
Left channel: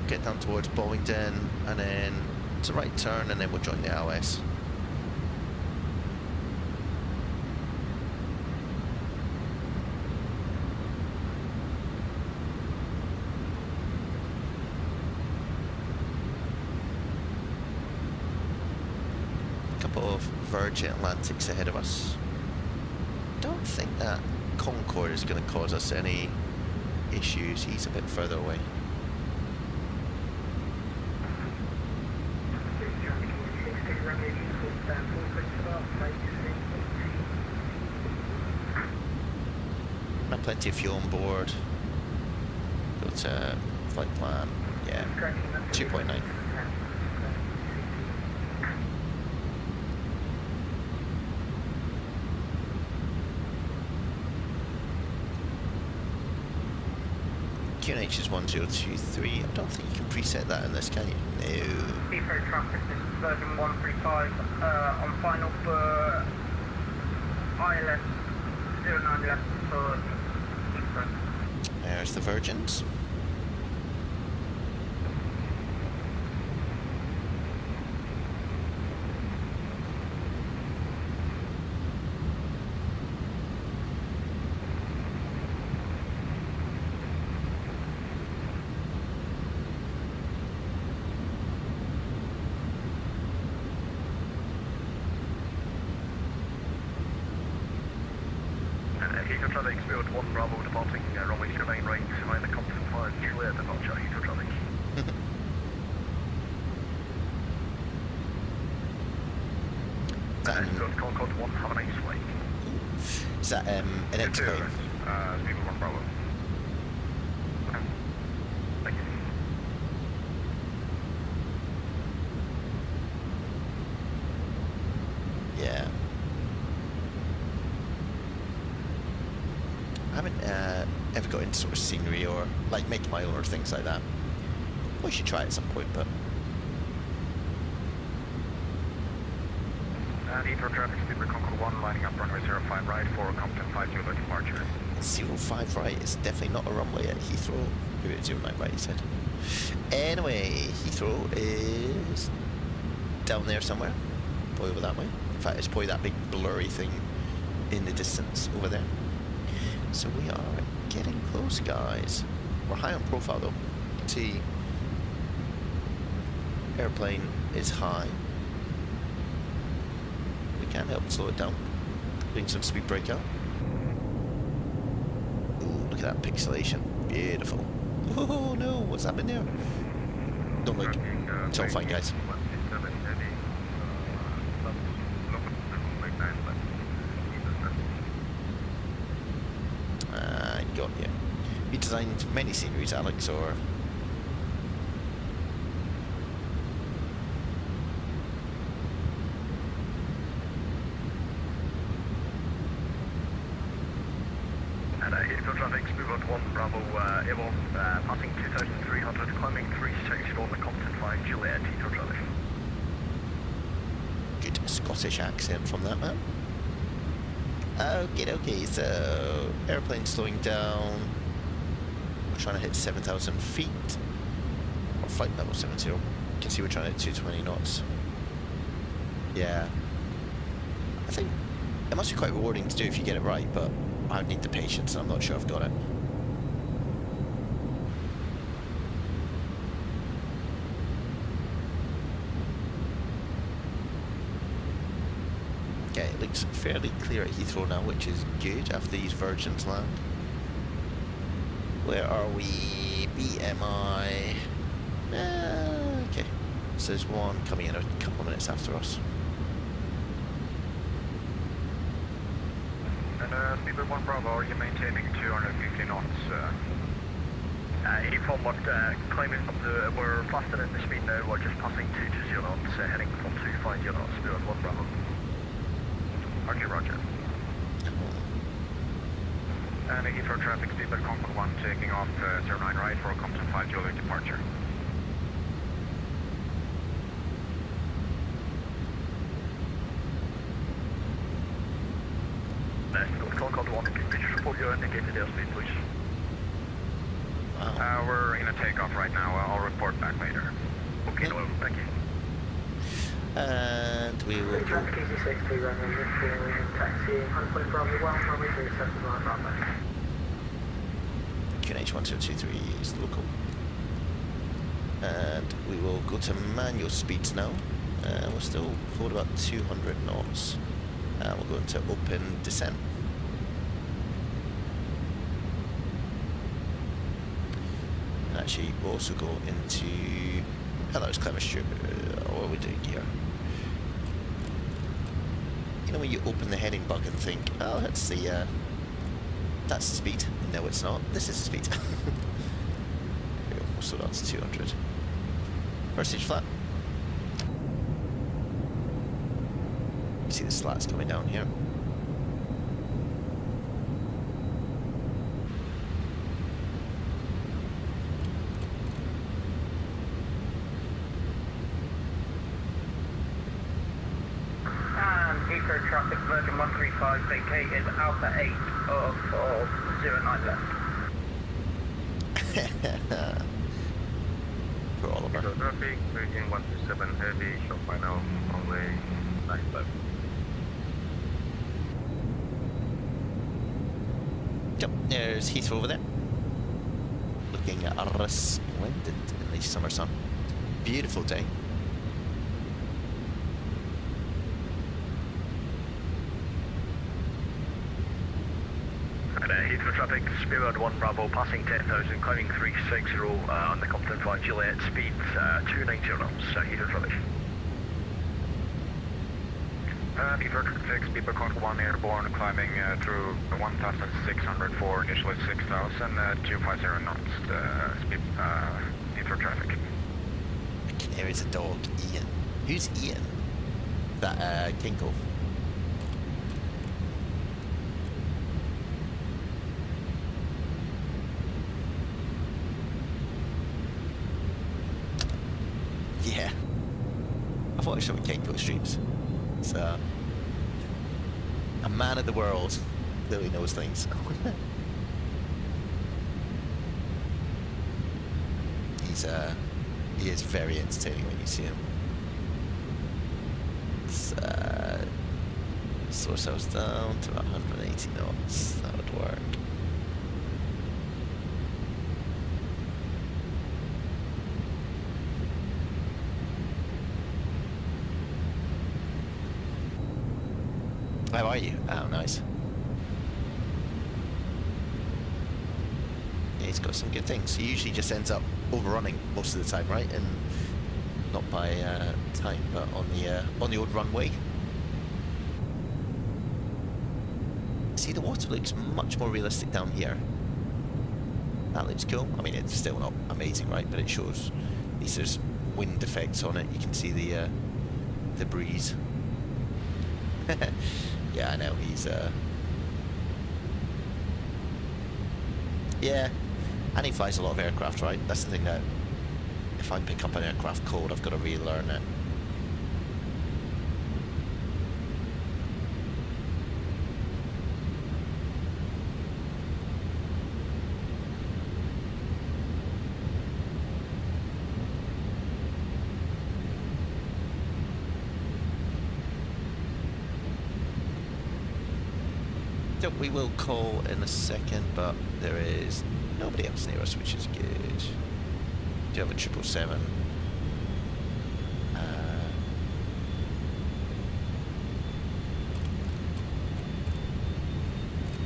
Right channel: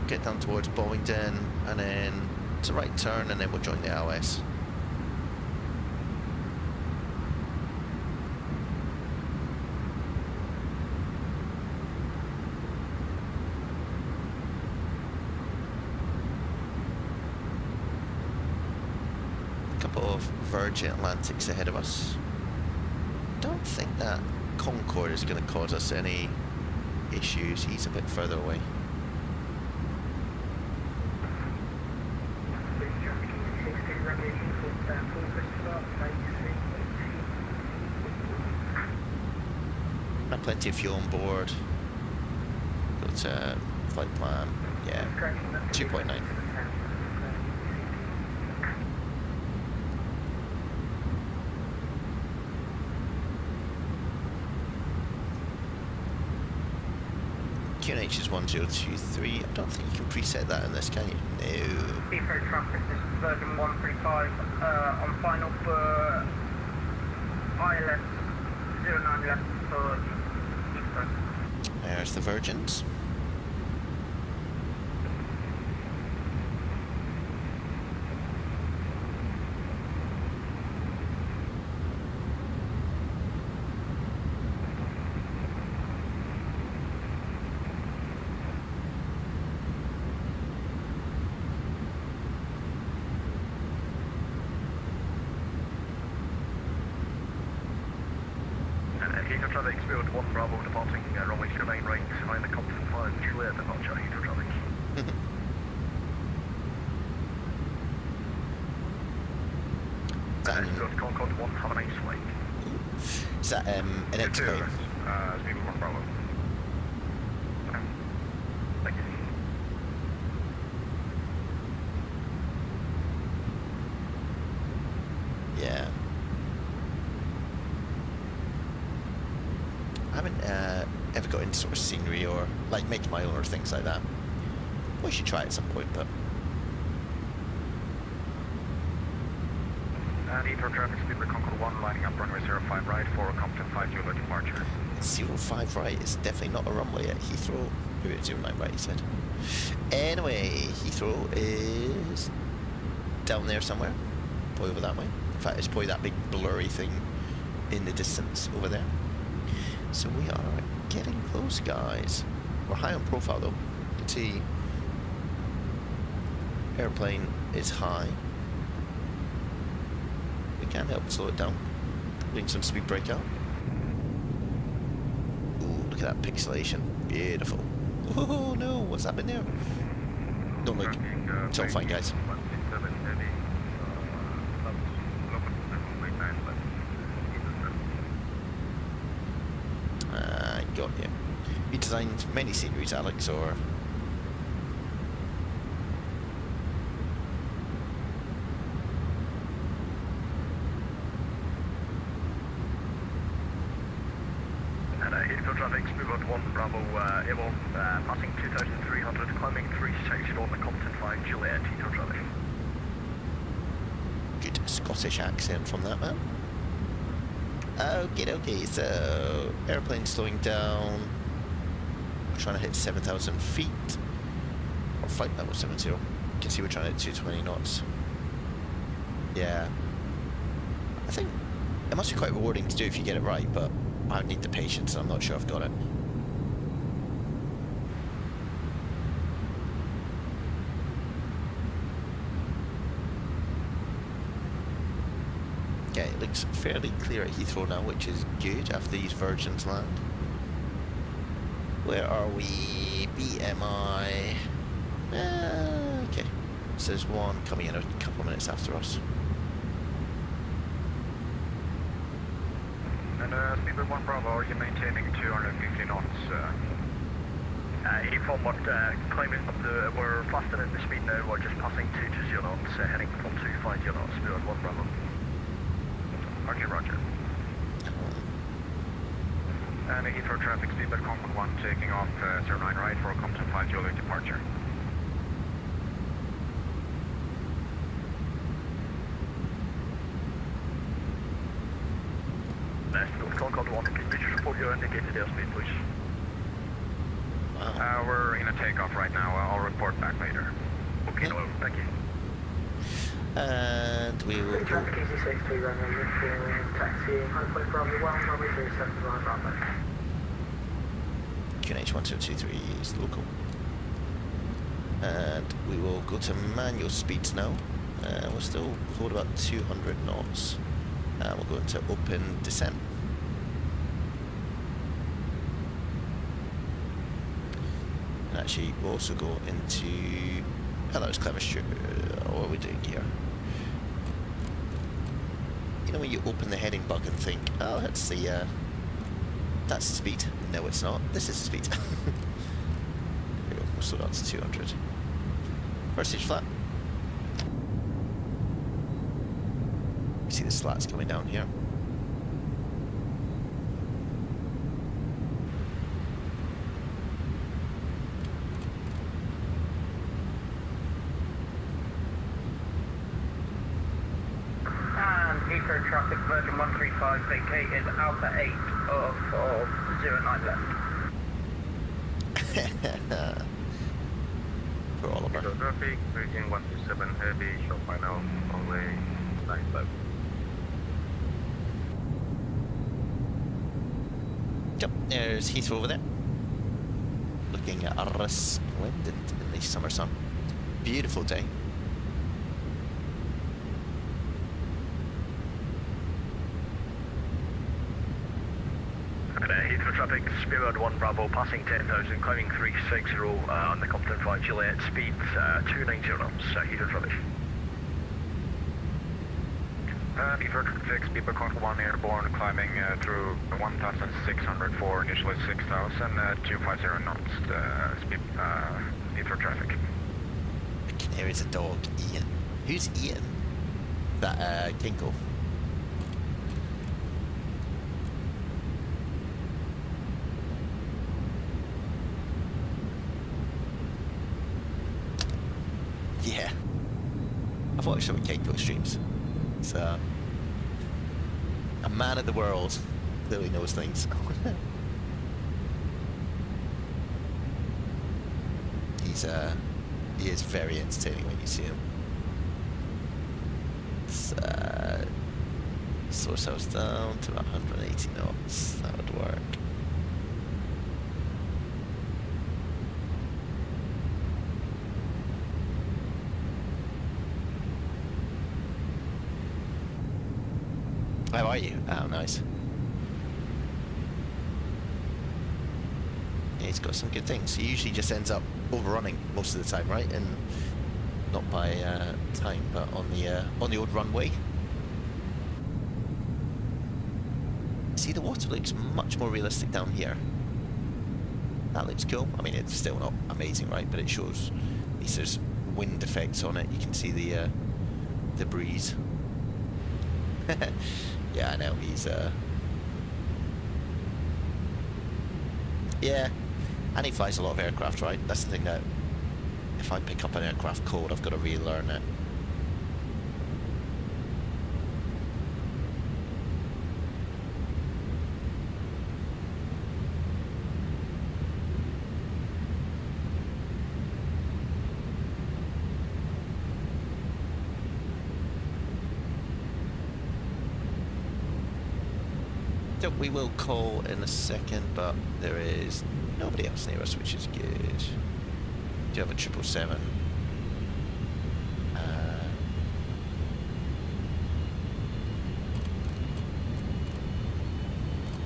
Get down towards Bowington, and then it's a right turn, and then we'll join the LS. A couple of Virgin Atlantics ahead of us. Don't think that Concorde is going to cause us any issues. He's a bit further away. Plenty of fuel on board. Got a flight plan. Yeah, 2.9. QNH is 1023. I don't think you can preset that in this, can you? No. Heathrow traffic, this is version 135 on final for ILS 09 left for Heathrow. There's the Virgins. Heathrow traffic, Spirit 1 Bravo departing runway 09 right, line the Compton 5 Juliet departure, Heathrow traffic. Spirit Concorde 1, have a nice flight. Is that an X-plane? Spirit 1 Bravo. Thank you. Yeah. I haven't ever got into sort of scenery or like making my own or things like that. We should try it at some point, but Heathrow traffic, Spirit Concorde 1 lining up runway 05 right for Compton 5 Juliet departure. 05 right is definitely not a runway at Heathrow. Maybe it's 09 right, he said. Anyway, Heathrow is down there somewhere. Probably over that way. In fact, it's probably that big blurry thing in the distance over there. So we are getting close, guys. We're high on profile though. You can see airplane is high. We can help slow it down. Doing some speed breakout. Ooh, look at that pixelation. Beautiful. Oh no, what's happening there? Don't look. It's all fine, guys. Got you. You designed many sceneries, Alex, or? Heathrow traffic, Spirit 1 Bravo, Evo, passing 2300, climbing 36 on the Compton 5 Juliet, Heathrow traffic. Good Scottish accent from that man. Okay, so airplane slowing down. We're trying to hit 7,000 feet. Or flight level 70. You can see we're trying to hit 220 knots. Yeah. I think it must be quite rewarding to do if you get it right, but I would need the patience and I'm not sure I've got it. Okay, it looks fairly clear at Heathrow now, which is good after these Virgins land. Where are we? BMI. Okay. So there's one coming in a couple of minutes after us. And Speedbird 1 Bravo, are you maintaining 250 knots? Inform what, climbing up the, we're faster than the speed now, we're just passing 220 knots, heading from 250 knots, Speedbird 1 Bravo. Roger, roger. And Heathrow traffic, Speedbird Concord 1 taking off 09 right for Compton 5 Juliet departure. Concord 1, can you just report your indicated airspeed, please? Wow. We're in a takeoff right now. I'll report back later. Okay, no, thank you. And we will go. Traffic easy 63 runway taxi, 100 Bravo 1, runway 37 Bravo. QNH 1023 is local. And we will go to manual speeds now. We'll still hold about 200 knots. And we'll go into open descent. And actually, we'll also go into... Oh, that was clever, Stuart. What are we doing here? You know when you open the heading bug and think, oh, that's the speed. No, it's not. This is the speed. There we go. So that's 200. First stage flat. You see the slats coming down here. Heathrow traffic, Virgin 135 vacated, Alpha 8 for 09 left. For Oliver. Heathrow traffic, Virgin 127 heavy, show final, runway 9 left. Yep, there's Heathrow over there. Looking resplendent in the summer sun. Beautiful day. Heathrow traffic, Speedbird 1 Bravo, passing 10,000, climbing 360 on the Compton 5 Juliet, speed 290 knots, Heathrow traffic. Heathrow traffic, Speedbird Concord 1 airborne, climbing through 1,604, initially 6,000, 250 knots, Heathrow traffic. Canary's a dog, Ian. Who's Ian? That, Kinko. Yeah. I've watched some of Kinko streams. It's a man of the world. Clearly knows things. He is very entertaining when you see him. Slow ourselves down to about 180 knots. That would work. How are you? Oh, nice. Yeah, he's got some good things. He usually just ends up overrunning most of the time, right? And not by time, but on the old runway. See, the water looks much more realistic down here. That looks cool. I mean, it's still not amazing, right? But it shows at least there's wind effects on it. You can see the breeze. Yeah, I know, he's yeah, and he flies a lot of aircraft, right? That's the thing, that if I pick up an aircraft code, I've got to relearn it. We will call in a second, but there is nobody else near us, which is good. Do you have a 777?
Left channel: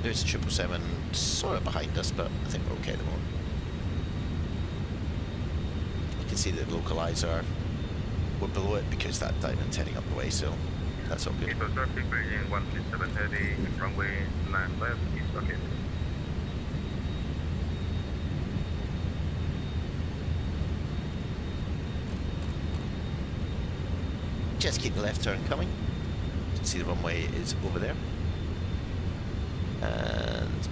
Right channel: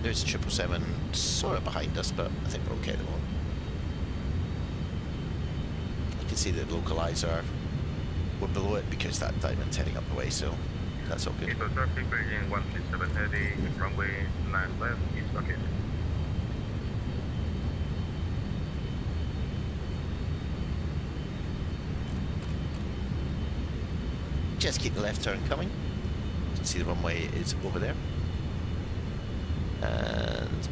There's a 777 sort of behind us, but I think we're okay at the moment. You can see the localizer. We're below it because that diamond's heading up the way, so that's all good. So traffic Beijing 137 heading runway 9 left, east bucket. Just keep the left turn coming. You can see the runway is over there. And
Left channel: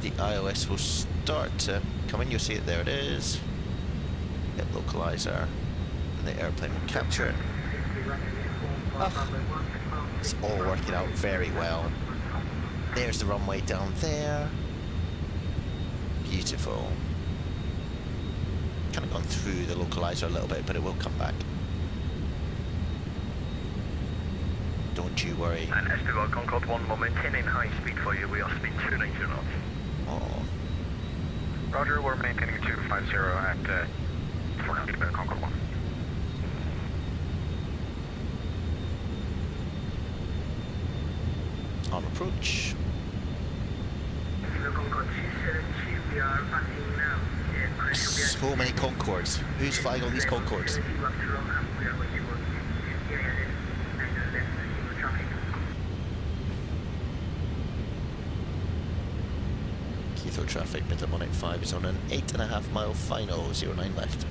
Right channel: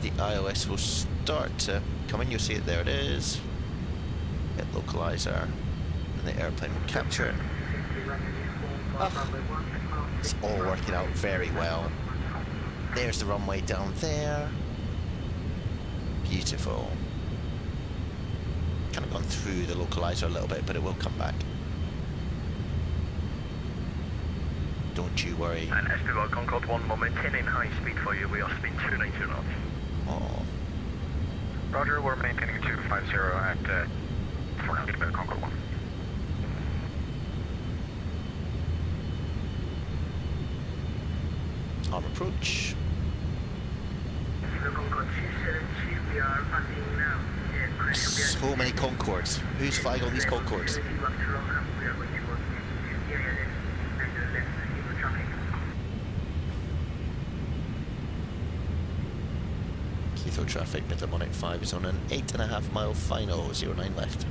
the iOS will start to come in. You'll see it, there it is. Hit localizer, and the airplane will capture it. Oh, it's all working out very well. There's the runway down there. Beautiful. Kind of gone through the localizer a little bit, but it will come back. Don't you worry. And SPY Concorde 1, we're maintaining high speed for you. We are speed 290 knots. Oh. Roger, we're maintaining 250 at 490 Concorde 1. On approach. We are passing now. So many Concords. Who's flying on these Concords? Heathrow traffic, middle 185 is on an 8.5 mile final, 09 left.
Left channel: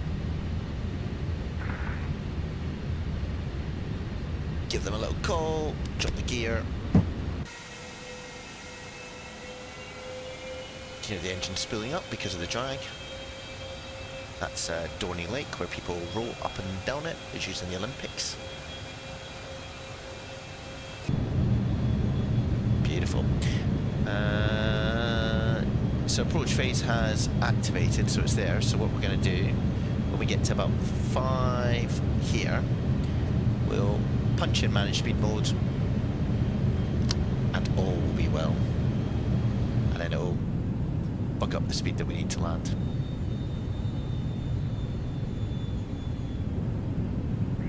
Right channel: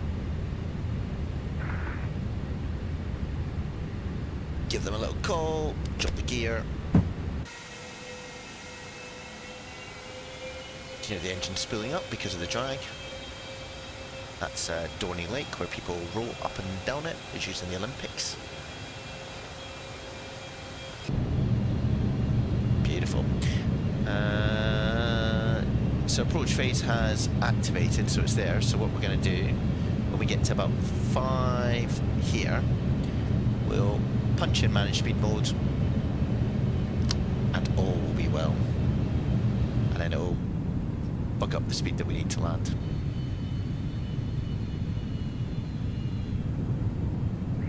Give them a little call, drop the gear. Hear the engine spooling up because of the drag. That's Dorney Lake, where people roll up and down it. It's used in the Olympics. Beautiful. So approach phase has activated, so it's there. So what we're going to do, when we get to about 5 here, we'll punch in manage speed mode, and all will be well. And then it'll buck up the speed that we need to land.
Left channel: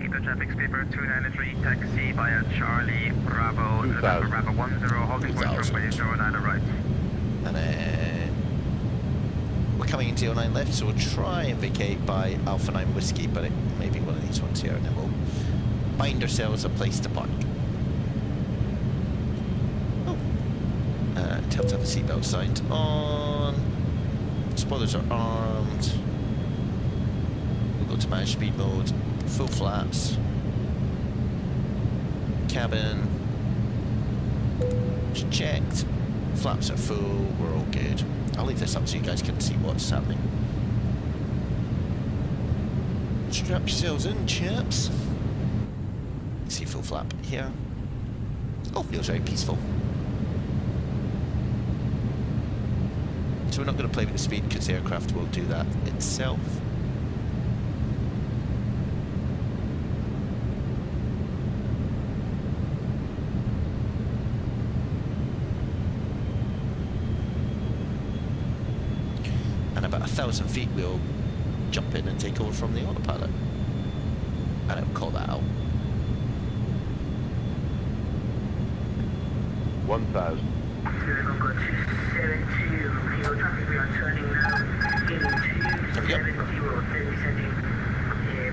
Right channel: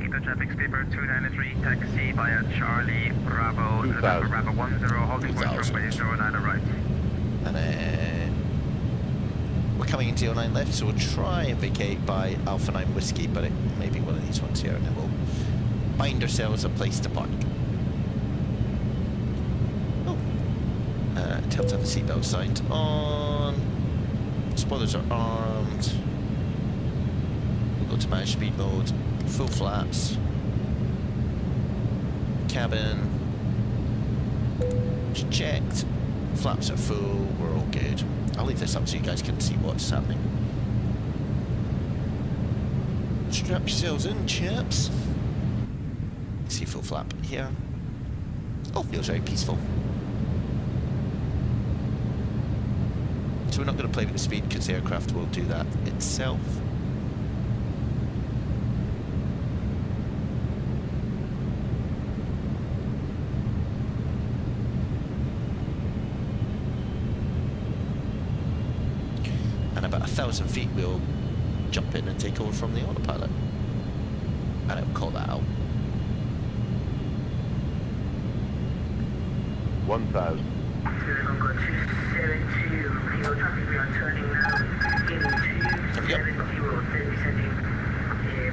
Eco traffic skipper 293, taxi via Charlie Bravo, November Bravo 10, holding point runway 09 right. And then we're coming into 09 left, so we'll try and vacate by Alpha 9 Whiskey, but it may be one of these ones here, and then we'll find ourselves a place to park. Tell to have the seatbelt signed on. Spoilers are armed. We'll go to manage speed mode. Full flaps. Cabin. It's checked. Flaps are full. We're all good. I'll leave this up so you guys can see what's happening. Strap yourselves in, chaps. See full flap here. Oh, feels very peaceful. So we're not going to play with the speed because the aircraft will do that itself. And about 1,000 feet we'll jump in and take over from the autopilot. And it'll call that out. 1,000. Traffic, we are turning now into 70, descending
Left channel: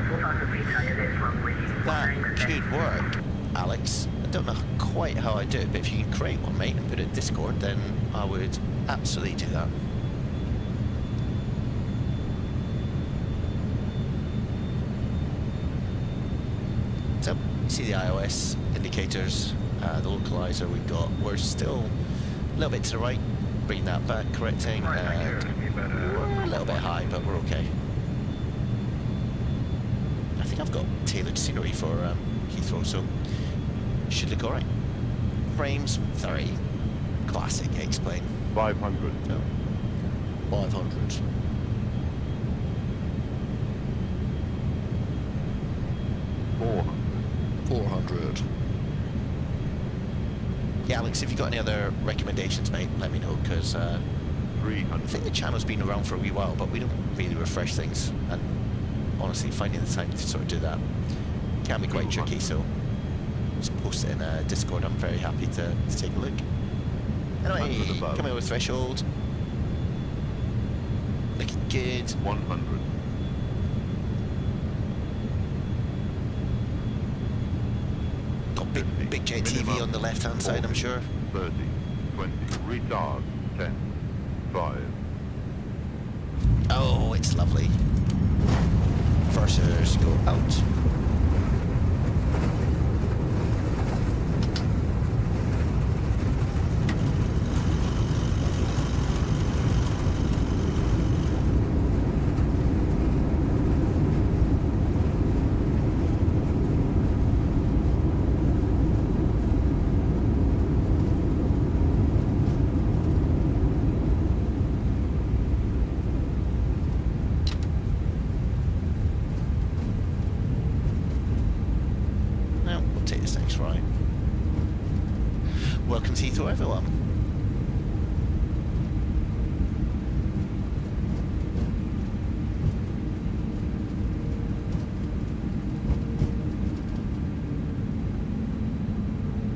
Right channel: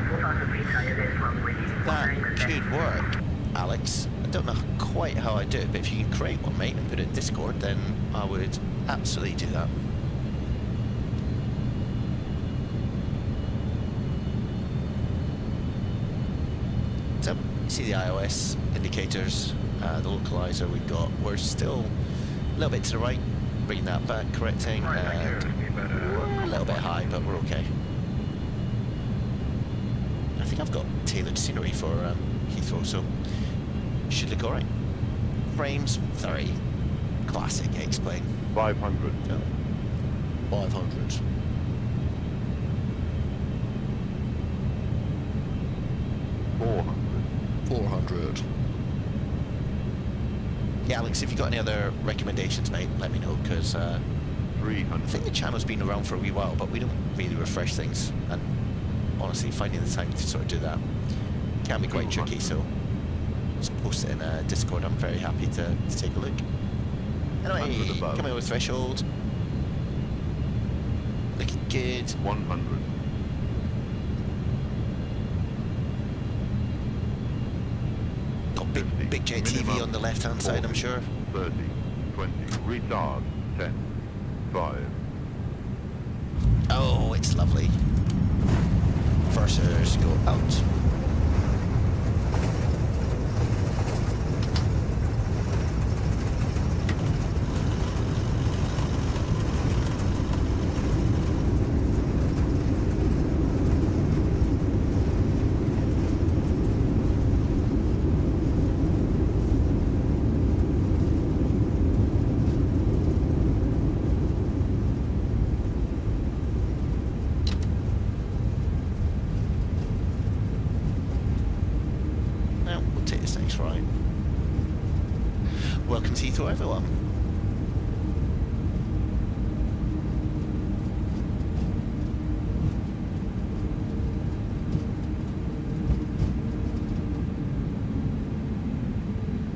4,000 feet higher, left runway. That could work, Alex. I don't know quite how I do it, but if you can create one, mate, and put it in Discord, then I would absolutely do that. So, you see the iOS indicators, the localizer we've got. We're still a little bit to the right. Bring that back, correcting, and we're a little bit high, but we're okay. I think I've got tailored scenery for Heathrow, so should look alright. Frames, 30. Classic, explain. 500. Oh. 500. $400. 400. Yeah, Alex, if you've got any other recommendations, mate, let me know, because I 300. think the channel's been around for a wee while, but we don't really refresh things, and honestly, finding the time to sort of do that can be quite tricky, so Just post it in Discord. I'm very happy to take a look. Anyway, 100 above. coming over threshold. Looking good. 100. Got 50. big J TV Minimum on the left hand side, I'm 40, sure. 30, 20, retard, 10, 5. Oh, it's lovely. Versers go out. Now, we'll take this next right. Welcome to Heathrow, everyone.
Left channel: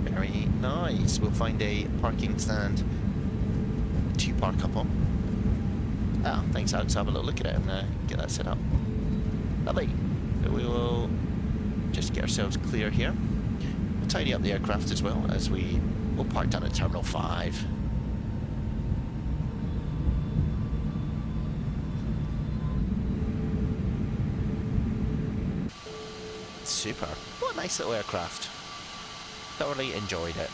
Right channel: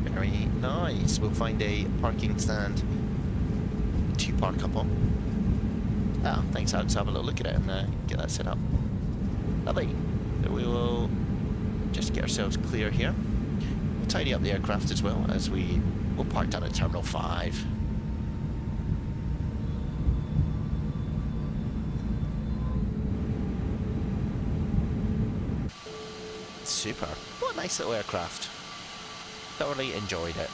Very nice. We'll find a parking stand to park up on. Ah, thanks, Alex. Have a little look at it and get that set up. Lovely. So we will just get ourselves clear here. We'll tidy up the aircraft as well as we'll park down at Terminal 5. Super. What a nice little aircraft. Thoroughly enjoyed it.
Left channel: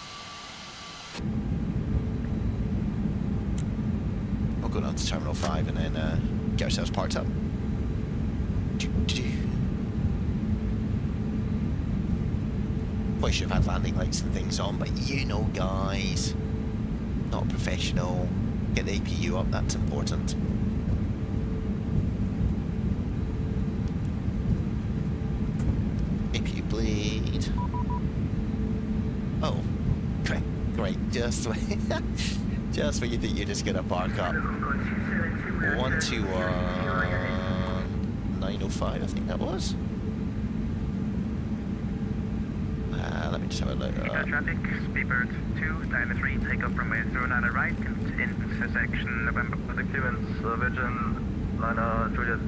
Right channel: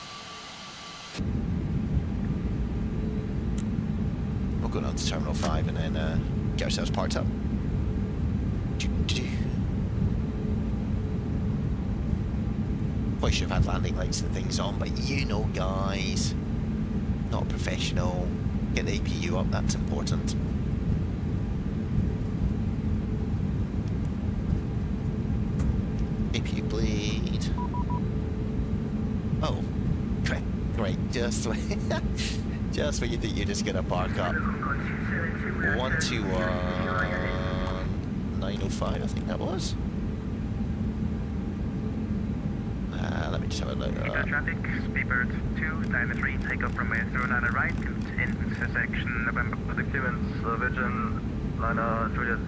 We'll go down to Terminal 5 and then get ourselves parked up. Probably should have had landing lights and things on, but you know, guys, not professional. Get the APU up, that's important. APU bleed. Oh, great. Just when you think you're just gonna park up. 121 905, I think that was. Let me just have a look. Traffic, Speedbird 293, takeoff from 09 right, intersection November. The clearance, Virgin, liner, Juliet.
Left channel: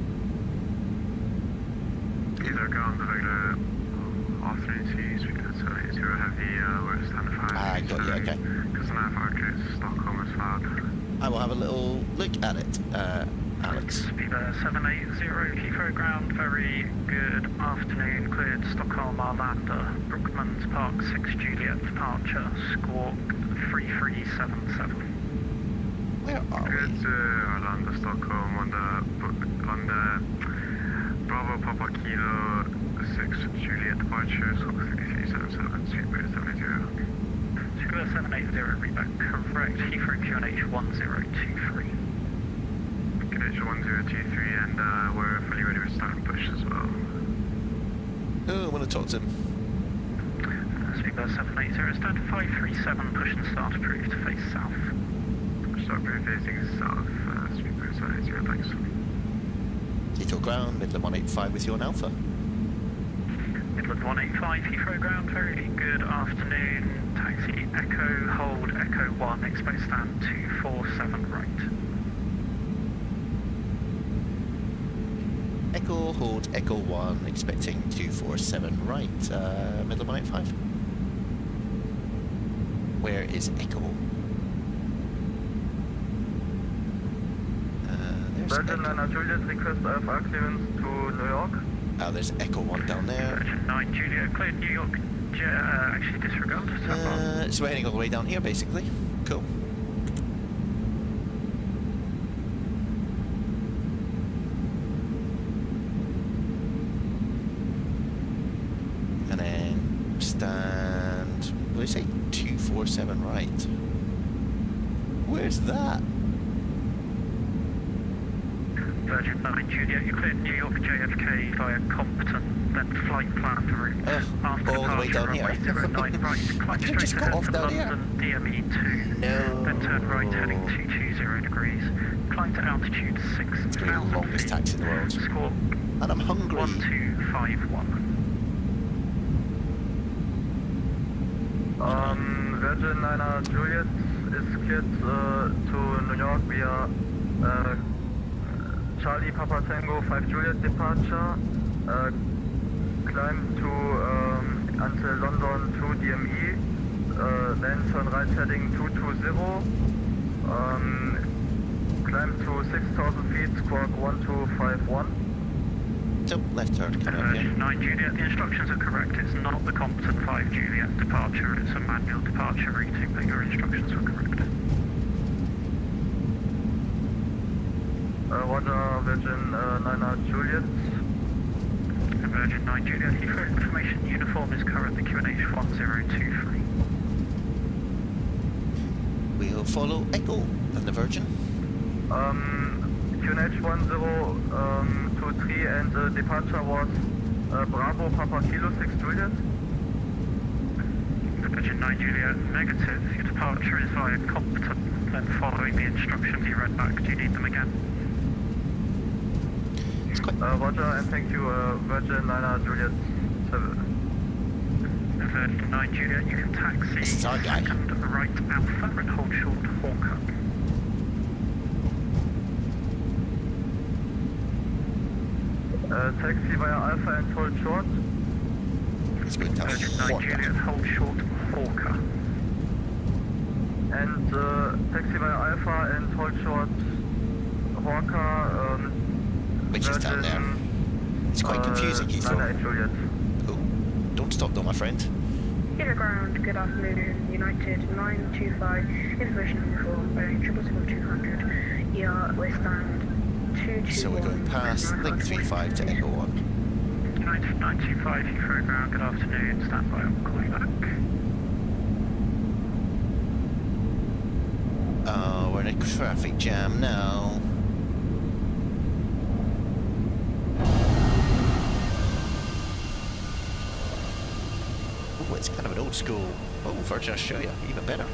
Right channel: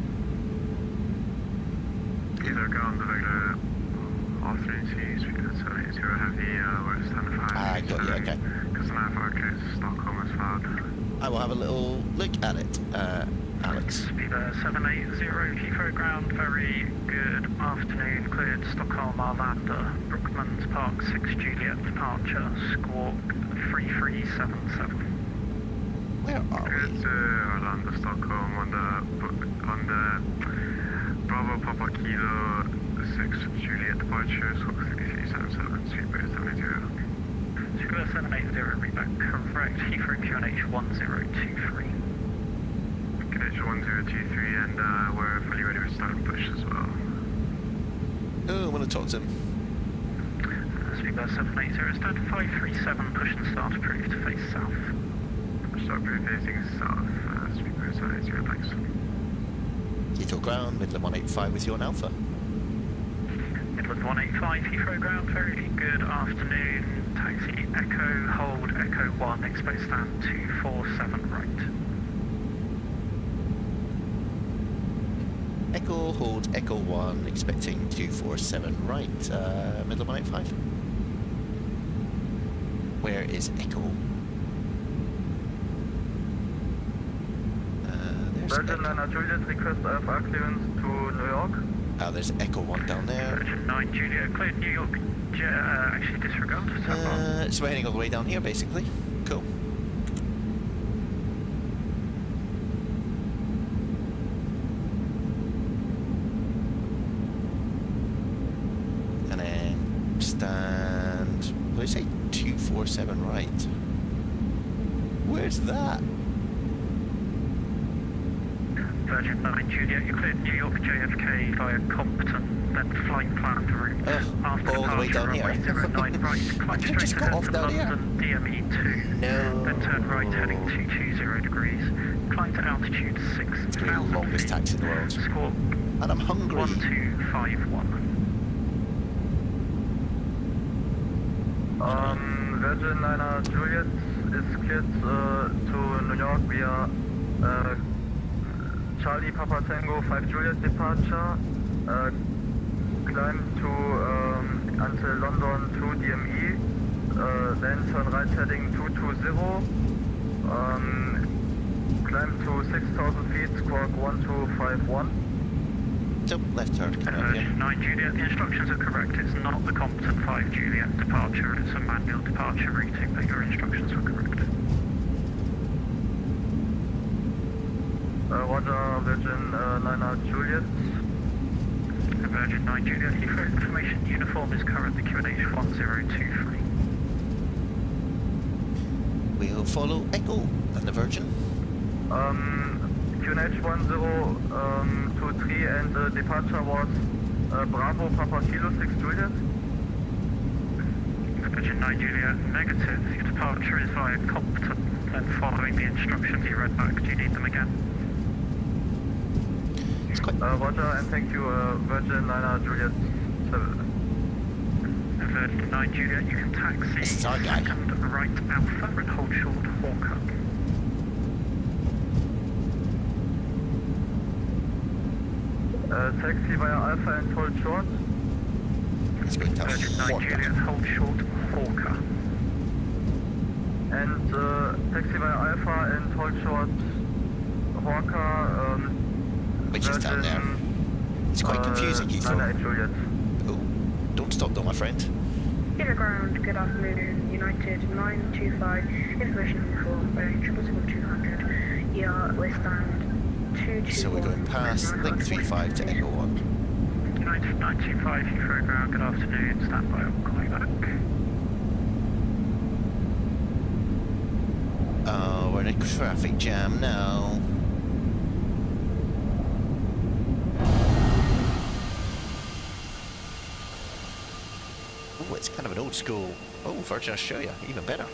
Either ground, regular R3C, Speedbird 780 Heavy, we're standard 5. Ah, got you, okay. Customer Farcus, Stockholm is filed. I will have a little look at it, Alex. Speedbird 780, Heathrow ground, very good afternoon, cleared Stockholm Arlanda, Brookmans Park 6 Juliet departure, Squawk 3377. Where are Good we? to Arlanda, Stockholm on the Bravo Papa Kilo 6 Juliet departure, Squawk 3377, Speedbird 780. Speedbird 780, reback correct, Heathrow QNH 1023. QNH 1023, and we're fully ready for start and push as well. Oh, I want to talk to him. Speedbird 780, stand 537, push and start approved to face south. Start facing south, Speedbird 780, thanks. Heathrow ground, Midland 185 with you on Alpha. Midland 185, Heathrow ground, very good afternoon. Taxi Echo, hold Echo 1, expect stand 247 right. Echo, hold Echo 1, expecting 247 right. Midland 185. Where is Echo? There's Virgin, Echo. liner, Juliet, request IFR clearance to New York. There's Echo 1 down there. Virgin 9 Juliet, cleared New York, actually disregard. So we're heading all the way down here, basically. Cool. And then stand, what did I say? 247 right. Where's that? Virgin 9 Juliet, you cleared New York JFK via Compton, then flight plan route. After all the way down runway here. 09 right, I climb could've just straight got ahead off to down here. London DME 2. No. Then turn right heading 220 degrees. Climb to altitude 6,000 It's going to be the longest feet. taxi in the world. Virgin 9 Juliet is cleared to New York via Charlie Papa Tango 5 Juliet departure. Climb to until London 2 DME. Then turn right heading 220. Climb to 6,000 feet, squawk 1251. So, left turn coming up here. 9 Juliet, the instructions are correct. It's not the competent 5 Juliet departure, it's a manual departure routing, but your instructions were correct. Roger, Virgin 9 Juliet. Virgin 9 Juliet, Heathrow information uniform is currently QNH 1023. We'll follow Echo and the Virgin. QNH 1023 and departure was Bravo Papa Kilo 6 Juliet. Virgin 9 Juliet, negative. Your departure is via competent, then following the instructions you read back. Do you need them again? It's quite... Roger, and thank you, Virgin 9 Juliet 7. Virgin 9 Juliet, you can taxi This is our guy. second right Alpha and hold short Hawker. Taxi via Alpha and hold short. It's going to Virgin 9 Hawker. Juliet, hold short Hawker. And taxi via Alpha and hold short Hawker. Which is down there. It's quite confusing, Heathrow. 9 Juliet. Oh, don't stop though, my friend. Inner ground, good afternoon, United 925, information uniform, Boeing 777-200, ER, list stand 221. So we're going past Link 35 to Echo 1. United 925, Heathrow ground, good afternoon, stand by, I'll call you back. Oh, we're in a traffic jam now. Oh, it's kind of an old school. Oh, Virgin Australia, even better.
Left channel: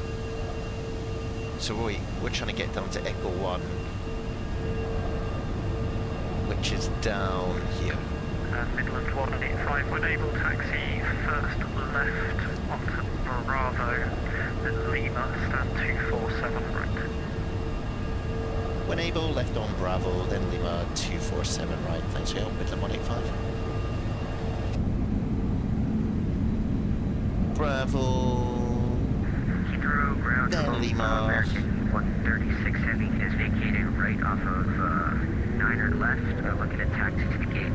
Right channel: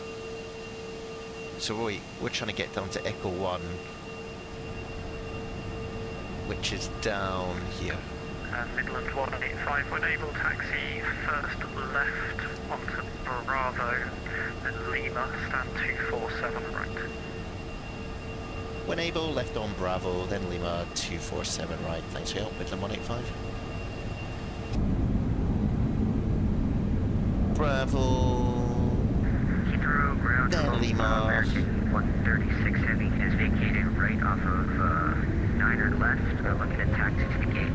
So Roy, we're trying to get down to Echo 1, which is down here. Midland 185, when able, taxi first left onto Bravo, then Lima, stand 247 right. When able, left on Bravo, then Lima 247 right. Thanks for your help, Midland 185. Bravo. Heathrow ground, Then Lima. American 136 Heavy is vacating right off of 9er left, looking at taxi to the gate.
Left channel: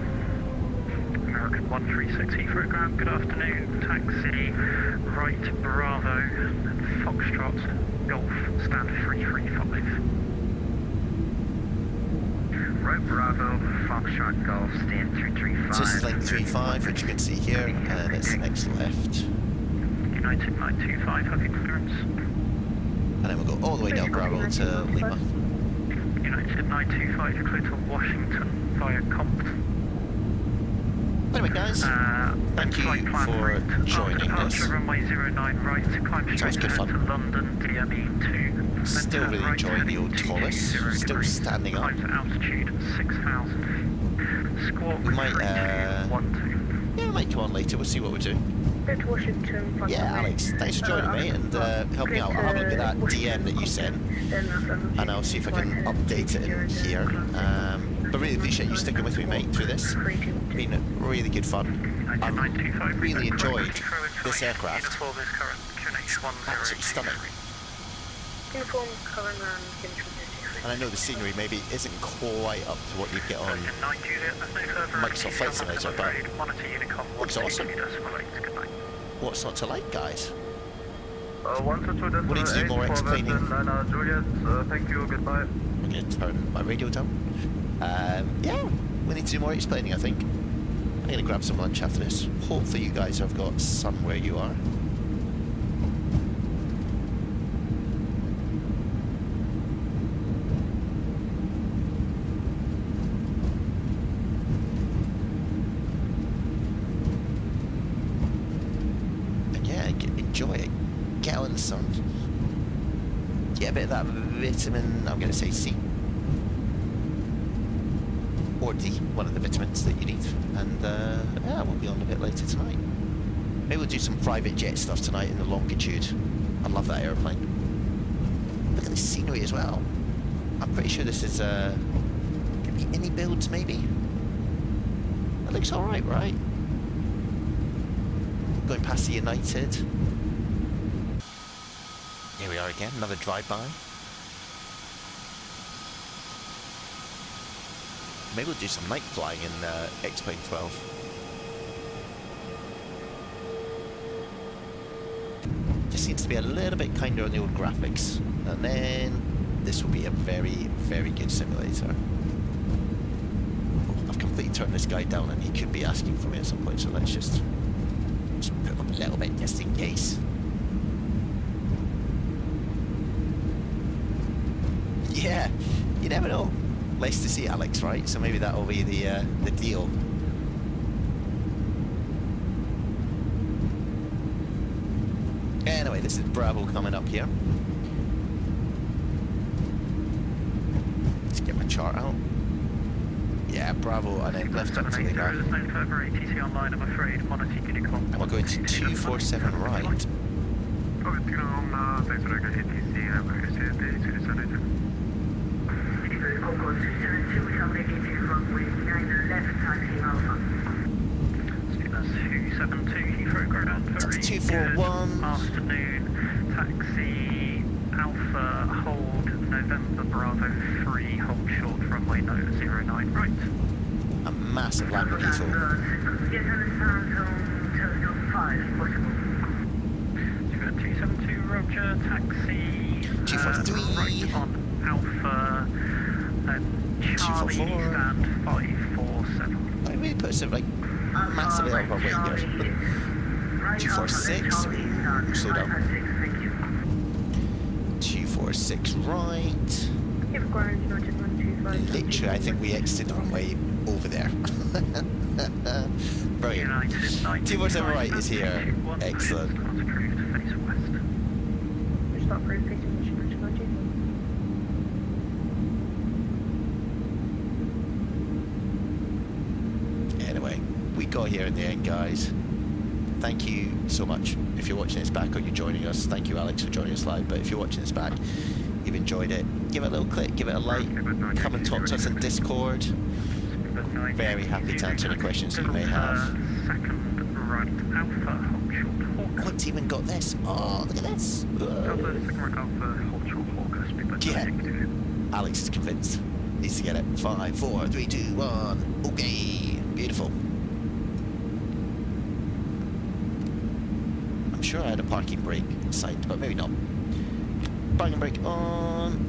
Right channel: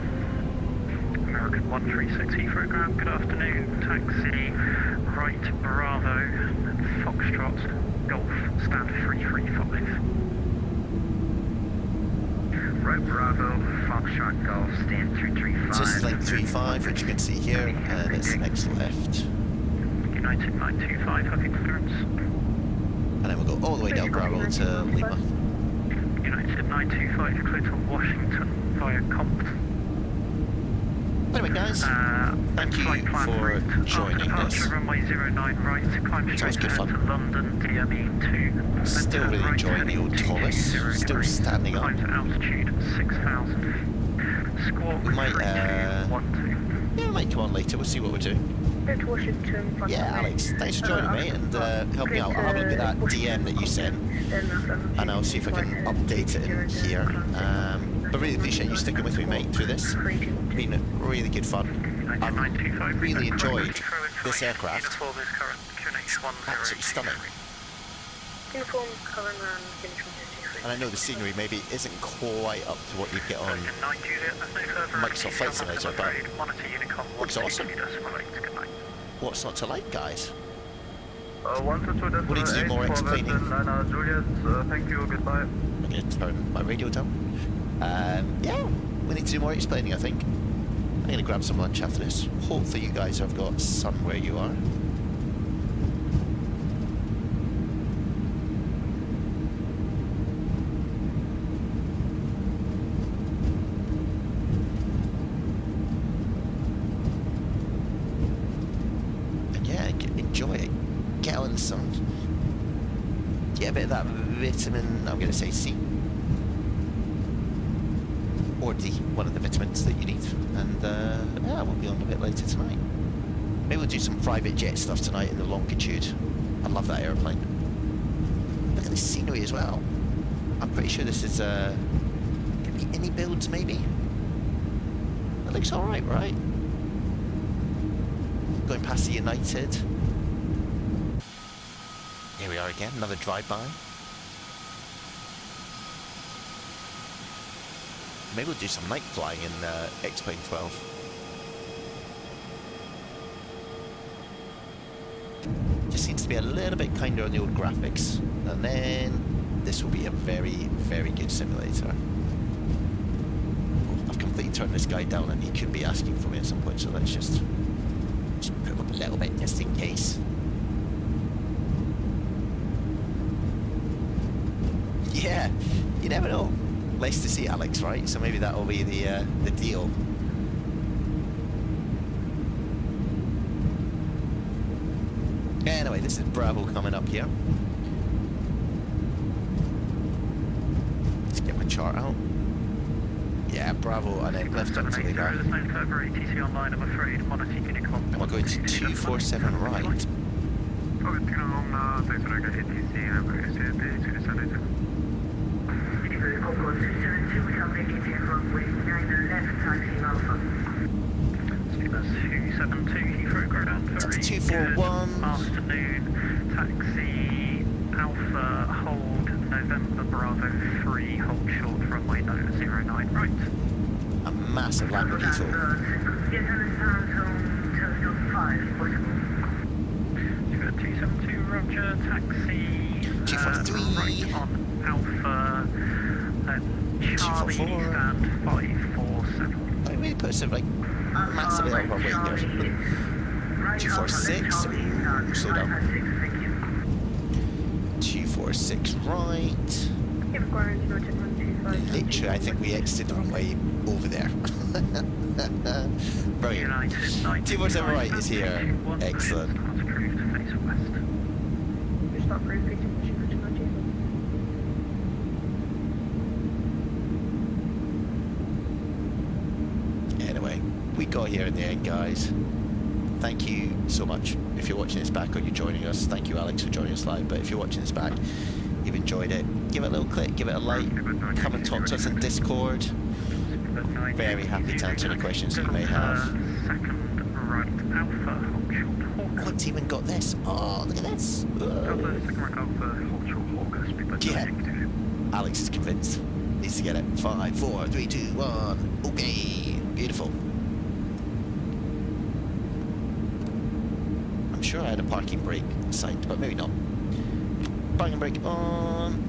American 136 Heathrow ground, good afternoon, taxi right Bravo, Foxtrot, Golf, stand 335. Right Bravo, Foxtrot Golf, stand 335. So this is Link 35, which you can see here, and it's next left. United 925, having clearance. And then we'll go all the way down Bravo to Lima. United 925, you're clear to Washington via Compton. Anyway, guys, thank you for joining us. Runway 09 right, climb straight good ahead fun. to London, DME 2. Still really enjoying the old Toliss. Still standing up. Climb to altitude 6,000 feet. Squawk We might, 3212. Yeah, we might come on later. We'll see what we're doing. Go to Washington. Yeah, Alex, thanks for joining me and helping me out. I'll have a look at that DM that you sent, and I'll see if I can update it in here. But really appreciate you sticking with me, mate, through this. Been really good fun. I really enjoyed this aircraft. It's absolutely stunning. Uniform, current and finish And I know the scenery maybe isn't quite up to what you get on Microsoft Flight Simulator, but looks awesome. What's not to like, guys? 122 We need to do more explaining. Juliet, thank you, goodbye. I'm going to turn my radio down. Yeah, we need to do more explaining, I think. I'm going to grab some lunch after this. Hopefully you guys have got sun where you are. And yeah, enjoy it. Get out in the sun. Get a bit of that vitamin, I'm going to say C. Or D, one of the vitamins that you need. And yeah, we'll be on a bit later tonight. Maybe we'll do some private jet stuff tonight in the Longitude. I love that airplane. Look at the scenery as well. I'm pretty sure this is gonna be any builds maybe. That looks alright, right? Going past the United. Here we are again, another drive-by. Maybe we'll do some night flying in X-Plane 12. Just seems to be a little bit kinder on the old graphics. And then this will be a very, very good simulator. Oh, I've completely turned this guy down and he could be asking for me at some point, so let's just put him up a little bit just in case. Yeah, you never know. Nice to see Alex, right? So maybe that'll be the deal. Anyway, this is Bravo coming up here. Let's get my chart out. Yeah, Bravo, and then left up to the north. There's no further ATC online, I'm afraid. Monarch Unicorn. And we're going to 247 right. Coco 272, we have negative runway 9 left, taxi Alpha. That's 272 Heathrow ground. That's Very 241. good afternoon. Taxi Alpha, hold November Bravo 3, hold short runway 09 right. A massive Lamborghini. Get on the sound zone, telescope 5, possible. 272 Roger, taxi 243. right on Alpha, Charlie 244. stand 547. I really put us like massively out of our way here. 246. Ooh, slow down. 246 right. Literally, I think we exited the runway over there. Brilliant. 247 right is here. Excellent. Anyway, we got here in the end, guys. Thank you so much. If you're watching this back or you're joining us, thank you, Alex, for joining us live. But if you're watching this back, you've enjoyed it, give it a little click, give it a like, come and talk to us in Discord. Very happy to answer any questions that you may have. Second right Alpha, hold short Hawk. Oh, it's even got this. Oh, look at this. Alpha, second right Alpha, hold short Hawk, speedbird Yeah. 962. Alex is convinced. Needs to get it. 5, 4, 3, 2, 1. Okay. Beautiful. I'm sure I had a parking brake assigned, but maybe not. Parking brake on.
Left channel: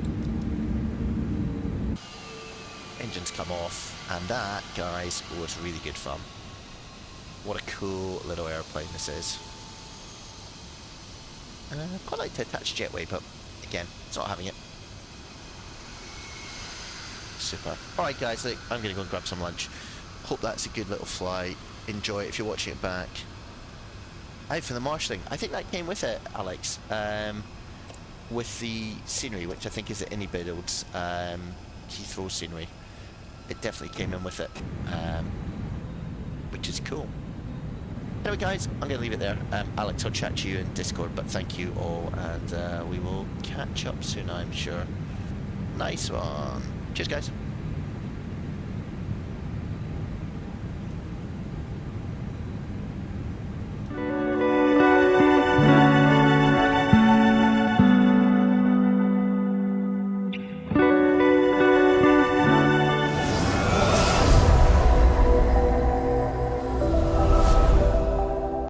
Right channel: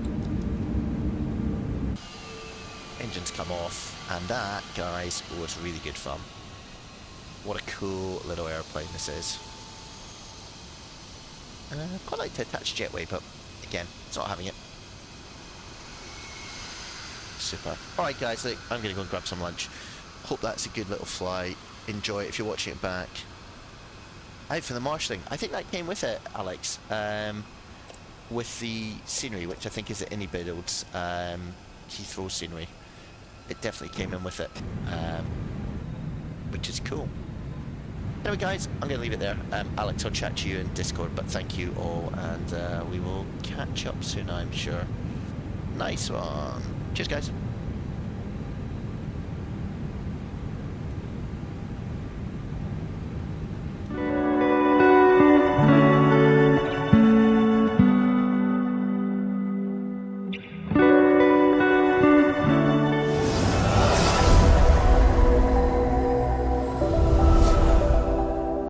Engines come off, and that, guys, was really good fun. What a cool little airplane this is. I'd quite like to attach jetway, but again, it's not having it. Super. Alright guys, look, I'm going to go and grab some lunch. Hope that's a good little flight. Enjoy it if you're watching it back. Out for the marshalling. I think that came with it, Alex. With the scenery, which I think is the Builds Heathrow scenery. It definitely came in with it. Which is cool. Anyway guys, I'm going to leave it there. Alex, I'll chat to you in Discord, but thank you all, and we will catch up soon, I'm sure. Nice one. Cheers guys.